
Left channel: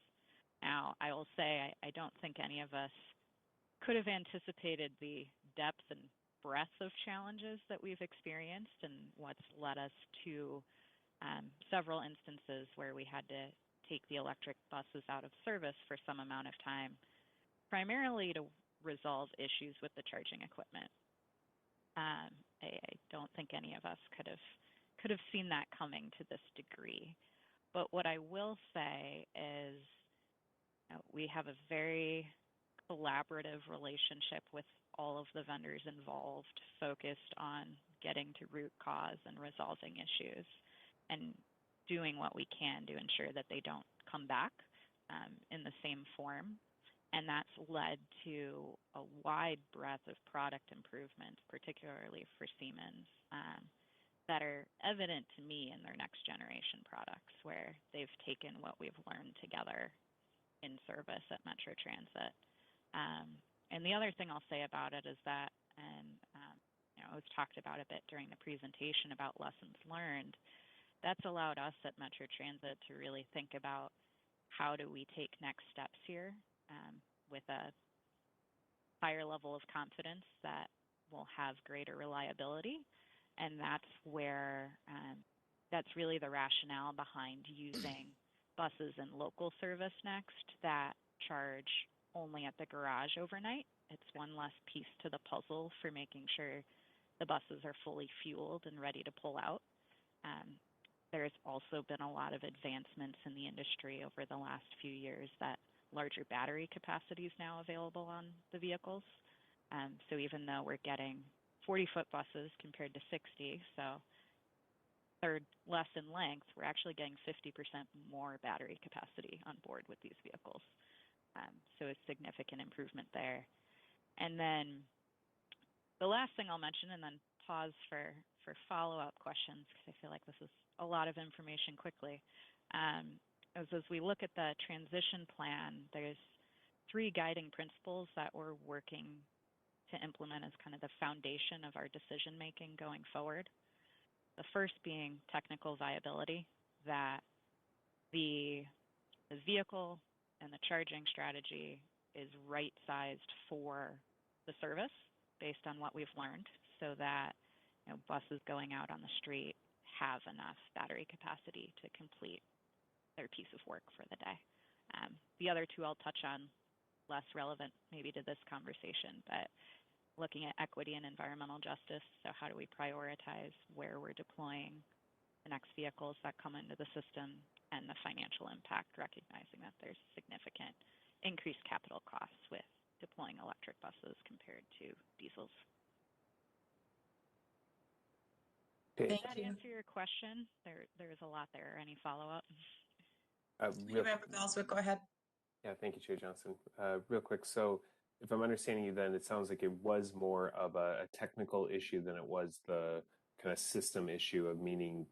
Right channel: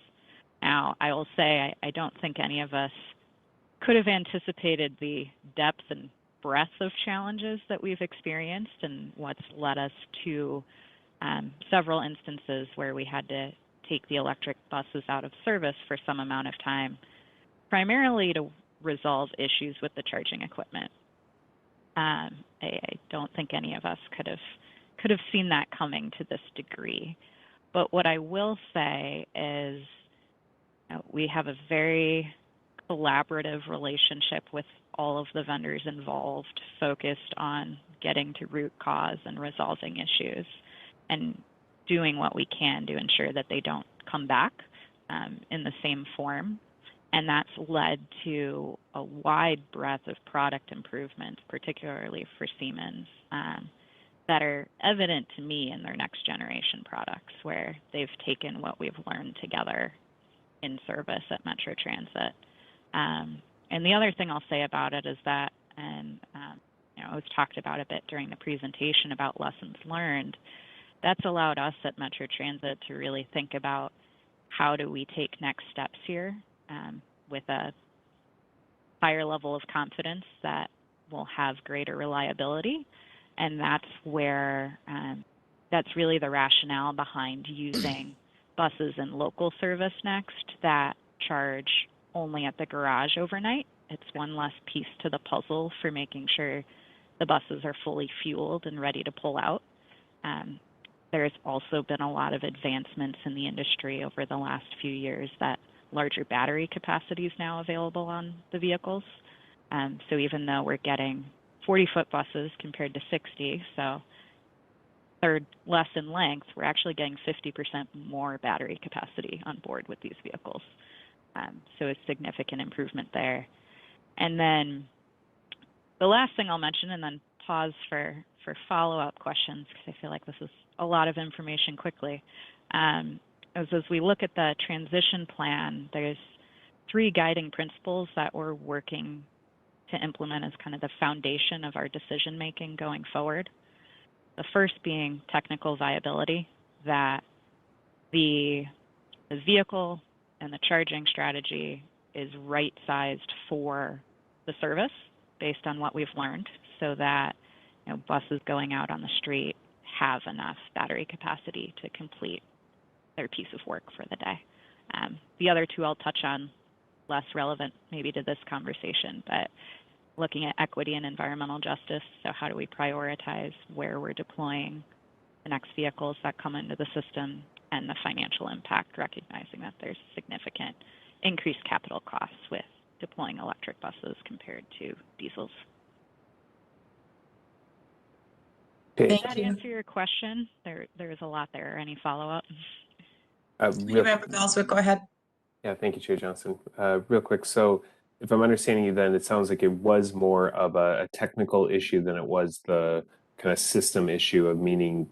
Now, I will say I don't think any of us could have anticipated the depth and breadth of challenges that we've experienced, and what's led us to several instances where we had to take the electric buses out of service for some amount of time, primarily to resolve issues with the charging equipment. I don't think any of us could have seen that coming to this degree. But what I will say is we have a very collaborative relationship with all of the vendors involved, focused on getting to root cause and resolving issues and doing what we can to ensure that they don't come back in the same form. And that's led to a wide breadth of product improvements, particularly for Siemens, that are evident to me in their next generation products, where they've taken what we've learned together in service at Metro Transit. And the other thing I'll say about it is that, and it was talked about a bit during the presentation about lessons learned, that's allowed us at Metro Transit to really think about how do we take next steps here with a higher level of confidence that we'll have greater reliability. And that's where, that's really the rationale behind using buses in local service next that charge only at the garage overnight. It's one less piece to the puzzle for making sure the buses are fully fueled and ready to pull out. There's also been a lot of advancements in the industry over the last few years that larger battery capacity is now available on the vehicles. So even though we're getting 40-foot buses compared to 60, so third less in length, we're actually getting 50% more battery capacity on board with these vehicles. So a significant improvement there. And then the last thing I'll mention, and then pause for follow-up questions, because I feel like this is a lot of information quickly, as we look at the transition plan, there's 3 guiding principles that we're working to implement as kind of the foundation of our decision-making going forward. The first being technical viability, that the vehicle and the charging strategy is right-sized for the service based on what we've learned, so that buses going out on the street have enough battery capacity to complete their piece of work for the day. The other 2 I'll touch on, less relevant maybe to this conversation, but looking at equity and environmental justice. So how do we prioritize where we're deploying the next vehicles that come into the system, and the financial impact, recognizing that there's significant increased capital costs with deploying electric buses compared to diesels. Does that answer your question? There's a lot there. Any follow-up? Member Goswick, go ahead. Yeah, thank you, Chair Johnson. Real quick, so if I'm understanding you, then it sounds like it was more of a technical issue than it was the kind of system issue of meaning,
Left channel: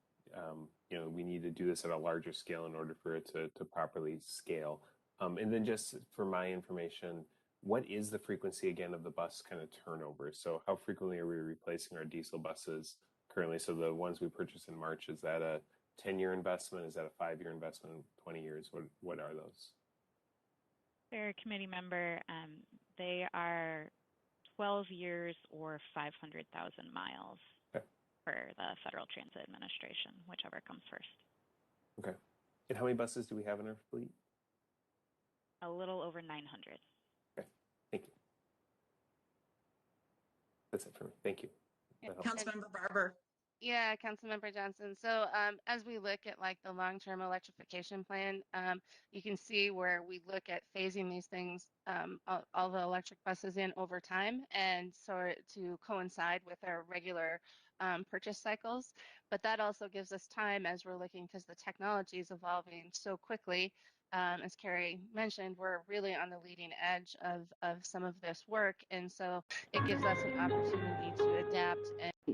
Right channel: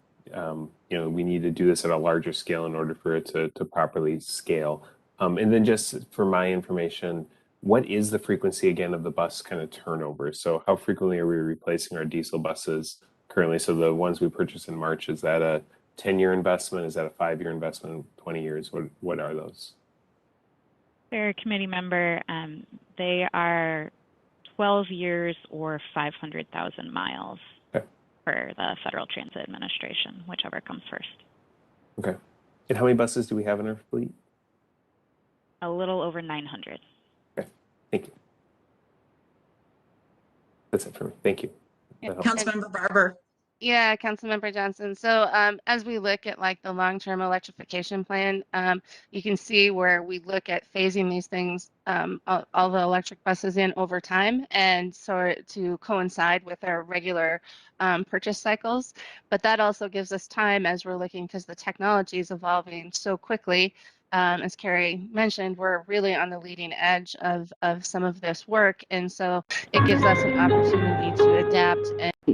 we need to do this at a larger scale in order for it to properly scale. And then just for my information, what is the frequency again of the bus kind of turnover? So how frequently are we replacing our diesel buses currently? So the ones we purchased in March, is that a 10-year investment? Is that a 5-year investment? 20 years? What are those? Fair committee member, they are 12 years or 500,000 miles for the Federal Transit Administration, whichever comes first. Okay. And how many buses do we have in our fleet? A little over 900. Okay, thank you. That's it for me. Thank you. Councilmember Barber. Yeah, Councilmember Johnson. So as we look at like the long-term electrification plan, you can see where we look at phasing these things, all the electric buses in over time, and so to coincide with our regular purchase cycles. But that also gives us time as we're looking, because the technology is evolving so quickly. As Carrie mentioned, we're really on the leading edge of some of this work. And so it gives us an opportunity to adapt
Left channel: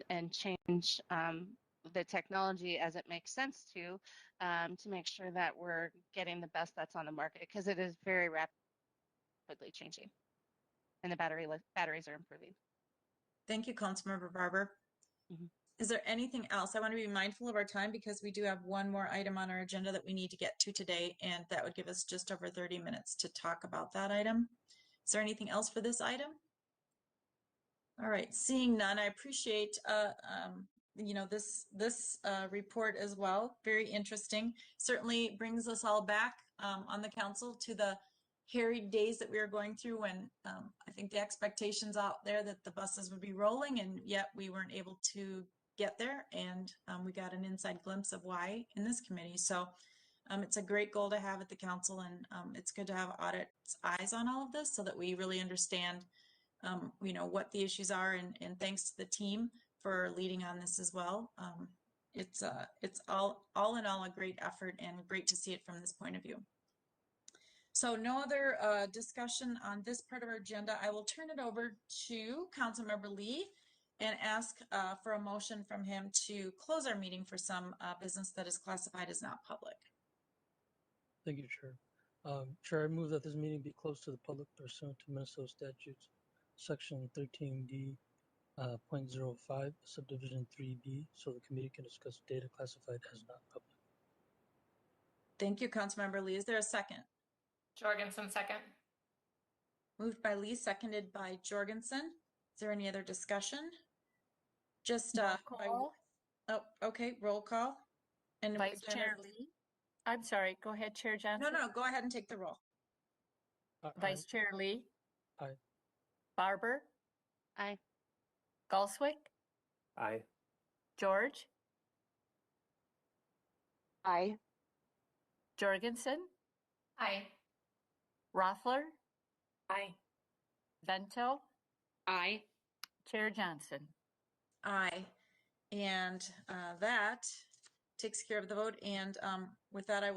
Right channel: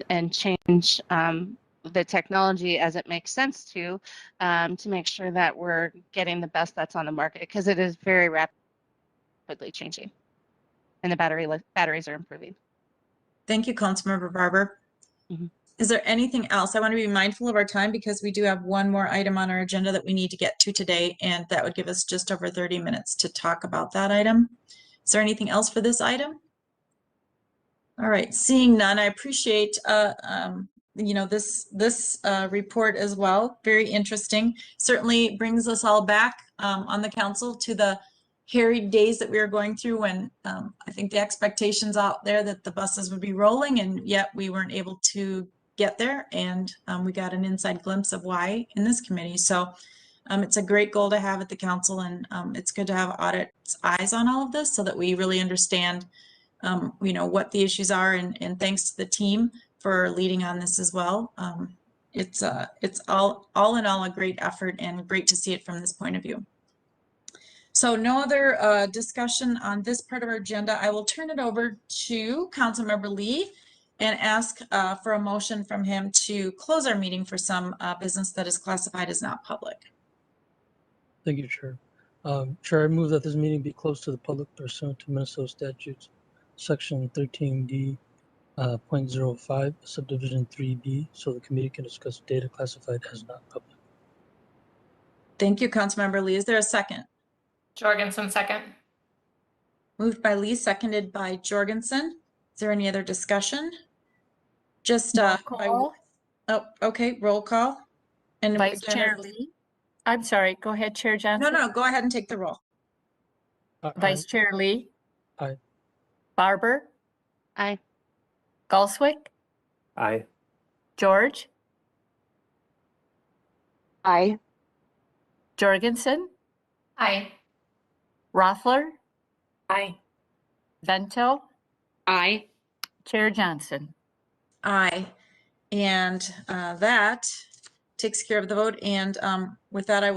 and change the technology as it makes sense to make sure that we're getting the best that's on the market, because it is very rapidly changing and the batteries are improving. Thank you, Councilmember Barber. Mm-hmm. Is there anything else? I want to be mindful of our time, because we do have one more item on our agenda that we need to get to today, and that would give us just over 30 minutes to talk about that item. Is there anything else for this item? All right, seeing none, I appreciate this report as well. Very interesting. Certainly brings us all back on the council to the harried days that we were going through, when I think the expectations out there that the buses would be rolling, and yet we weren't able to get there. And we got an inside glimpse of why in this committee. So it's a great goal to have at the council, and it's good to have Audit's eyes on all of this so that we really understand what the issues are, and thanks to the team for leading on this as well. It's all in all a great effort, and great to see it from this point of view. So no other discussion on this part of our agenda. I will turn it over to Councilmember Lee and ask for a motion from him to close our meeting for some business that is classified as not public. Thank you, Chair. Chair, I move that this meeting be closed to the public pursuant to Minnesota statutes, Section 13D, 0.05, Subdivision 3B, so the committee can discuss data classified as not public. Thank you, Councilmember Lee. Is there a second? Jorgensen, second. Moved by Lee, seconded by Jorgensen. Is there any other discussion? Just Roll by, call. oh, okay, roll call. And Vice again, Chair Lee. I'm sorry, go ahead, Chair no, Johnson. no, go ahead and take the roll. Vice Chair Lee. Aye. Barber. Aye. Galswick. Aye. George. Aye. Jorgensen. Aye. Rothler. Aye. Vento. Aye. Chair Johnson. Aye. And that takes care of the vote. And with that, I will